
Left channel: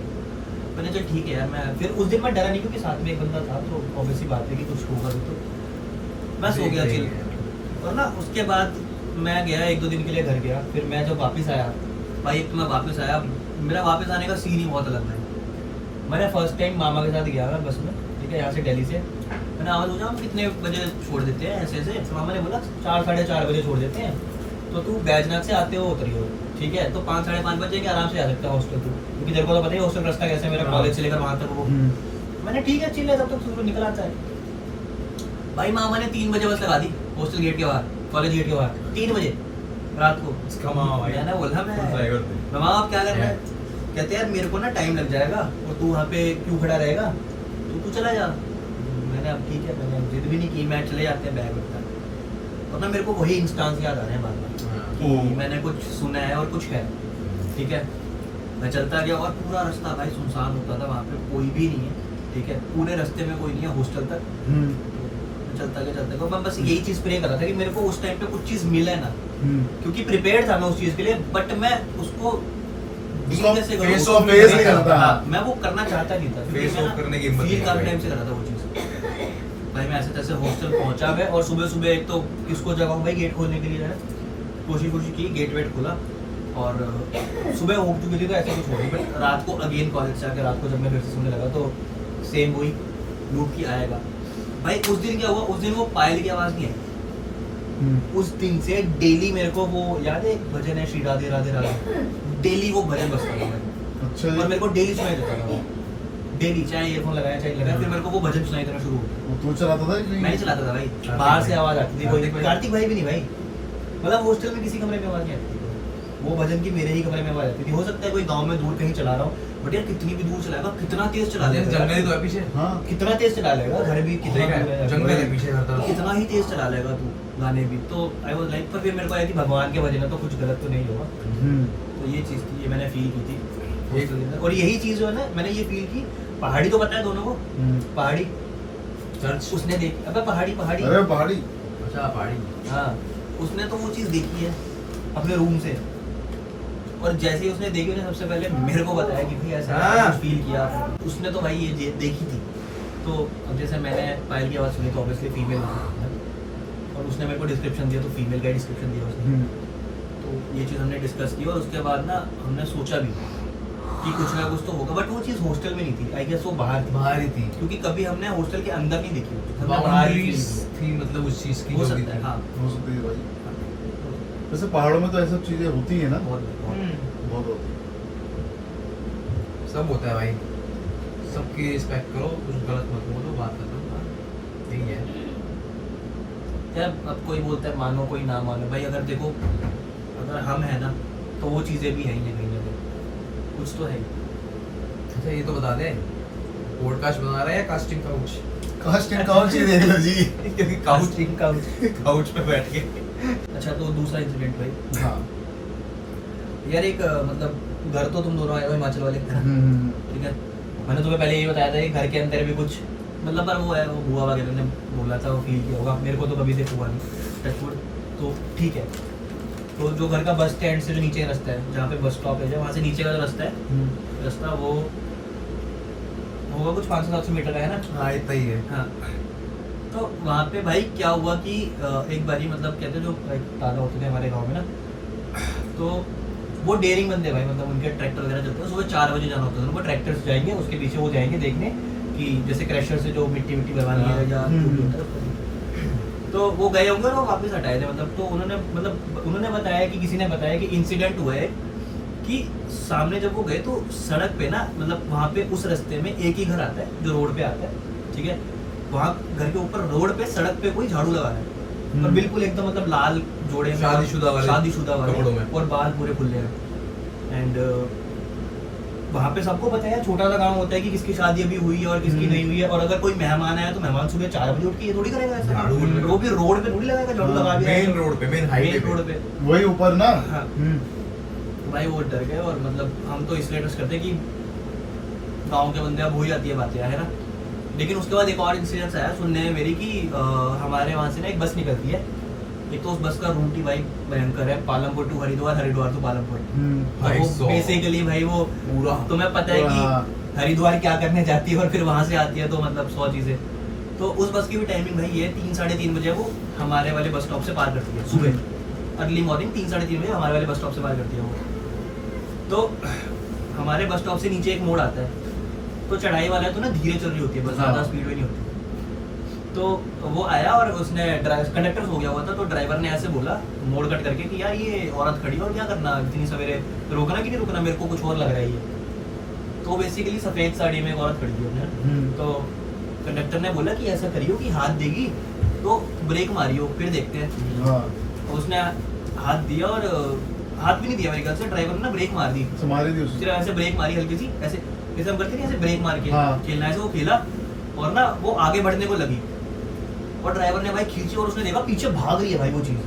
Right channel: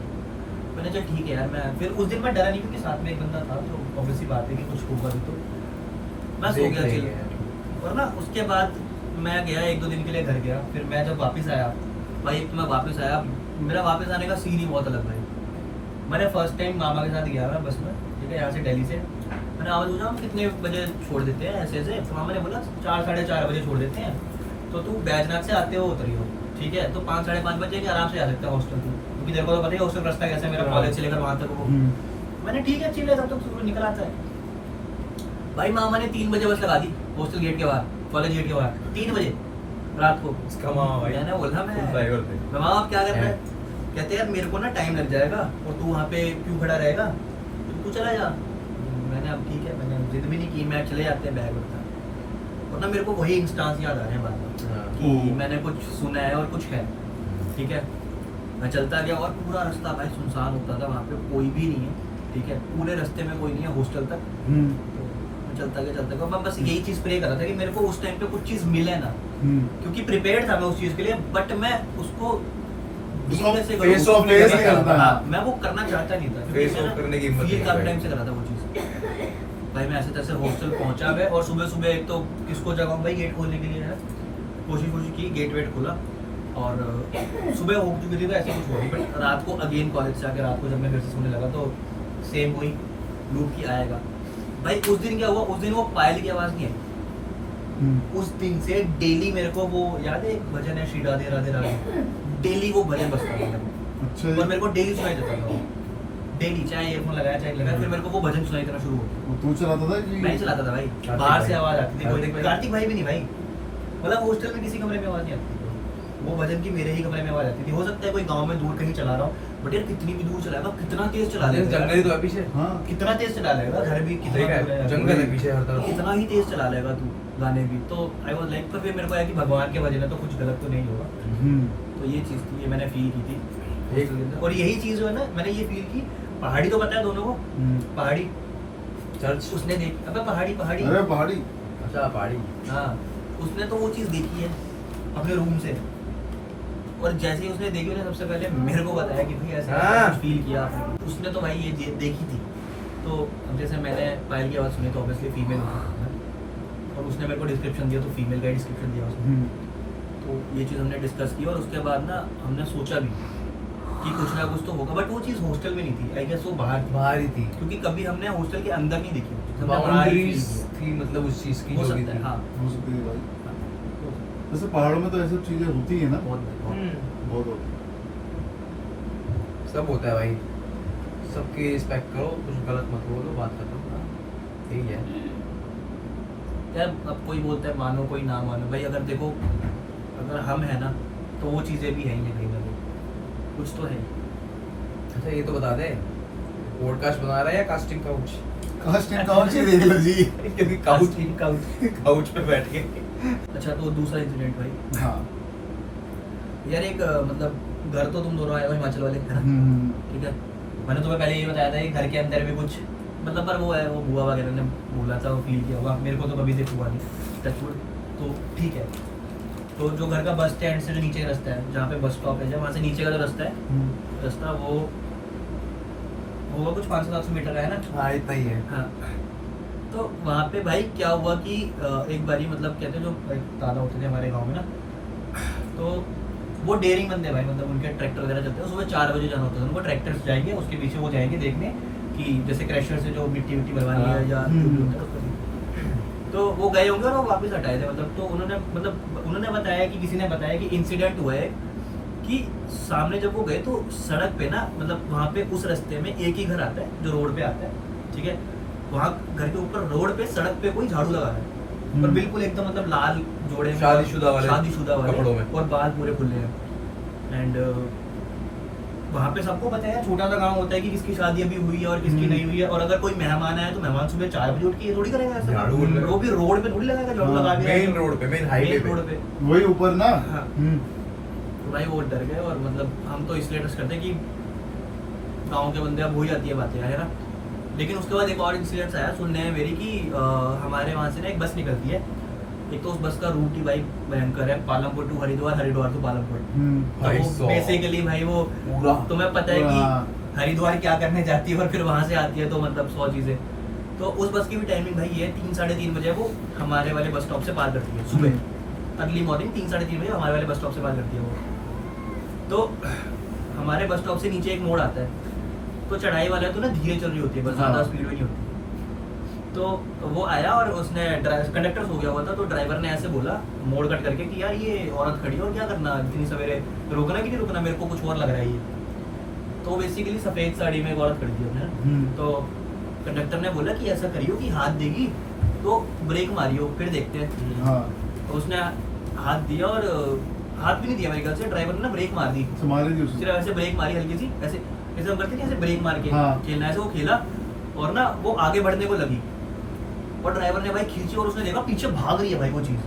मैंने चल ठीक है यार, मैं फिर उस दिन मैं डरा नहीं क्योंकि साथ में एक बंदा था, तो ऑब्वियस सी बात है कि कुछ होगा भी। तो मैं सो गया चिल। और ना उसके बाद मैं गया 1-2 दिन के लिए घर गया। फिर मैं जब वापस आया भाई, तो मैं वापस आया, मेरा वापस आने का सीन ही बहुत अलग भाई। मैंने फर्स्ट टाइम मामा के साथ गया मैं बस में, ठीक है, यहाँ से दिल्ली से। मैंने आवाज़ पूछा हम कितने बजे छोड़ देते हैं ऐसे ऐसे, तो मामा ने बोला 4-4:30 बजे छोड़ देते हैं, तो तू बैजनाथ से आते हो उतरी हो, ठीक है, तो 5-5:30 बजे के आराम से आ सकता है हॉस्टल तू, क्योंकि तेरे को तो पता ही हॉस्टल रास्ता कैसे है मेरा, कॉलेज से लेकर वहाँ तक वो। मैंने ठीक है चिल है, तब तक सूरज निकल आता है भाई। मामा ने 3 बजे बस लगा दी हॉस्टल गेट के बाहर, कॉलेज गेट के बाहर 3 बजे रात को। मैंने बोला मैं मामा आप क्या कर रहे हैं? कहते यार मेरे को ना टाइम लग जाएगा और तू वहाँ पे क्यों खड़ा रहेगा, तो तू चला जा। मैंने अब ठीक है, मैंने जिद भी नहीं की, मैं चले जाते बैग उठा। और ना मेरे को वही इंस्टांस याद आ रहे हैं बार बार कि मैंने कुछ सुना है और कुछ है, ठीक है। मैं चलता गया और पूरा रास्ता भाई सुनसान होता था, वहाँ पे कोई भी नहीं है, ठीक है, पूरे रास्ते में कोई नहीं है हॉस्टल तक। मैं चलता गया, मैं बस यही चीज़ प्रे कर रहा था कि मेरे को उस टाइम पे कुछ चीज़ मिले ना, क्योंकि प्रिपेयर्ड था मैं उस चीज़ के लिए, बट मैं उसको फेस ऑफ फेस नहीं करता। मैं वो करना चाहता नहीं था, फेस ऑफ करने की हिम्मत फील नहीं काफी भाई। टाइम से कर रहा था वो चीज़। भाई मैं ऐसे तैसे हॉस्टल पहुंचा गया और सुबह सुबह एक तो किसको जगाऊं भाई गेट खोलने के लिए, है कोशिश की, गेट वेट खोला और सुबह हो चुकी थी तो ऐसा कुछ हो गया। बट रात को अगेन कॉलेज से आके रात को जब मैं फिर से सोने लगा तो सेम वही लूप की आएगा भाई। उस दिन क्या हुआ, उस दिन वो पायल की आवाज़ नहीं आई। उस दिन से डेली मेरे को वो याद है, एक भजन है श्री राधे राधे राधे, डेली वो भजन बजता था अच्छा और मेरे को डेली सुनाई देता था वो, डेली, चाहे ईयरफोन लगाया चाहे लगाया, फिर मेरे को वो भजन सुनाई देना शुरू हो गया। तू चलाता था कि मैं ही चलाता था भाई, कार्तिक बाहर से भाई। आवाज आती थी, कोई कार्तिक भाई भी नहीं भाई, मतलब हॉस्टल में किसी कमरे में आवाज नहीं आती थी, वो भजन की मेरे ही कमरे में आवाज आती थी। हो सकता है कोई गांव में दूर कहीं चला रहा हो, बट यार कितनी भी दूर चलाएगा, कितना तेज चला लेगा, जंगल तो है पीछे, हाँ कितना तेज चला लेगा, घर भी कितना दूर है, जंगल है पीछे हर तरफ। कितना ही तेज चला लेगा तू गाने भी। तो आई वाज लाइक, पर फिर मेरे को आया कि भगवान के वजह में तो कुछ गलत तो नहीं होगा। तो ये चीज़ थी, ये मैंने फील की थी hostel के अंदर। और यही चीज़ जो है ना, मैंने ये फील की, पहाड़ी तो पता है दोनों को, पहाड़ी चर्च, उसने देखी, अबे पहाड़ी अरे पहाड़ी अच्छा पहाड़ी, हाँ, उसने तो वो चीज़ देखी है अपने रूम से, और जैसे ही उसने देखी, उसने सबसे पहले मेरे को बताया कि भाई ऐसा हाँ। कुछ फील किया उसने, तो भाई ये देखी थी। तो अब जैसे मैंने पायल की आवाज़ सुनी तो ऑब्वियसली फीमेल थी, और उसने मेरे को डिस्क्रिप्शन दिया तो फीमेल का ही डिस्क्रिप्शन दिया उसने। तो ये चीज़ हमने डिस्कस की और उसके बाद ना हमने सोचा भी कि कुछ ना कुछ तो होगा, बट वो चीज़ हॉस्टल में नहीं थी, आई गेस वो बाहर ही थी, क्योंकि कभी हमने हॉस्टल के अंदर नहीं देखी, हमने बाहर ही बाउंड्रीज feel की। थी, मतलब उस चीज की हो जो भी सकता है, थी। हाँ, हो सकती है भाई। वैसे पहाड़ों में तो ऐसी चीजें होती है ना, बहुत होती है। सब होता है भाई, सबकी रिस्पेक्ट करो, कुछ गलत मत बोलो, बात खत्म, यही है। यार अब कोई बोलता है मानो कोई ना मानो, भाई अगर देखो, अगर हम है ना तो वो चीज़ें भी हैं ही कहीं ना कहीं, कुछ तो है। अच्छा ये तो बता दे, पॉडकास्ट बना रहा है या कास्टिंग काउच? कास्टिंग काउच ही देख लो जी। क्योंकि काउच पे बैठ के। अच्छा तो दूसरा इंसिडेंट भाई, हाँ यार एक मतलब घर तो तुम दोनों आए हो हिमाचल वाले घर, ठीक है, मैंने तुम्हें पहले ये बताया था कि घर के अंदर भी कुछ मतलब, पर वो है वो बुआ वगैरह ने बोला था, वो फील किया होगा, मेरे को तो कभी से हुआ नहीं टचवुड, तो ठीक है। तो जो घर का बस स्टैंड से जो नीचे का रास्ता है, जहाँ पे बस स्टॉप है, जब वहाँ से नीचे का जो रास्ता है, रास्ता वो होगा कुछ 500-700 मीटर का है ना, हाँ इतना ही है। हाँ। तो वहाँ पे भाई क्या हुआ कि एक बारी मतलब कहते हैं जो एक दादा होते थे हमारे गांव में ना, तो वो डेयरिंग बंदे भाई, मतलब उनके ट्रैक्टर वगैरह चलते हैं, सुबह 4 बजे जाना होता है उनको, ट्रैक्टर से जाएंगे, उसके पीछे वो जाएंगे देखने कि जैसे क्रैशर से जो मिट्टी बनवानी है या जो भी होता है, तो वो गए होंगे और वो वापस हटाए थे। मतलब तो उन्होंने बताया कि किसी ने बताया कि इंसिडेंट हुआ है कि सामने जब वो गए तो सड़क पे ना, मतलब वहाँ पे उस रास्ते में एक ही घर आता है जो रोड पे आता है, ठीक है, वहाँ घर के ऊपर रोड पे सड़क पे कोई झाड़ू लगा रहा है, और बिल्कुल एकदम मतलब लाल जोड़े में, शादीशुदा वाले कपड़ों में, और बाल पूरे खुले हैं। एंड वहाँ पे सबको पता है, छोटा सा गांव होता है कि किसकी शादी अभी हुई है और किसकी नहीं हुई है, और अगर कोई मेहमान आया तो मेहमान सुबह 4 बजे उठ के ये थोड़ी करेगा ऐसा, झाड़ू वो भी रोड पे थोड़ी लगाएगा झाड़ू, लगा दिया मेन रोड पे, मेन हाईवे रोड पे। वही ऊपर ना। हाँ। तो भाई वो डर गए, और मतलब हम तो इसलिए ट्रस्ट करते हैं कि गांव के बंदे अब हो जाती है बातें, है ना, लेकिन उसके बाद एक और इंसिडेंस आया सुनने में मेरी कि हमारे वहाँ से ना एक बस निकलती है। एक तो उस बस का रूट ही भाई भयंकर है, पालमपुर टू हरिद्वार, हरिद्वार टू पालमपुर। भाई तो वो साहब। बेसिकली भाई वो पूरा तुम्हें पता है कि हरिद्वार क्या करने जाती है और फिर वहाँ से आती है, तो मतलब 100 चीज़ें। तो उस बस की भी टाइमिंग भाई ये 3 साढ़े 3 बजे वो हमारे वाले बस स्टॉप से पार करती है सुबह, अर्ली मॉर्निंग 3 साढ़े 3 बजे हमारे वाले बस स्टॉप से पार करती है वो। तो हमारे बस स्टॉप से नीचे एक मोड़ आता है, तो चढ़ाई वाला है तो ना धीरे चल रही होती है बस, ज़्यादा स्पीड में नहीं होती। तो वो आया और उसने कंडक्टर हो गया हुआ था, तो ड्राइवर ने ऐसे बोला मोड़ कट करके कि यार ये औरत खड़ी है और क्या करना इतनी सवेरे, रुकना कि नहीं रुकना, मेरे को कुछ और लग रहा है ये। तो बेसिकली सफ़ेद साड़ी में एक औरत खड़ी थी अपने। तो कंडक्टर ने बोला कि ऐसा करियो कि हाथ देगी तो ब्रेक मारियो फिर देखते हैं। हाँ तो उसने हाथ दिया और हाथ भी नहीं दिया मेरे ख्याल से, ड्राइवर ने ना ब्रेक मार दी, तुम्हारे भी उसी सिर्फ ऐसे ब्रेक मारी हल्की सी, ऐसे जैसे हम करते नहीं ऐसे ब्रेक मार के हाँ। खेलना, ऐसे वो खेला और ना वो आगे बढ़ने को लगी और ड्राइवर ने भाई खींची और उसने देखा पीछे भाग रही है भाई वो चीज।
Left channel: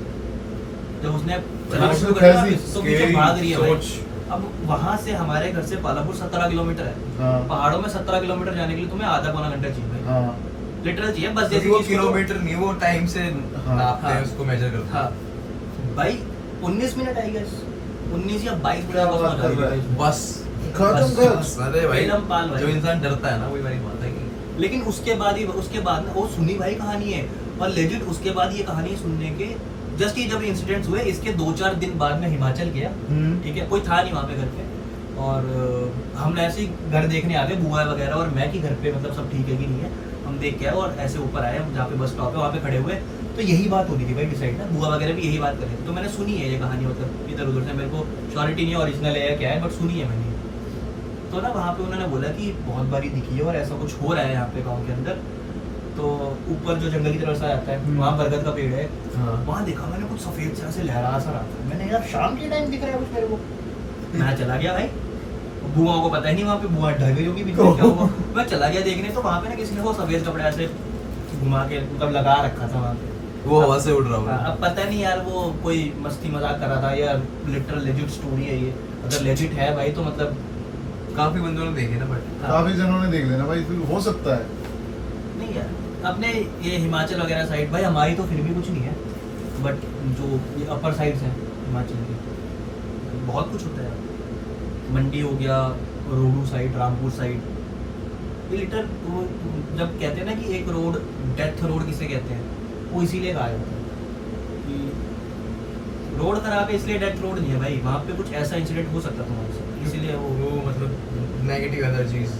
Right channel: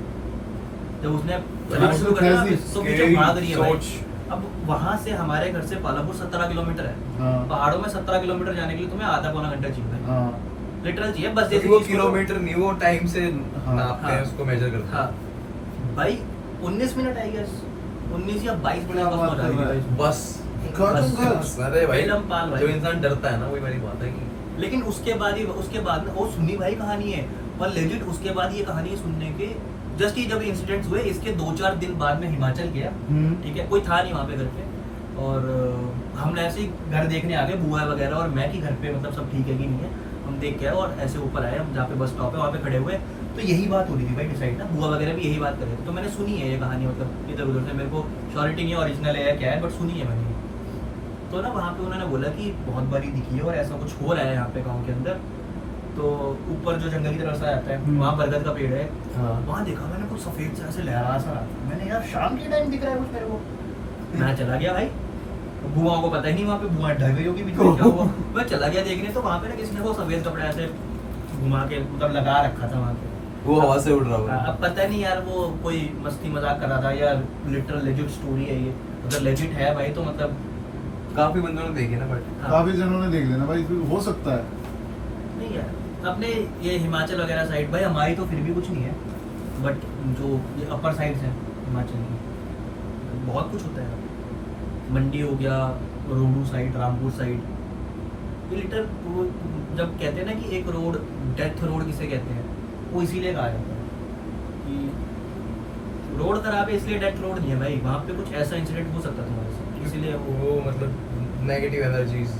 जब उसने चलाना शुरू कर दिया तो पीछे भाग रही है भाई। अब वहां से हमारे घर से पालमपुर 17 किलोमीटर है। हाँ। पहाड़ों में 17 किलोमीटर जाने के लिए तुम्हें आधा पौना घंटा चाहिए भाई, हाँ लिटरल चाहिए बस। जैसे वो चीज़ को- किलोमीटर नहीं, वो टाइम से हाँ। नापते हैं, उसको मेजर करते हैं। हाँ भाई 19 मिनट आई गेस, 19 या 22 मिनट क्या बस बात पहुंचा कर दी रहा है? भाई। बस खत्म कर। बस, अरे भाई बेलम पाल भाई। जो इंसान डरता है ना वही वाली बात है कि लेकिन उसके बाद ना वो सुनी भाई कहानी है, और लेजिट उसके बाद ये कहानी सुनने के जस्ट ये जब इंसिडेंट्स हुए इसके 2-4 दिन बाद में हिमाचल गया। ठीक है, कोई था नहीं वहाँ पे घर पे, और हम ऐसे ही घर देखने आ गए बुआ वगैरह और मैं कि घर पे मतलब सब ठीक है कि नहीं है। हम देख के आए और ऐसे ऊपर आए हम जहाँ पे बस स्टॉप है वहाँ पे खड़े हुए, तो यही बात हो रही थी भाई डिसाइड ना, बुआ वगैरह भी यही बात कर रहे थे। तो मैंने सुनी है ये कहानी, मतलब इधर उधर से, मेरे को श्योरिटी नहीं है ओरिजिनल है या क्या है, बट सुनी है मैंने। तो ना वहाँ पे उन्होंने बोला कि बहुत बारी दिखी है और ऐसा कुछ हो रहा है यहाँ पे गाँव के अंदर। तो ऊपर जो जंगल की तरफ से आता है वहाँ बरगद का पेड़ है, वहाँ देखा मैंने कुछ सफेद सा ऐसे लहरा सा रहा था। मैंने यार शाम के टाइम दिख रहा है कुछ मेरे को। मैं चला गया भाई, बुआओं को पता ही नहीं वहाँ पे बुआ ढह गई होगी बीच में क्या हुआ। मैं चला गया देखने, तो वहाँ पे ना किसी ने वो सफेद कपड़ा ऐसे घुमा के मतलब लगा रखा था वहाँ पे, वो हवा से उड़ रहा होगा। अब पता नहीं यार वो कोई मस्ती मजाक कर रहा था या लिटरल लेजिट स्टोरी है ये। अगर लेजिट है भाई तो मतलब काफी बंदों ने देखे ना, बट काफी जनों ने देख लेना भाई, फिर हो सकता है। नहीं यार अपने ये हिमाचल वगैरह साइड भाई, हमारी तो फिर भी कुछ नहीं है, बट जो ये अपर साइड्स हैं हिमाचल की बहुत कुछ होता है। मंडी हो गया, रोडू साइड, रामपुर साइड, ये लिटर वो जब कहते हैं ना कि एक रोड डेथ रोड किसे कहते हैं, वो इसीलिए कहा जाता है कि रोड खराब है इसलिए डेथ रोड नहीं है भाई, वहाँ पे कुछ ऐसा इंसिडेंट हो सकता तुम्हारे साथ, इसीलिए वो मतलब नेगेटिव एनर्जीज।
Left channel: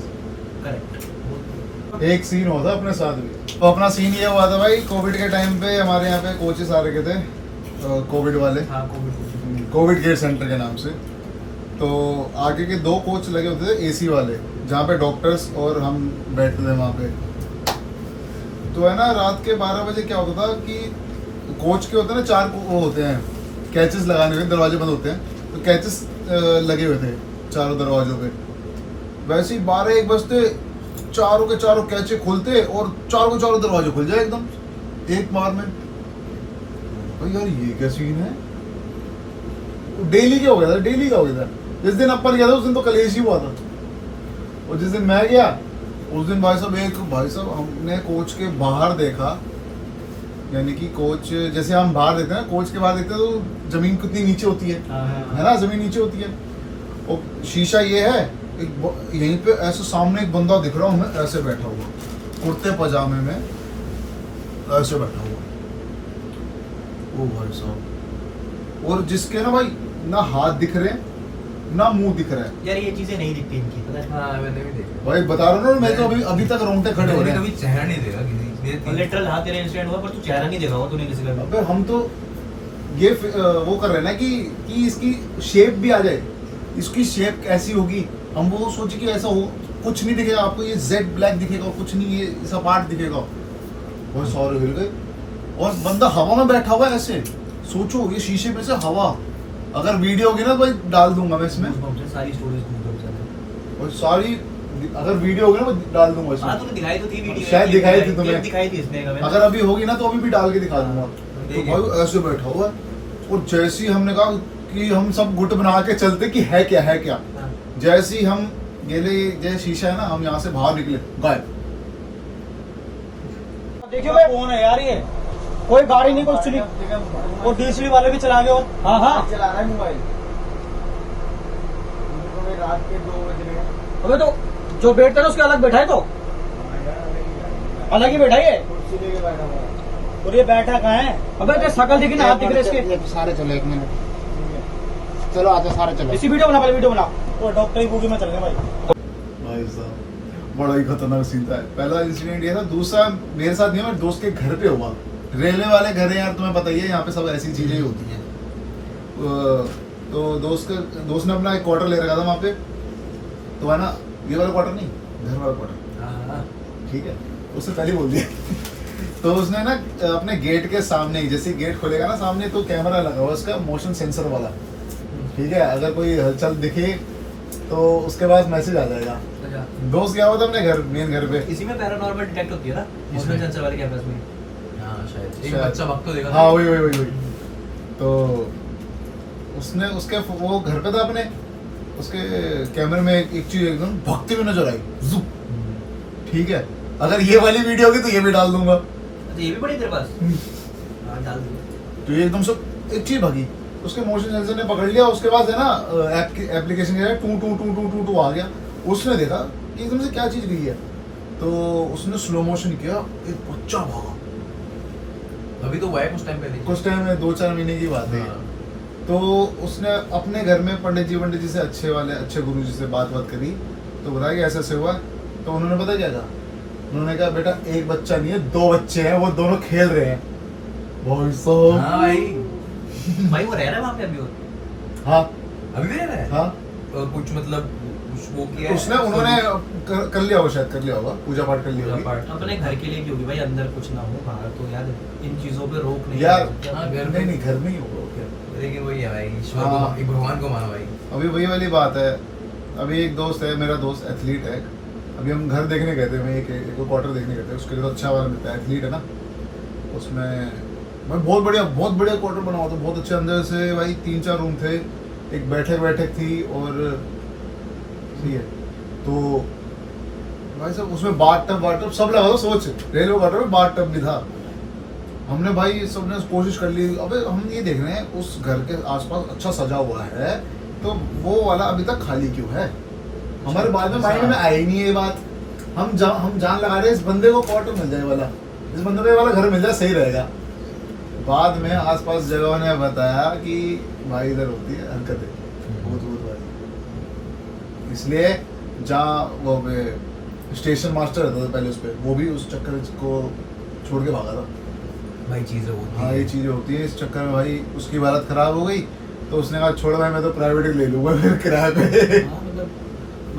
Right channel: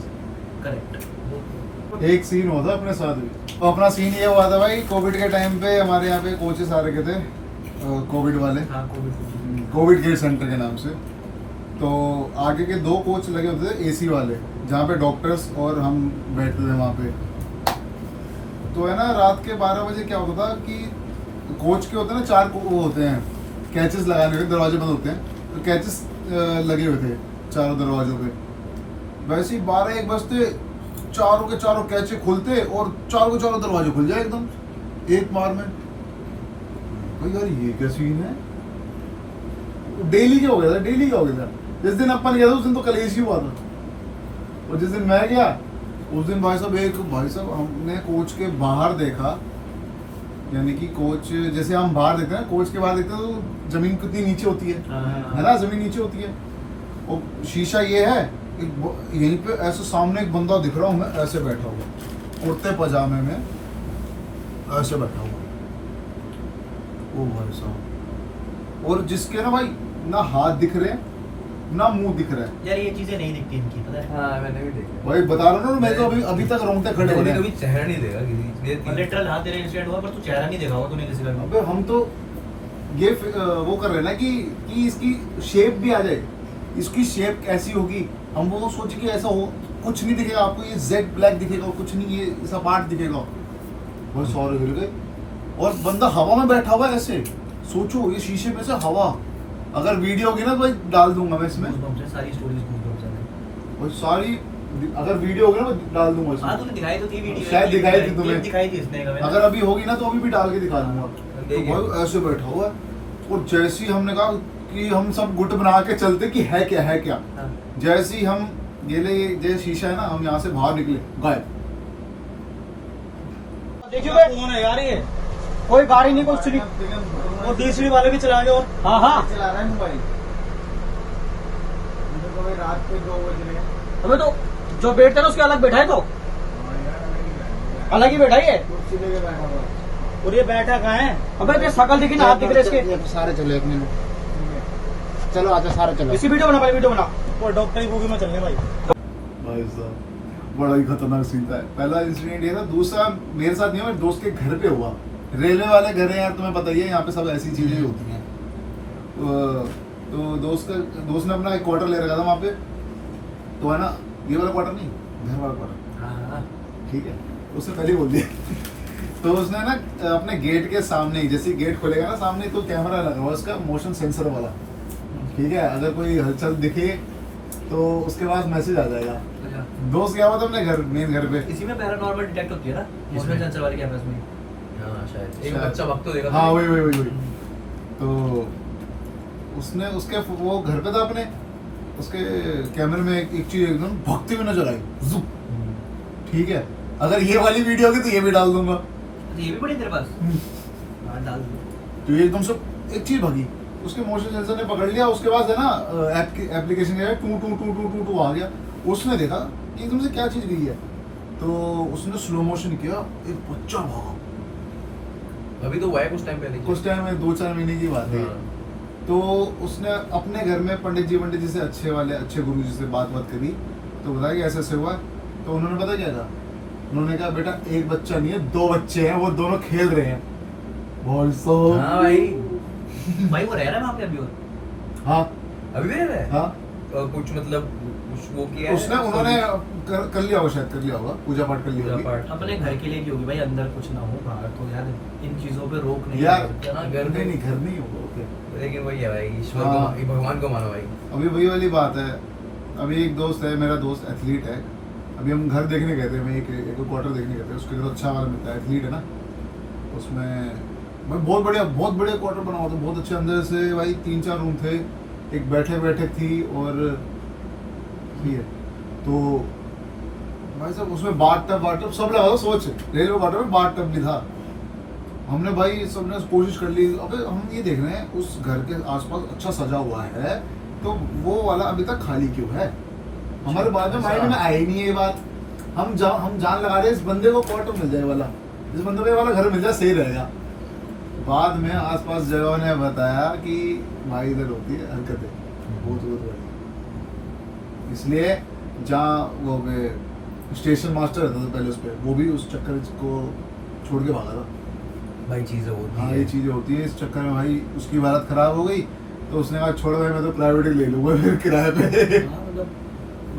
करेक्ट। एक सीन हुआ था अपने साथ भी, तो अपना सीन ये हुआ था भाई, कोविड के टाइम पे हमारे यहाँ पे कोचेस आ रखे थे, कोविड वाले, हाँ कोविड केयर सेंटर के नाम से। तो आगे के 2 कोच लगे होते थे एसी वाले, जहाँ पे डॉक्टर्स और हम बैठते थे वहाँ पे। तो है ना रात के 12 बजे क्या होता था कि कोच के होते हैं ना 4 वो होते हैं कैचेस लगाने हुए, दरवाजे बंद होते हैं, तो कैचेस लगे हुए थे चारों दरवाजों पे। वैसे ही 12-1 बजते चारों के चारों कैचे खुलते और चारों के चारों दरवाजे खुल जाए एकदम एक बार में। तो यार ये क्या सीन है, डेली क्या हो गया था, डेली क्या हो गया था। जिस दिन अपन गया था उस दिन तो कलेश ही हुआ था, और जिस दिन मैं गया उस दिन भाई साहब हमने कोच के बाहर देखा, यानी कि कोच जैसे हम बाहर देखते हैं, कोच के बाहर देखते हैं तो जमीन कितनी नीचे होती है ना, जमीन नीचे होती है, और शीशा ये है एक यहीं पे ऐसे सामने एक बंदा दिख रहा हूँ मैं, ऐसे बैठा हुआ कुर्ते पजामे में ऐसे बैठा हुआ, ओ भाई साहब, और जिसके ना भाई ना हाथ दिख रहे हैं ना मुंह दिख रहा है। यार ये चीजें नहीं दिखती इनकी, पता है। हाँ मैंने भी देखा भाई बता रहा हूँ ना, मैं तो अभी तक रोंगटे खड़े हो रहे कभी हैं। चेहरा नहीं देगा किसी, लिटरल हाँ तेरा इंसिडेंट हुआ पर तू चेहरा नहीं देखा होगा तूने किसी का। अबे हम तो ये वो कर रहे हैं ना कि इसकी शेप भी आ जाए, इसकी शेप कैसी होगी, हम वो सोचे कि ऐसा हो, कुछ नहीं दिखेगा आपको, ये जेड ब्लैक दिखेगा, कुछ नहीं ये ऐसा पार्ट दिखेगा। बहुत सारे हिल गए, और बंदा हवा में बैठा हुआ है ऐसे, सोचो ये शीशे में से हवा, अगर वीडियो होगी ना भाई डाल दूंगा मैं इसमें, सारी स्टोरीज और सारी अगर वीडियो होगी ना मैं डाल दूंगा हाँ इसमें, तूने दिखाई तो थी वीडियो, शायद दिखाई थी तुम्हें, दिखाई थी इसने का अगर अभी होगी ना तो अभी भी डाल के दिखा दूंगा। तो भाई ऐसे बैठा हुआ है, और जैसे ही हमने कहा कि हम सब गुट बना के चलते कि है क्या है क्या, जैसे ही हम गेले जैसे शीशा है ना, हम यहाँ से बाहर निकले गायब, देखिए भाई कौन है यार ये, कोई गाड़ी नहीं कुछ नहीं, वो डीएसएल वाले भी चला गए। और हाँ हाँ चला रहा है मोबाइल। मुझे तो भाई रात के 2 बज रहे हैं। अबे तो जो बैठता है उसके अलग बैठा है, तो अलग ही बैठा है। कुर्सी लेके बैठा हुआ है। और ये बैठा कहाँ है? अबे ये शकल दिखी ना, हाथ दिख रहे इसके। ये सारे चलो 1 मिनट, चलो आते सारे चलो। इसी वीडियो बना, पहले वीडियो बना। और डॉक्टर की बूगी में चलने भाई। भाई साहब बड़ा ही खतरनाक सीन था। पहला इंसिडेंट ये था, दूसरा मेरे साथ नहीं हुआ, मेरे दोस्त के घर पे हुआ। रेलवे वाले घर है यार, तुम्हें पता ही है यहाँ पे सब ऐसी चीजें ही होती हैं। तो दोस्त ने अपना एक क्वार्टर ले रखा था वहाँ पे, तो है ना, ये वाला क्वार्टर नहीं, घर वाला क्वार्टर, ठीक है, उससे पहले बोल दिया। तो उसने ना अपने गेट के सामने ही, जैसे गेट खोलेगा ना सामने, तो कैमरा लगा हुआ उसका, मोशन सेंसर वाला, ठीक है, अगर कोई हलचल दिखे तो उसके पास मैसेज आ जाएगा। दोस्त गया हुआ था अपने घर, मेन घर पे। इसी में पैरानॉर्मल डिटेक्ट होती है ना, मोशन सेंसर वाले कैमरास में। हाँ शायद एक बच्चा वक्त तो देखा। हाँ वही। तो उसने उसके वो घर पे था अपने, उसके कैमरे में एक चीज एकदम भगती हुई नजर आई, जुप, ठीक है। अगर ये वाली वीडियो होगी तो ये भी डाल दूंगा। तो ये भी पड़ी तेरे पास? हाँ डाल दूँ। तो ये एकदम से एक चीज भगी, उसके मोशन सेंसर ने पकड़ लिया। उसके बाद है ना एप्लीकेशन के टू आ गया। उसने देखा एकदम से क्या चीज गई है, तो उसने स्लो मोशन किया, एक बच्चा भागा। अभी तो हुआ है कुछ टाइम पहले। कुछ टाइम में 2-4 महीने की बात है। तो उसने अपने घर में पंडित जी से अच्छे गुरु जी से बात करी, तो बताया कि ऐसे हुआ। तो उन्होंने पता क्या कहा, उन्होंने कहा बेटा एक बच्चा नहीं है, 2 बच्चे हैं, वो दोनों खेल रहे हैं। भाई साहब, हाँ भाई भाई वो रह रहा है वहाँ पे अभी? और हाँ अभी भी रह रहा है। हाँ, और कुछ मतलब कुछ वो किया है? उसने उन्होंने कर लिया होगा, शायद कर लिया होगा, पूजा पाठ कर लिया पूजा होगी पाठ। अपने घर के लिए की होगी भाई, अंदर कुछ ना हो बाहर, तो यार इन चीजों पे रोक नहीं यार। है। हाँ, घर नहीं में नहीं, घर में ही होगा क्या। लेकिन वही है भाई, ईश्वर हाँ। को, भगवान को मानो भाई। अभी वही वाली बात है। अभी एक दोस्त है, मेरा दोस्त एथलीट है। अभी हम घर देखने गए थे, मैं एक क्वार्टर देखने गए थे, उसके लिए तो अच्छा वाला मिलता है, एथलीट है ना। उसमें भाई बहुत बढ़िया क्वार्टर बना हुआ था, बहुत अच्छे। अंदर से भाई 3-4 रूम थे, एक बैठक थी, और ठीक है, तो भाई साहब उसमें बाथ टब सब लगा था। सोच, रेलवे क्वार्टर में बाथ टब भी था। हमने भाई सबने कोशिश कर ली। अबे हम ये देख रहे हैं उस घर के आसपास अच्छा सजा हुआ है, तो वो वाला अभी तक खाली क्यों है? हमारे बाद में माइंड में आई नहीं है ये बात। हम जान लगा रहे हैं इस बंदे को क्वार्टर मिल जाए वाला, इस बंदे को ये वाला घर मिल जाए, सही रहेगा। बाद में आसपास जगहों ने बताया कि भाई इधर होती है हरकतें, भूत भाई। इसलिए जहाँ वो स्टेशन मास्टर रहता था पहले, उस पर वो भी उस चक्कर को छोड़ के भागा था। भाई चीजें होती हाँ हैं। ये चीजें होती है। इस चक्कर में भाई उसकी हालत खराब हो गई, तो उसने कहा छोड़ भाई, मैं तो प्राइवेट ही ले लूंगा फिर किराए पे। हाँ, मतलब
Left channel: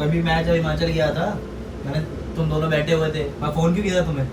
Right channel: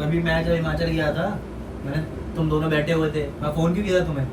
अभी मैं जब हिमाचल गया था, मैंने तुम दोनों बैठे हुए थे, मैं फोन क्यों किया था तुम्हें?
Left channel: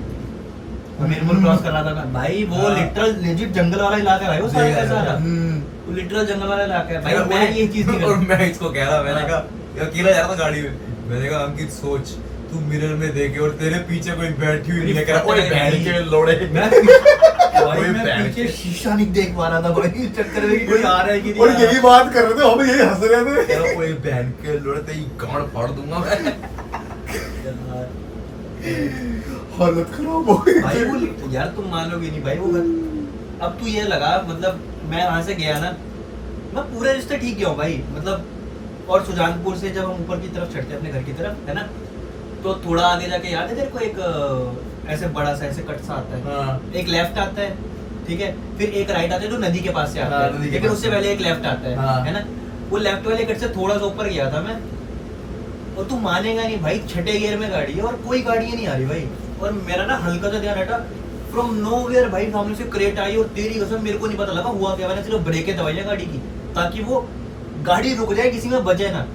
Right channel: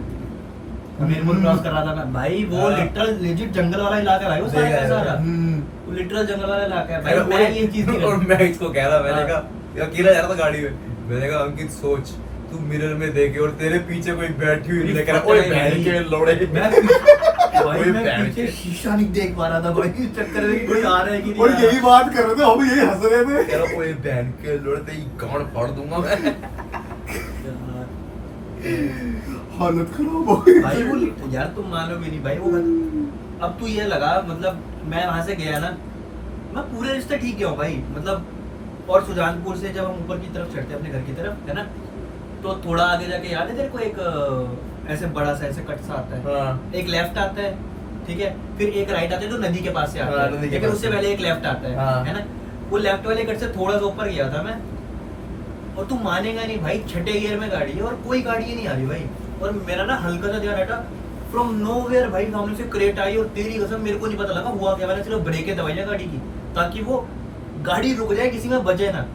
मीरपुर क्रॉस कर रहा था ना भाई, वो लिटरल लेजिट जंगल वाला इलाका है भाई, वो सारा का सारा वो लिटरल जंगल वाला इलाका है भाई। मैं ये चीज नहीं और करता। मैं इसको कह रहा, मैंने कहा ये अकेला जा रहा था गाड़ी में, मैंने कहा अंकित सोच तू मिरर में देखे और तेरे पीछे कोई बैठी हुई लेकर ओए बहन के लोड़े। भाई कोई मैं बैठ पीछे के- शीशा नहीं देख पा रहा था भाई, इस चक्कर में कि कोई आ रहा है कि नहीं और आ रहा। यही बात कर रहे थे, हम यही हंस रहे थे। कह रहा ओए बहन के लोड़े तेरी गांड फाड़ दूंगा मैं। हालत खराब हो गई भाई वो यार तुम मानोगे नहीं भाई, वो अब तू ये लगा, मतलब मैं वहां से गया ना, मैं पूरे रिश्ते ठीक गया हूँ भाई, मतलब। और सुजानपुर से जब हम ऊपर की तरफ चढ़ते हैं अपने घर की तरफ, है ना, तो थोड़ा आगे जाके याद है तेरे को, एक ऐसे बड़ा सा ऐसे कट सा आता है, हाँ। एक लेफ्ट आता है, ठीक है, फिर एक राइट आता है जो नदी के पास से आता हाँ, है, नदी के लेकिन पास उससे से। पहले एक लेफ्ट आता है, हाँ। है ना। वो लेफ्ट वाले कट से थोड़ा सा ऊपर गया था मैं, और तू मानेगा नहीं भाई, छठे गियर में गाड़ी है और कोई गाड़ी नहीं आ रही भाई, और मेरा ना हल्का सा ध्यान हटा, फ्रॉम नोवेयर भाई सामने से क्रेट आई, और तेरी कसम मेरे को नहीं पता लगा हुआ क्या, मैंने सिर्फ ब्रेकें दबाई गाड़ी की ताकि वो गाड़ी रुक जाए, किसी में बजे ना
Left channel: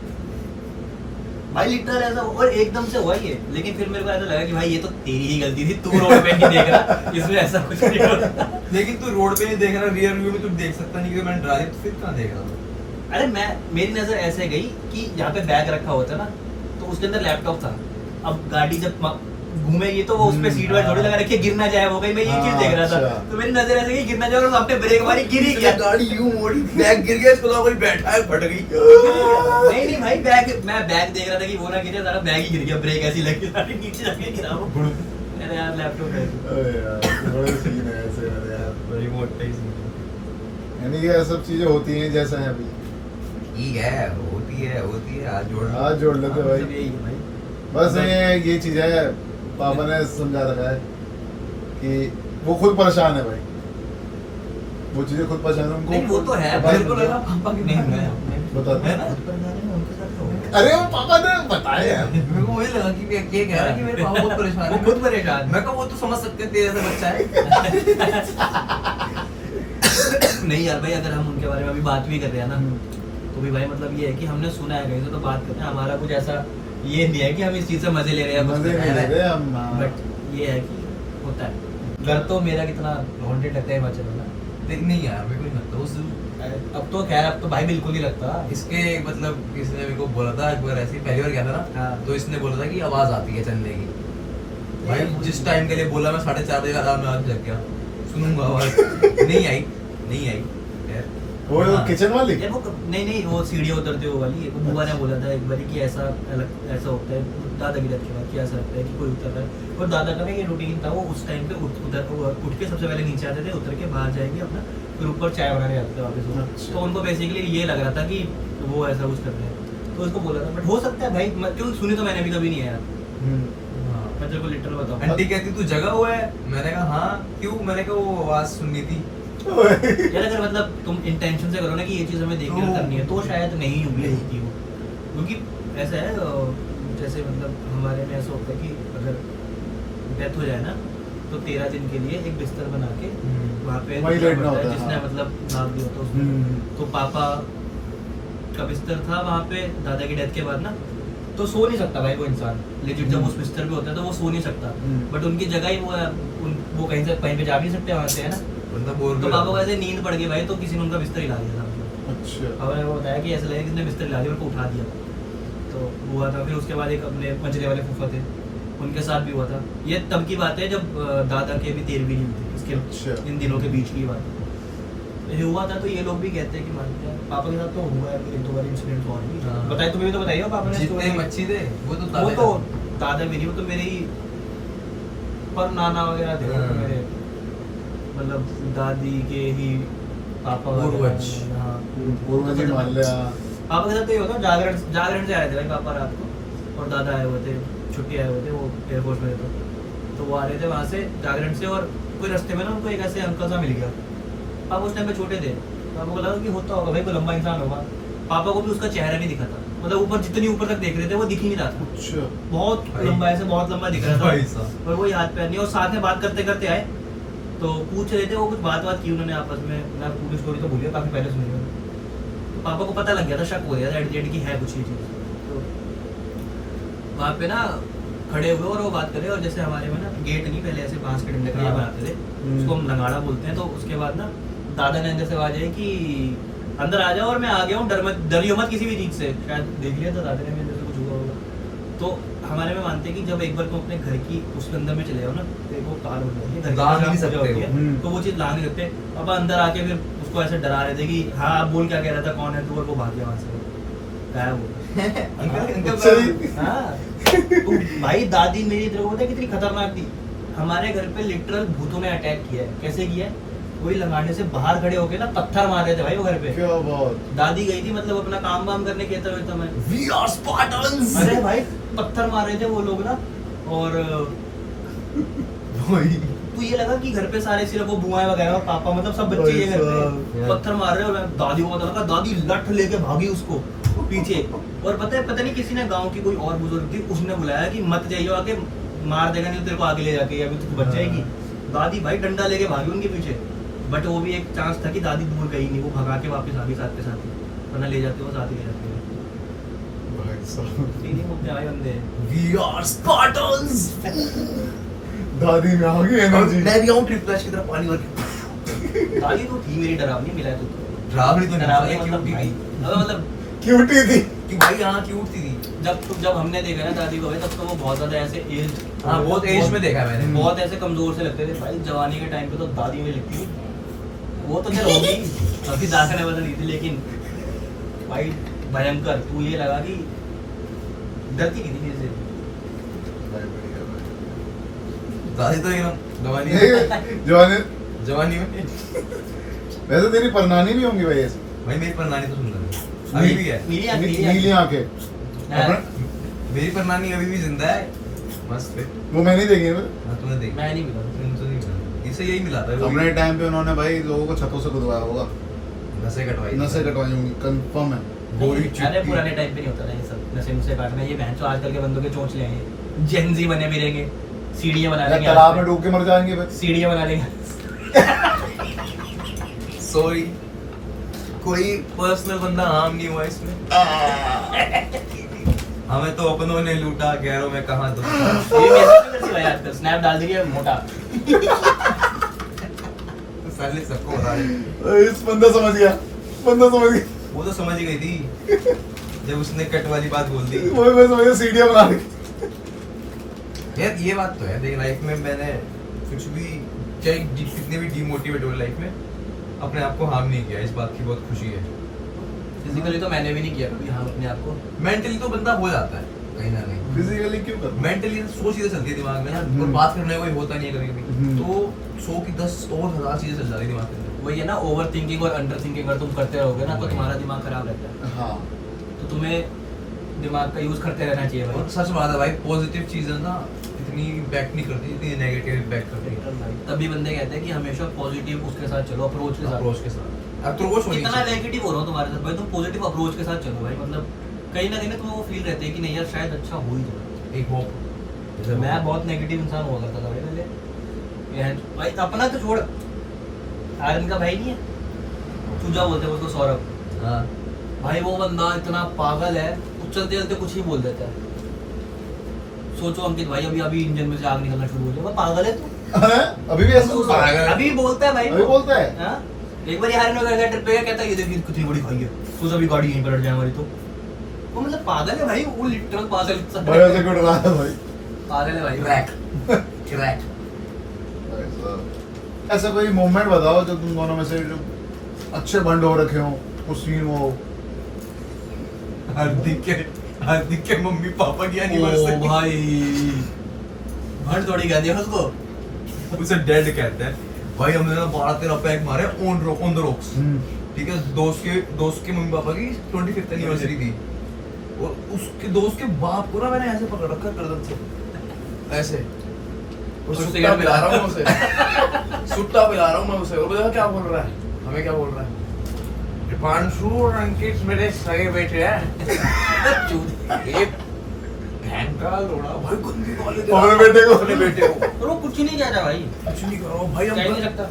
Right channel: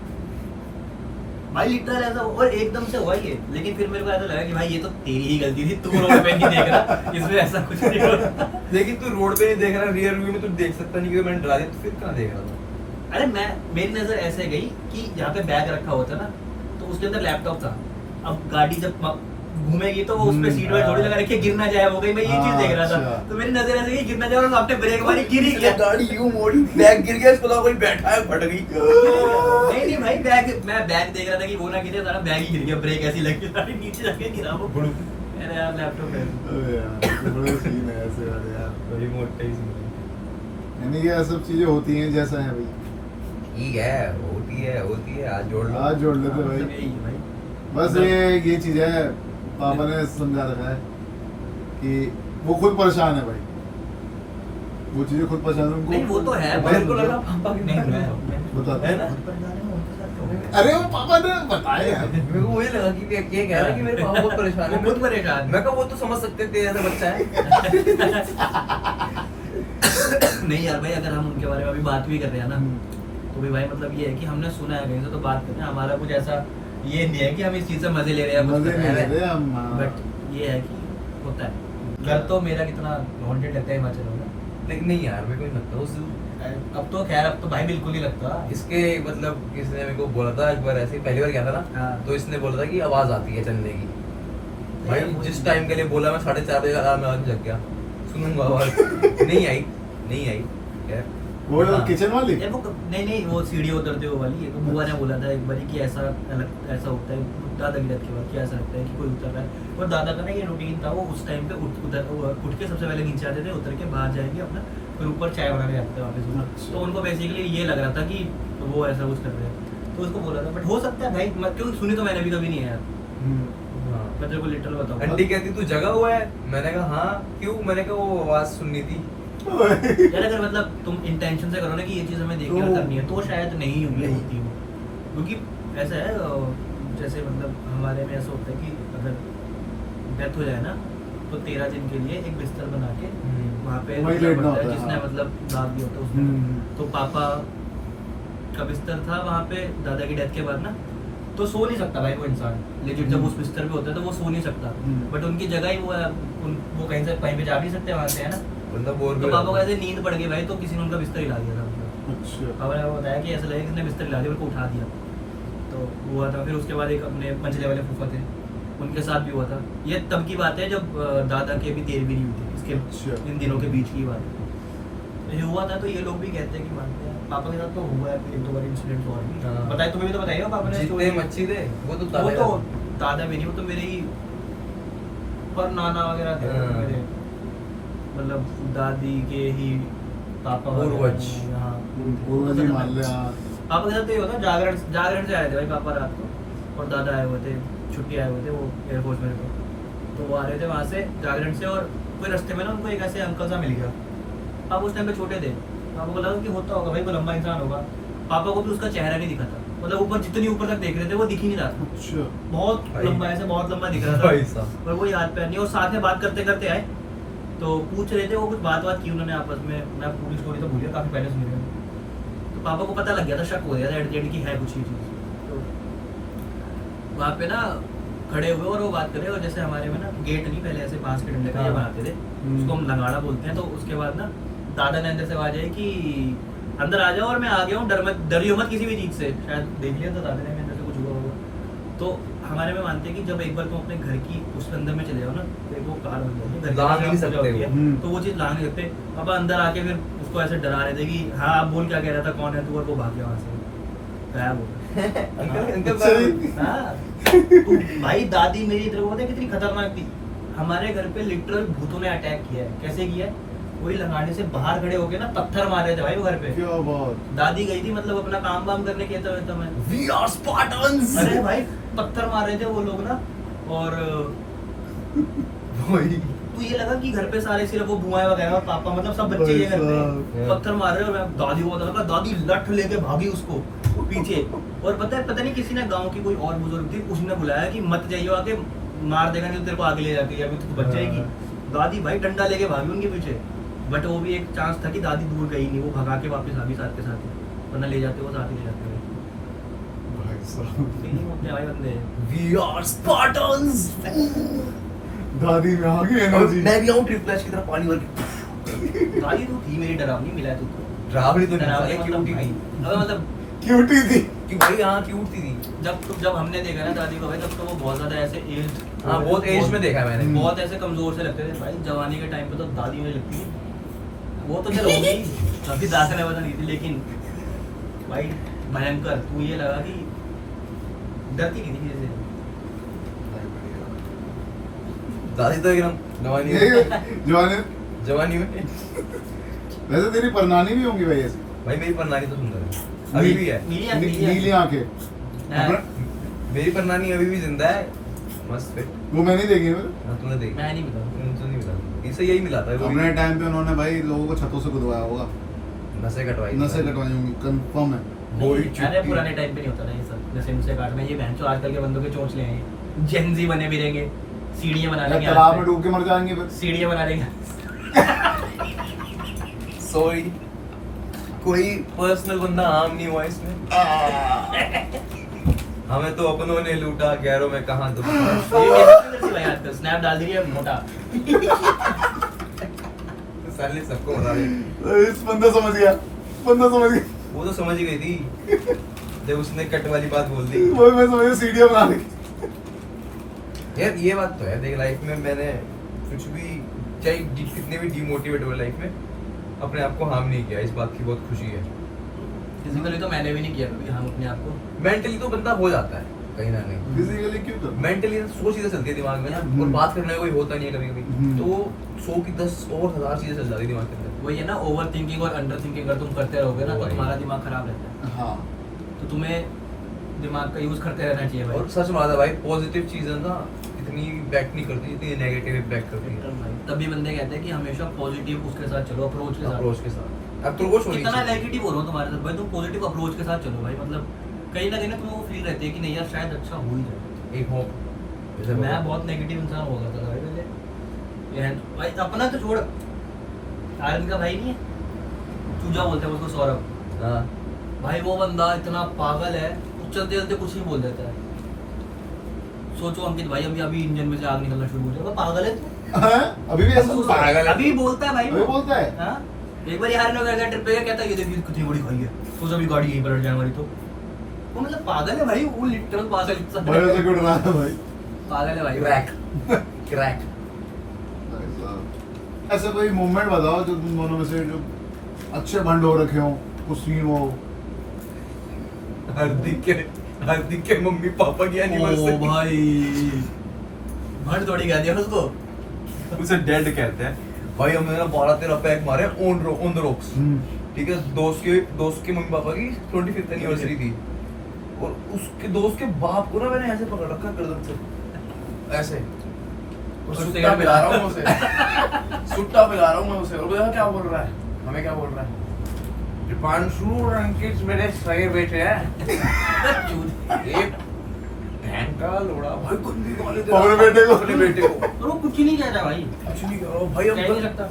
भाई, लिटरल ऐसा। और एकदम से हुआ ये, लेकिन फिर मेरे को ऐसा लगा कि भाई ये तो तेरी ही गलती थी, तू रोड पे नहीं देख रहा, इसमें ऐसा कुछ नहीं होता। लेकिन तू रोड पे नहीं देख रहा, रियर व्यू में तू देख सकता नहीं कि मैंने ड्राइव, तो फिर कहाँ देख रहा था? अरे मेरी नजर ऐसे गई कि यहाँ पे बैग रखा होता ना, तो उसके अंदर लैपटॉप था। अब गाड़ी जब घूमेगी तो वो उस पे सीट बेल्ट थोड़ी लगा रखी है, गिर ना जाए, वो गई, मैं ये चीज देख रहा था। अच्छा। तो मेरी नजर ऐसे गई गिर ना जाए, और आपने ब्रेक मारी, गिर ही गया। गाड़ी यूं मोड़ी, बैग गिर गया, इसको लगा कोई बैठा है, फट गई। नहीं नहीं भाई, मैं बैग देख रहा था कि वो ना गिरे, सारा बैग ही गिर गया, ब्रेक ऐसी लगी, सारी नीचे जाके गिरा वो। अरे यार लैपटॉप है अरे यार ये बड़े सीन है ऐसे वाले यार। बड़ी मोटा ही सीन यानी कि ये सब चीजें होती हैं जैसा है भाई। ठीक है, होती है, आज जोड़ लो। आज जोड़ लेते है। भाई। सब यही है भाई। बस ये चीज है, पापा ने समझा रखा है कि वो खुद परेशान है भाई, वो चीजें खुद परेशान है उनको। नहीं वो तो है भाई मेरे को लगा पापा की नहीं मैं बताते हैं ना। खुद परेशान है उनके साथ क्या हो गया? अरे वो पापा ने बताया यार। मेरे को वही लगा कि ये कह रहा है कि मेरे पापा बहुत परेशान वो है। खुद परेशान मैं कहा वो तो समझ सकते थे ऐसा बच्चा है। नहीं यार भाई, अगर हम उनके बारे में अभी बात भी कर रहे हैं ना, तो भी भाई मतलब ये है कि हमने सुना है कहीं से तो बात करते हैं, हमारा कुछ ऐसा ये नहीं है कि हम इस चीज से मजे ले रहे हैं, मजे नहीं ले रहे हम। बट ये है कि होता है। घर तो मेरा कितना हॉन्टेड लगता है हिमाचल में, लेकिन नहीं यार मेरे को नहीं लगता उस अब तो खैर अब तो भाई बिल्कुल नहीं लगता। इसके मतलब किसने मेरे को बोला था एक बार, ऐसे ही पहली बार गया था ना, हाँ। तो इसने बोला था कि आवाज आती है चलने की। भाई जिस टाइम के लिए बोला मैं 4:30 बजे का अलार्म लगा के जग गया, सुनूंगा आवाज। नहीं आई खैर। वो हाँ। किचन वाली। ये वो नहीं वो सीढ़ियाँ उतरते हो वाली, एक बुआ ने बोला था एक बार कि ऐसा ऐसा होता है दादा की डेथ के बाद कि ऐसा लगता है कि कोई उतर रहा है। और दादा का ना ये रूटीन था, वो उस टाइम पे उठ के सबसे पहले नीचे आते थे, उतर के बाहर जाएंगे अपना, फिर ऊपर चाय बनाने आते थे वापस वो। अच्छा। तो उनको बेसिकली ये लग रहा था कि वो ऐसा कुछ कर रहे हैं, तो उसको बोला था। बट हो सकता है भाई, क्योंकि सुनी तो मैंने भी कभी नहीं है यार। मैं तेरे को लिटरल बताऊँ, आंटी कहती तू जगा हुआ है, मैंने कहा हाँ क्यों, मैंने कहा वो आवाज सुननी थी। यार अगर मतलब तुम इंटेंशन से करो ना कि ये चीज़ हमें देख कर करनी है, तो शायद नहीं हुई होती वो। क्योंकि ऐसा है जैसे मतलब हमारे में ऐसा होता है कि अगर डेथ हो जाए ना, तो 13 दिन के लिए एक बिस्तर बना के वहाँ पे वहीं रखना लेटना पड़ता है, होता है, जिसने हाँ। मतलब दाग दिया होता है उसको। तो पापा का बिस्तर था वहाँ पे दादा की डेथ के बाद ना, तो सो नहीं सकता भाई वो इंसान लेजिट, जब उस बिस्तर पे होता है तो वो सो नहीं सकता। बट उनकी जगह ही वो है, वो कहीं पे जा भी नहीं सकते वहाँ से, है ना। बंदा बोर तो पापा को ऐसे नींद पड़ गई भाई, तो किसी ने उनका बिस्तर हिला दिया था। अच्छा। पापा ने बताया कि ऐसा लगा किसने बिस्तर हिला दिया, उनको उठा दिया। तो वो हुआ था। फिर उसके बाद एक अपने मंझले वाले फूफा थे, उनके साथ भी हुआ था। ये तब की बात है जब दादा के भी 13 भी नहीं हुई थी, इसके अच्छा। इन दिनों के बीच की बात है। तो ये हुआ था, तो ये लोग भी कहते हैं कि मानते हैं। पापा के साथ तो हुआ है एक दो बार इंसिडेंट और भी। हाँ। बताइए, तुम्हें भी तो बताइए पापा ने जितने story। मच्छी थे वो तो वो तो दादा भी नहीं, वो तो मेरे ही पर नाना वगैरह थे हाँ। मेरे, मतलब दादी के ही पापा वगैरह। पूर्वज। हाँ, पूर्वज ही मान ले। हाँ। पापा के साथ तो ये होता है, जागरण से आए थे भाई पापा रात को, और दादा आए हुए थे, छुट्टी आए हुए थे, वो एयरफोर्स में थे, तो वो आ रहे थे वहाँ से जागरण से। और कोई रास्ते में ना उनको एक ऐसे अंकल सा मिल गया। पापा उस टाइम पे छोटे थे, पापा को लगा कि होता होगा भाई, कोई लंबा इंसान होगा। पापा को भी उसका चेहरा नहीं दिखा था, मतलब ऊपर जितनी ऊपर तक देख रहे थे वो दिख ही नहीं रहा था। अच्छा। बहुत भाई। लंबा, ऐसे बहुत लंबा दिख रहा भाई था, साहब। पर वो हाथ पैर नहीं। और साथ में बात करते करते आए, तो पूछ रहे थे वो, कुछ बात की उन्होंने आपस में। मैं पूरी स्टोरी तो भूलिए, काफी पहले सुनी थी। तो पापा को पता लग गया था, शक हो गया था एट द एंड की है कुछ ही चीज। तो वहाँ पे ना खड़े हुए और वो बात कर रहे हैं, और जैसे हमारे में ना गेट नहीं, पहले ऐसे बांस के डंडे का ये हाँ। बनाते थे, उसको हम लंगाड़ा बोलते हैं। तो उसके बाद ना दादा ने अंदर से आवाज आई कि अंदर आ जाओ, और मैं आ गया हूँ, डरियो मत किसी भी चीज से। शायद देख लिया था दादा ने अंदर से कुछ हुआ होगा। तो हमारे में मानते हैं कि जब एक बार तुम अपने घर की उस अंदर में चले जाओ ना, फिर वो कार बन जाती है, घर की लांग जहाँ नहीं पूजा सकते होती है, हो। तो वो चीज लांग नहीं सकते। पापा अंदर आके फिर उसको ऐसे डरा रहे थे कि हाँ आप बोल क्या कह रहा था, कौन है तू, और वो भाग गया वहाँ से, गायब हो अच्छा जी। गया। हाँ, तो भाई दादी मेरी तरफ होता है कितनी खतरनाक थी। हमारे घर पे लिटरल भूतों ने अटैक किया है। कैसे किया है? कोई लगाने से बाहर खड़े होके ना पत्थर मार रहे थे भाई वो घर पे। क्या बात। दादी गई थी मतलब अपना काम वाम करने के तो मैं, We are Spartans! अरे भाई पत्थर मार रहे थे वो लोग ना। और भाई तो ये लगा कि घर पे सारे सिर्फ वो बुआएं वगैरह और पापा, मतलब सब बच्चे ये घर पे भाई साहब। पत्थर मार रहे हैं। और दादी को लगा, दादी लठ लेके भागी उसको पीछे। और पता नहीं किसी ने, गांव की कोई और बुजुर्ग थी, उसने बुलाया कि मत जाइए, आके मार देगा नहीं तो तेरे को आगे ले जाके, अभी तो बच जाएगी। दादी भाई डंडा लेके भागी उनके पीछे। बट वो भी एक चांस था कि दादी दूर गई नहीं, वो भगा के वापस आ गई साथ के साथ ही, वरना ले जाते वो साथ ही ले जाते। भाई साहब। नहीं होते भाई बंदे। We are Spartans! दादी में आ गई एनर्जी। मैं भी आऊँ ट्रिप फ्लैश की तरफ पानी भर के। दादी तो थी मेरी डरावनी, मिला तो डरावनी तो डरावनी नहीं, मतलब क्यूट भाई। थी। अबे मतलब क्यूटी थी। कि भाई हाँ क्यूट थी। जब हमने देखा ना दादी को भाई, तब तो वो बहुत ज्यादा ऐसे एज, हाँ बहुत एज में देखा मैंने। बहुत ऐसे कमजोर से लगते थे भाई। जवानी के टाइम पे तो दादी मुझे लगती थी, वो तो चलो होगी काफी दादा ने बदल दी थी, लेकिन भाई भयंकर। तू ये लगा कि डरती नहीं थी किसी से। दादी तो एकदम जवानी जवानी जवानी में वैसे तेरी परनानी भी होंगी भाई ऐसी भाई मेरी परनानी तो सुंदर है अभी भी है नीली आंखें हाँ। अपना- मेरी परनानी अभी भी जिंदा है मस्त फिट वो मैं नहीं देखी मैं हाँ तूने देखी मैं नहीं मिला तो नहीं मिला इसे यही मिला था वो अपने भी टाइम पे उन्होंने भाई लोगों को छतों से गुदवाया होगा नसें कटवाई थी। नसें कटवाई होंगी कंफर्म है गोरी अरे चुटकी। पुराने टाइम पे नहीं होता था ये सब नशे नुशे काटना ये बहन चो आजकल के बंदों के चोंच ले आए जेनजी बने भी रहेंगे सीढ़ियां बना या लेंगे तालाब में डूब के मर जाएंगे बस सीढ़ियां बना लेंगे सॉरी कोई पर्सनल बंदा आम नहीं हुआ इसमें हमें तो अपनों ने लूटा गैरों में कहाँ दुख ये मेरे साथ भी करती है भाई आजकल स्नैप डाल दी है मोटा साले सबको बता दे इस बंदा समझ गया वो तो समझ ही गई थी जब उसने कट वाली बात बोल दी वो मैं समझ गया सीढ़ियां बना दी यार ये बात तो है देख लाइफ में मैंने कुछ भी चाहे कितने भी डिमोटिवेट हुए लाइफ में अपने आप को हार्म नहीं किया इस बात की बहुत खुशी है फिजिकली तो मैंने भी नहीं किया कभी हाँ अपने आप को मेंटली तो बंदा हो जाता है कहीं ना कहीं फिजिकली क्यों कर मेंटली सोच चीजें चलती है दिमाग में ना और हम्म। बात करने को कोई होता नहीं है कभी कभी हम्म। तो 100 की 10 और 1000 चीजें चल जाती है दिमाग के अंदर वही है ना ओवर थिंकिंग और अंडर थिंकिंग अगर तुम करते रहोगे ना तो वही। तुम्हारा दिमाग खराब रहता है हाँ तो तुम्हें दिमाग का यूज करते रहना चाहिए भाई और सच बात है भाई पॉजिटिव चीजें ना इतनी इम्पैक्ट नहीं करती जितनी नेगेटिव इम्पैक्ट करती है तभी बंदे कहते हैं कि हमेशा पॉजिटिव उसके साथ चलो अप्रोच के साथ अप्रोच के साथ अप्रोच होनी इतना चाहिए नेगेटिव हो रहा हूँ तुम्हारे साथ भाई तुम पॉजिटिव अप्रोच के साथ चलो भाई मतलब कहीं ना तुम्हें वो फील रहती है कि नहीं यार शायद अच्छा हो ही जाए एक होप मैं बहुत नेगेटिव इंसान हुआ करता था भाई पहले ये भाई अपना तो छोड़ आर्यन का भाई नहीं है चूजा बोलते हैं उसको सौरभ हाँ भाई वो बंदा इतना पागल है वो चलते चलते कुछ ही बोल देता है सोचो अंकित भाई अभी अभी इंजन में से आग निकलना शुरू हो जाएगा पागल है तू हैं? अभी भी ऐसा पागल है। अभी बोलता है भाई अभी बोलता है हाँ? एक बार यार ट्रिप पे गया कहता है ये देखिए कितनी बड़ी खाई है तो सभी गाड़ी यहीं पर हट जाए हमारी तो वो मतलब पागल है भाई वो लिटरल पागल भाई ऐसे क्यों डरा है भाई पागल है भाई क्रैक क्रैक भाई साहब, ऐसा कोई मोमेंट बताओ जो तुम दोनों में से जो अच्छे बंड हो रखे हो कुछ सीन हो हार्दिक के मम्मी पापा की ओ एनिवर्सरी भाई भंड थोड़ी कह दिया उसको उसे डेड कहते हैं भाई हमने ना 12-13 पैक मारे ऑन द रॉक्स ठीक है दोस्त के मम्मी पापा की 25th एनिवर्सरी थी और उसके दोस्त के बाप को ना मैंने ऐसे पकड़ रखा गर्दन से ऐसे और उससे सुट्टा पिला रहा हूँ मैं उसे सुट्टा पिला रहा हूँ मैं उसे और पता है क्या बोल रहा है हमें क्या बोल रहा है दीपांशु और अंकित मेरे सगे बेटे हैं ये बहन का लोड़ा भाई गंदी गाली दे रहा है। अपने बेटे को। अपने बेटे को और वो कुछ ही नहीं कह रहा भाई कुछ नहीं कर रहा हूँ भाई कह ही नहीं हम सकता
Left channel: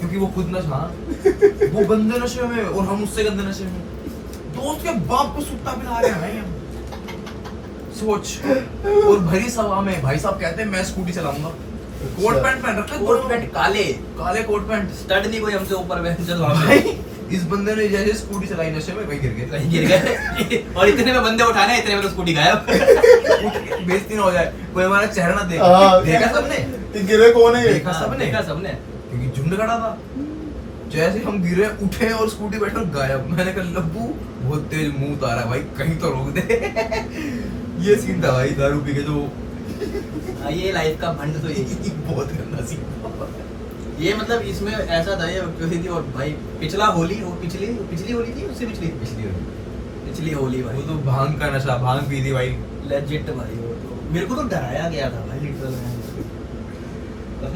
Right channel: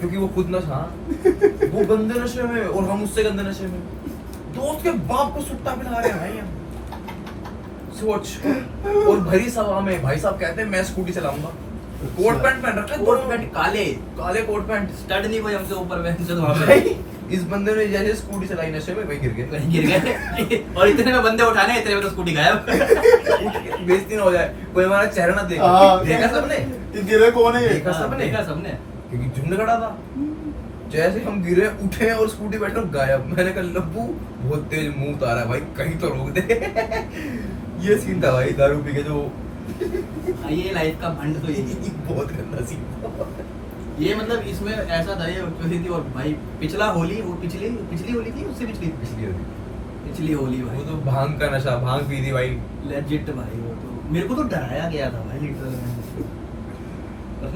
क्योंकि वो खुद नशा वो गंदे नशे में और हम उससे गंदे नशे में दोस्त के बाप को सुट्टा पिला रहे हैं भाई हम सोच और भरी सभा में भाई साहब कहते हैं मैं स्कूटी चलाऊंगा कोट पैंट पहन रखा है कोट पैंट काले काले कोट पैंट स्टड नहीं कोई हमसे ऊपर में चलो वहां भाई पे इस बंदे ने जैसे स्कूटी चलाई नशे में वही गिर गए कहीं गिर गए और इतने में बंदे उठाने इतने में तो स्कूटी गायब बेइज्जती ना हो जाए कोई हमारा चेहरा ना देखे हाँ। देखा सबने ये गिरे कौन है ये? देखा सबने देखा सबने क्योंकि झुंड खड़ा था जैसे हम गिरे उठे और स्कूटी बैठे और गायब मैंने कहा लब्बू बहुत तेज मुंह उतारा है भाई कहीं तो रोक दे ये सीन था भाई दारू पी के जो हाँ, ये लाइफ का भंड तो यही बहुत गंदा सीन ये मतलब इसमें ऐसा था ये क्योंकि थी और भाई पिछला होली वो पिछली होली थी उससे पिछली होली भाई वो तो भांग का नशा भांग पी थी भाई लेजिट भाई वो तो मेरे को तो डराया गया था भाई लिटरल में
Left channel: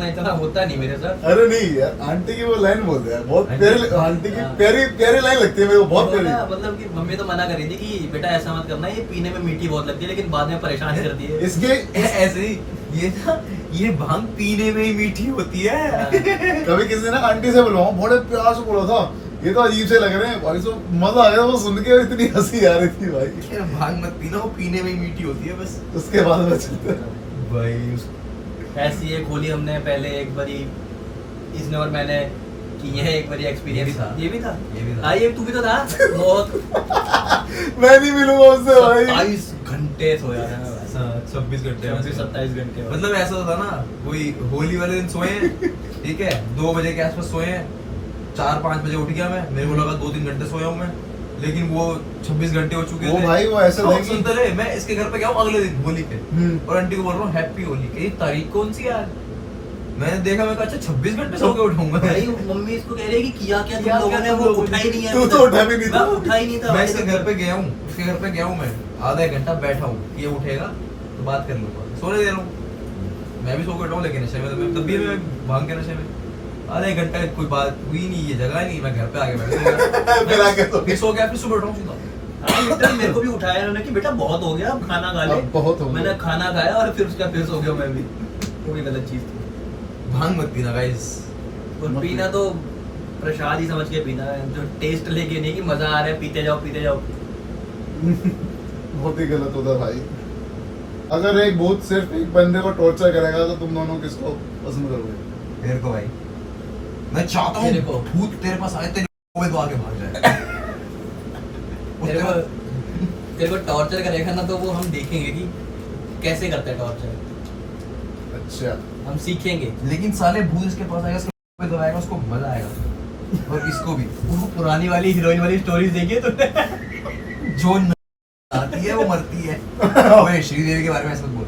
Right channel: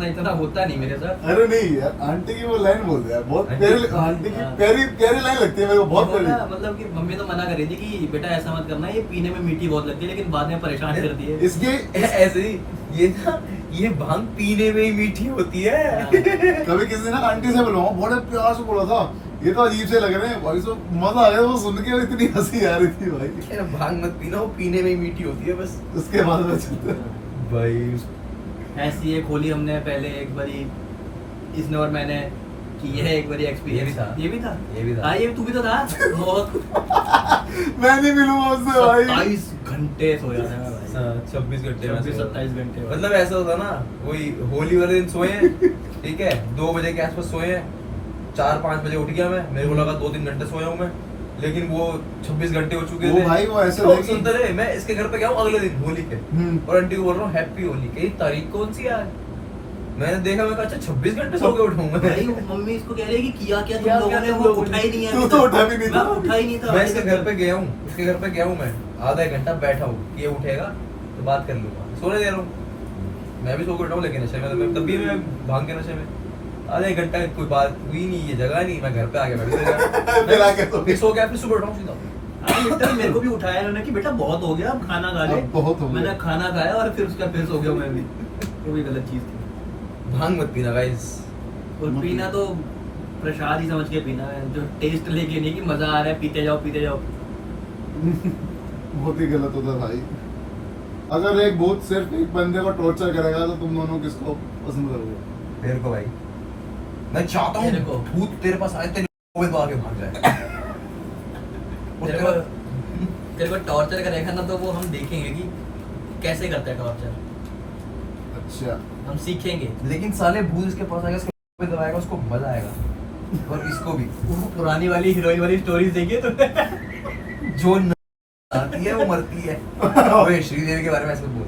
इतना होता नहीं मेरे साथ अरे नहीं यार आंटी की वो लाइन बोलते यार बहुत आंटी- प्यारी आंटी की हाँ। प्यारी लाइन लगती है मेरे को बहुत वो ना, प्यारी मतलब कि मम्मी तो मना कर रही थी कि बेटा ऐसा मत करना ये पीने में मीठी बहुत लगती है लेकिन बाद में परेशान करती है इसके ऐसे ही ये भांग पीने में ही मीठी होती है कभी किसी ने ना आंटी से बुलवाऊं बड़े प्यार से बोला था ये तो अजीब से लग रहे हैं भाई तो मजा आ गया वो सुन के इतनी हंसी आ रही थी भाई यार भांग मत पीना वो पीने में ही मीठी होती है बस उसके बाद में चलता भाई ऐसी एक होली हमने पहले एक बारी इसने और मैंने कि ये एक बारी एक्सपीरियंस ये भी था। ये भी था हाँ ये तू भी तो था बहुत मैं नहीं मिलूंगा उससे भाई 27 घंटे सोया था मैं भाई 26 घंटे में 27 घंटे मतलब ऐसा था ना वही होली वाले दिन सोए ठीक है 2 बजे के आसपास सोए 4-5 बजे उठ गया मैं मेरे को लगा 2-3 घंटे सोया हूँ मैं लेकिन वो 26 घंटे हो चुके वो थे भाई वो ऐसा तो था कि सुनते रहे मैं इसके घर पे गया हूँ अगले दिन होली के और आंटी को बोल रहा हूँ हैप्पी होली कई तारीख कौन सी यार मैंने देखा, मैं कहा अच्छा 26 घंटे सो के उठाऊंगा भाई मम्मी इसको कह रही है कि किया क्या किया तुम लोगों क्या ने, तुम वो लोगों उठा ही नहीं है तू अभी तो तक। उठा भी नहीं था। मैं उठा ही नहीं था मैं भाई इसके तब घर तक। पे गया हूँ, इसके घर पे गया हूँ, मैं आधा एक घंटा बैठा हूँ कि ये उठेगा तो बात कर लूंगा, सोने दे रहा हूँ। मैं भी सो के उठा हूँ लेकिन नशे में, तो मैं तब भी मैं भांग के नशे में आधा एक घंटा कोई बात हुई नहीं, ये जगह नहीं, मैं घर पे आके फिर आके सो फिर सो गया, फिर सुबह उठा हूँ सीधा। लिटरली मेरे को भी उठाया इन्होंने कि बेटा बहुत हो गया, अब खाना खा ले। अब बहुत हो गया। मैंने खाना खाया और फिर उसके बाद फिर सो गया मैं भी। वही गलत चीज थी। भांग मत पीना गाइस। और पीना तो प्रसाद ही समझ के पीना है, जो टेस्ट लेके नहीं कि मजा आ रहा है पीते जाओ पीते जाओ। बहुत ही गलत होता है भाई। अगर एक भूत सिर्फ एक बंदे को टॉर्चर करेगा तो तुम दोनों किसको पसंद करोगे? मेरे को भाई, मैं चाहता हूँ मेरे को। भूत तेरे पास आए, तेरे मुंह में आके भाग जाए। तेरे को तेरे को टॉर्चर करेगा ना तो वो हम देखेंगे कि कैसे करता है टॉर्चर, अच्छा हम सीखेंगे। लेकिन साले भूत इसके पास आएगा, इसके मुंह में दबाएगा, उसको मजा आएगा। और इसको भी वो पुरानी वाली हीरोइन वाली स्टोरीज देखिए तुमने? जोन में आती है वो मरती है। ओए श्रीदेवी के बारे में ऐसा मत बोल।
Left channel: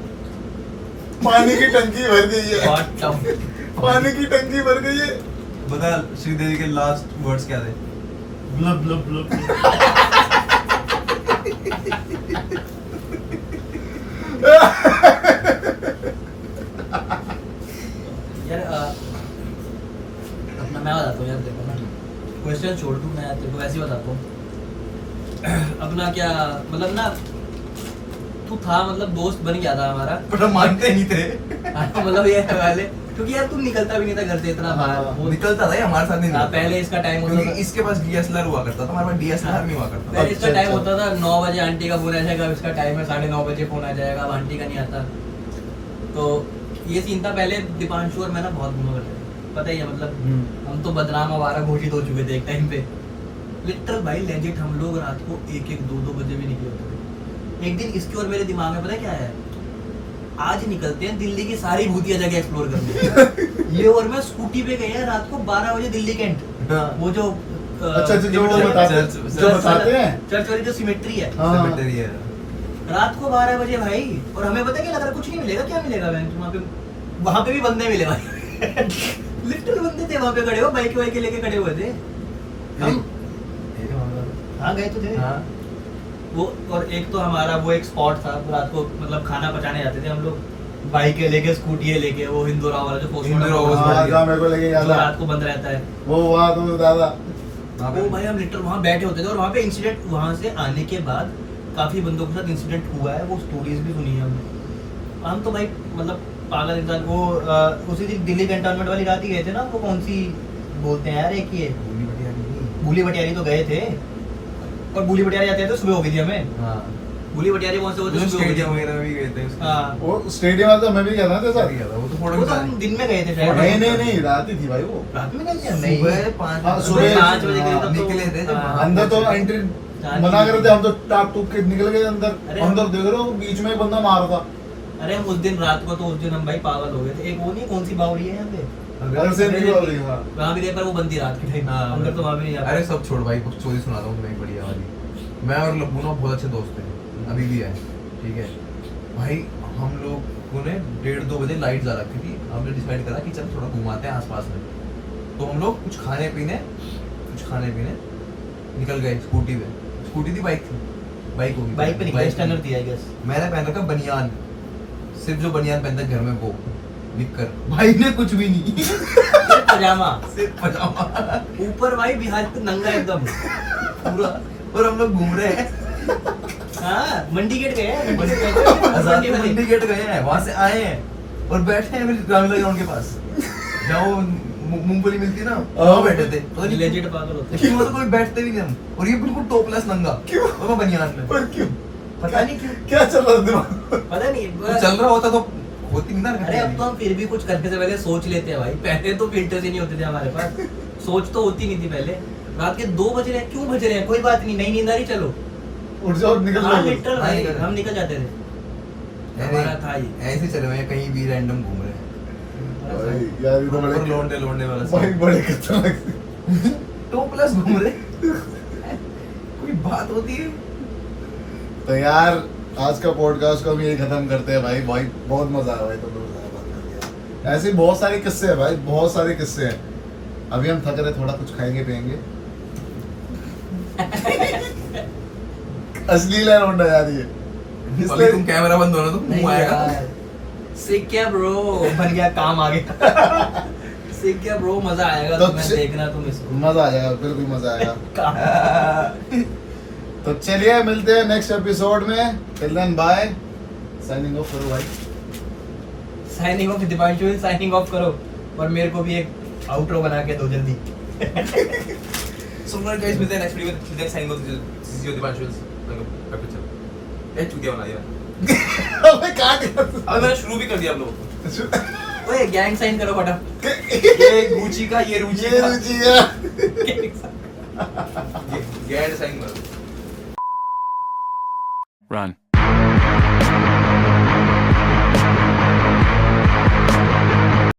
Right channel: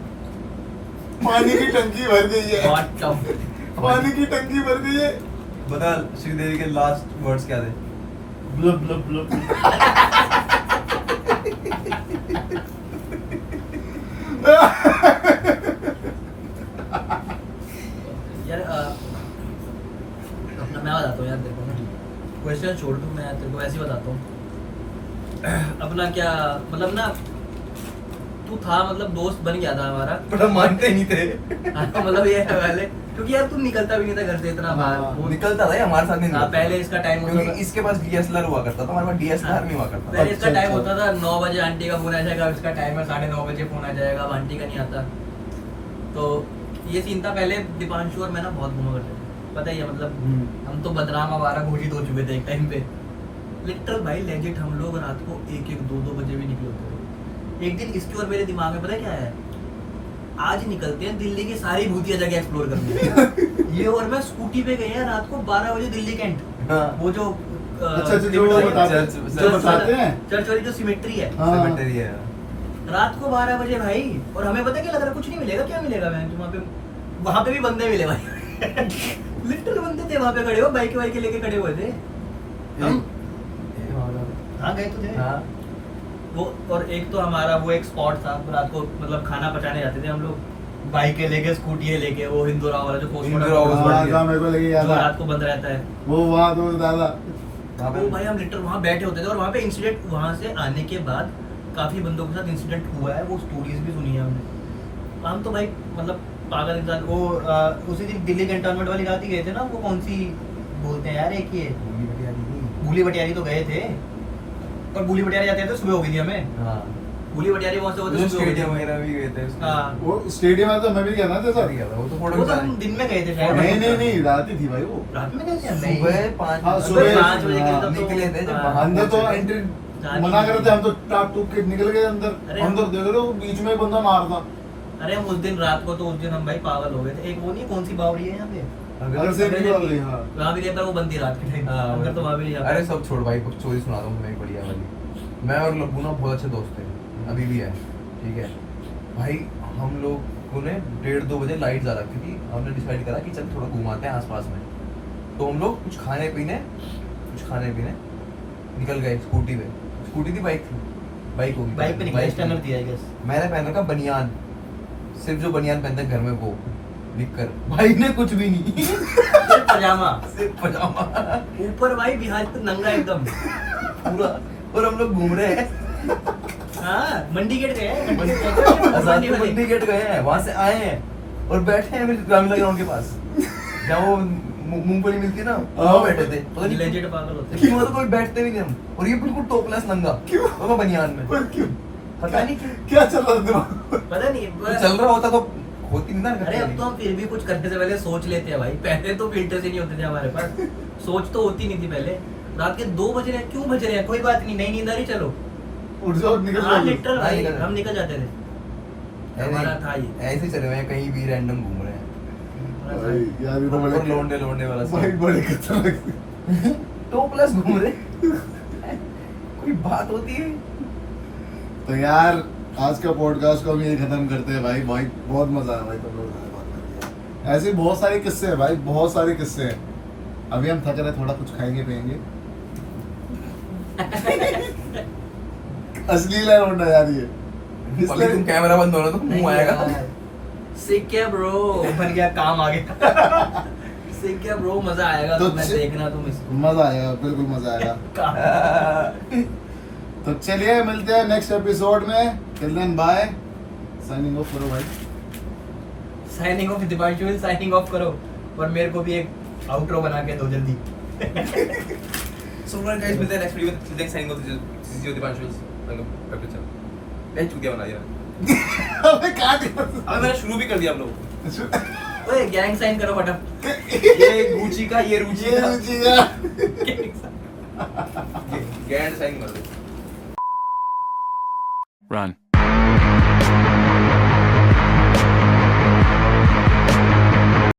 पानी की टंकी भर गई है। बहुत टफ। पानी की टंकी भर गई है। बता श्रीदेवी के लास्ट वर्ड्स क्या थे? Bulb bulb bulb. यार अपना मैं बताता हूँ यार, देखो ना क्वेश्चन छोड़ दूँ, मैं तेरे को ऐसे ही बताता हूँ। अपना क्या मतलब ना, तू था मतलब दोस्त बन गया था हमारा, पर हम मानते नहीं थे। मतलब ये है पहले, क्योंकि यार तू निकलता भी नहीं था घर से इतना बाहर। हाँ, वो निकलता था, ये हमारे साथ नहीं हाँ, निकलता। पहले इसका टाइम होता क्योंकि था। इसके पास डीएसएलआर हुआ करता था, हमारे पास डीएसएलआर नहीं हुआ करता। पहले इसका अच्छा, टाइम अच्छा। होता था 9 बजे आंटी का फोन आ जाएगा, अब इसका टाइम है 9:30 बजे फोन आ जाएगा, अब आंटी का नहीं आता। तो ये सीन था पहले। दीपांशु और मैं ना बहुत घूमा करते थे, पता ही है मतलब हम तो बदनाम आवारा घोषित हो चुके थे एक टाइम पे। लिटरल भाई लेजिट हम लोग रात को 1-1, 2-2 बजे भी निकले होते थे। एक दिन इसके और मेरे दिमाग में पता है क्या है, आज निकलते हैं दिल्ली की सारी भूतिया जगह एक्सप्लोर करने। ये और मैं स्कूटी पे गए हैं रात को 12 बजे दिल्ली कैंट। हाँ। वो जो अच्छा अच्छा, जो बताते हैं। चर्च वाली जो सिमेट्री है, हाँ। सेमेटरी है। रात को 12 बजे भाई। और हमें पता क्या लग रहा है, कुछ नहीं मिलेगा, क्या मिलेगा वहाँ पे भी बंदे मिले भाई। लिटरली बंदे थे वहाँ पे खड़े हो, बाइक वाइक लेके खड़े हुए थे। हम हाँ गए तो थे। हाँ। वो और एक तो हमारा वो एक स्पॉट था रात को, मतलब खाना पचाने जाते थे हम लोग, बाइकें लेके स्कूटी लेके, वो हिंदुरा वाला जो हिंदुरा वाला पोस्ट हाँ, जहाँ मेरे को लेके गया था। रात को बंद रहता है वो वहाँ तो दादा। वो भाई। हम लिटरल वहाँ बैठे होते थे और वहाँ पे इंसिडेंट, वहाँ से आने के बाद काफी बंदों के साथ इंसिडेंट हुआ है, वो स्टोरीज भी सुनी है हमने। हम तो भाई मतलब पागल इंसान। वो उसी दिन दिल्ली कैंटोनमेंट वाली रात ही गए थे ना, वो कौन सी बोलते हैं यार, एक ही है भूली भटियारी, तो गए थे। और भूली भटियारी जाते थे सुबह हो गई थी हमें। हाँ। भूली भटियारी वहाँ से होते जो सुबह हो गई स्टेडियम थी। वगैरह भी गए थे उसके। हाँ। वो स्टेडियम वाला तो मैं भी गया था तेरे साथ साथ। गया था, वो तो फोटो वो तो खिंचा हम रहे। दिन में गए थे शायद। नहीं रात ही थी भाई वो। रात में गए थे? सुबह 5 हाँ, सुबह सुबह 5 बजे गए तब तो। निकले थे जब हाँ। वहाँ अंदर तो पहुंचे। एंट्री जाने मना की- कर रहे थे, हम तो टाप टूक के निकल गए अंदर। अरे अंदर हम- देख रहे हो बीच में एक बंदा मार था। अरे हम उस दिन रात को, तो उस दिन हम भाई पागल हो गए थे। एक वो नहीं, कौन सी बावड़ी है यहाँ पे, घर से निकल रही। हाँ वहाँ भी थे पर वो बंदी रात के टाइम। हाँ, अंदर तो वहाँ भी नहीं जा अरे सब छोड़ भाई, कुछ चोरी सुना दो मैं बढ़िया वाली। मैं और लब्बू ना बहुत अच्छे दोस्त थे, अभी भी है, ठीक है भाई। हम लोगों ने 1:30-2 बजे लाइट जला रखी थी, हमने डिसाइड करा कि चल थोड़ा घुमाते हैं आसपास में। तो हम लोग कुछ खाने पीने निकल गए स्कूटी पे। स्कूटी थी, बाइक थी, बाइक होगी, बाइक पे निकला, स्टैंडर थी आई गेस। मैंने पहन रखा बनियान, सिर्फ जो बनियान पहनते हैं घर में वो निककर। भाई ने कुछ भी नहीं, सिर्फ पजामा, सिर्फ पजामा ऊपर भाई बिहार पे नंगा एकदम पूरा। और हम लोग घूम रहे हैं, हाँ मंडी गेट गए हैं, मंडी वाले। मंडी गेट गए हैं, वहां से आए हैं और बैठे हैं ग्रामीण ग्राउंड के पास, जहाँ मूंगफली मिलती है ना, वहाँ बैठे थे। पता नहीं लेजेंड पागल होते हैं। क्यों, मतलब कोई बैठते भी नहीं हम। और ये बिल्कुल टॉपलेस नंगा, क्यों? और मैं बनियान में। पर क्यों? पता नहीं क्यों क्या चल रहा था दिमाग? पता नहीं कुछ चल रहा होता तो होती नहीं ना। अरे अब तो हम फिर भी कुछ करने से पहले सोच लेते हैं भाई। पहले तो फिल्टर्स ही नहीं होते थे हमारे पास, सोच तो होती नहीं थी पहले। रात के 2 बज रहे हैं, क्यों बज रहे हैं, कोई बात नहीं, नहीं नींद आ रही, चलो उठ जाओ निकल हाँ जाओ। लिटरल भाई निकल जाओ। हम निकल जाते थे। हमारा था ये। ऐसे चले हुए हैं, कहीं भी रैंडम घूम रहे हैं। भाई यार ये तो और बड़े लौंडे वाला भाई बड़े खतरनाक। टॉपलेस घूम रहे। कोई बात होती है? तो यार आज का पॉडकास्ट को हम यही खत्म करते हैं भाई। भाई बहुत मजा आया भाई, तो बात करके। ऐसे बहुत सारे किस्से हैं भाई, बहुत सारे किस्से हैं। अभी हम थक रहे, थोड़ा कुछ खाएंगे पिएंगे। अश्लील है मुंडा यार ये, अभी तुम कैमरा बंद हो ना तो मुंह आएगा। सीख क्या ब्रो, बन गया काम आ गया। सीख क्या ब्रो, मजा आएगा तो तुम्हें देखना तुम इसको। मजा आ जाएगा, बिल्कुल मजा आएगा। तो चलिए मिलते हैं नेक्स्ट एपिसोड में। Till then bye, signing off करो भाई। Signing off Deepanshu, signing off करो, और मेरे को भी एक आउटरो बना के दो जल्दी। So guys, मिलते हैं नेक्स्ट वीडियो में। Next signing off this is your Deepanshu. चुतिया बना दिया। अबे काट। अबे मैंने शुरू भी कर दिया आप लोगों को। ओए गैंग साइन करो फटाफट। ये गुची का, ये रुचि ये का। रुचि है। गैंड साइन करो। Run.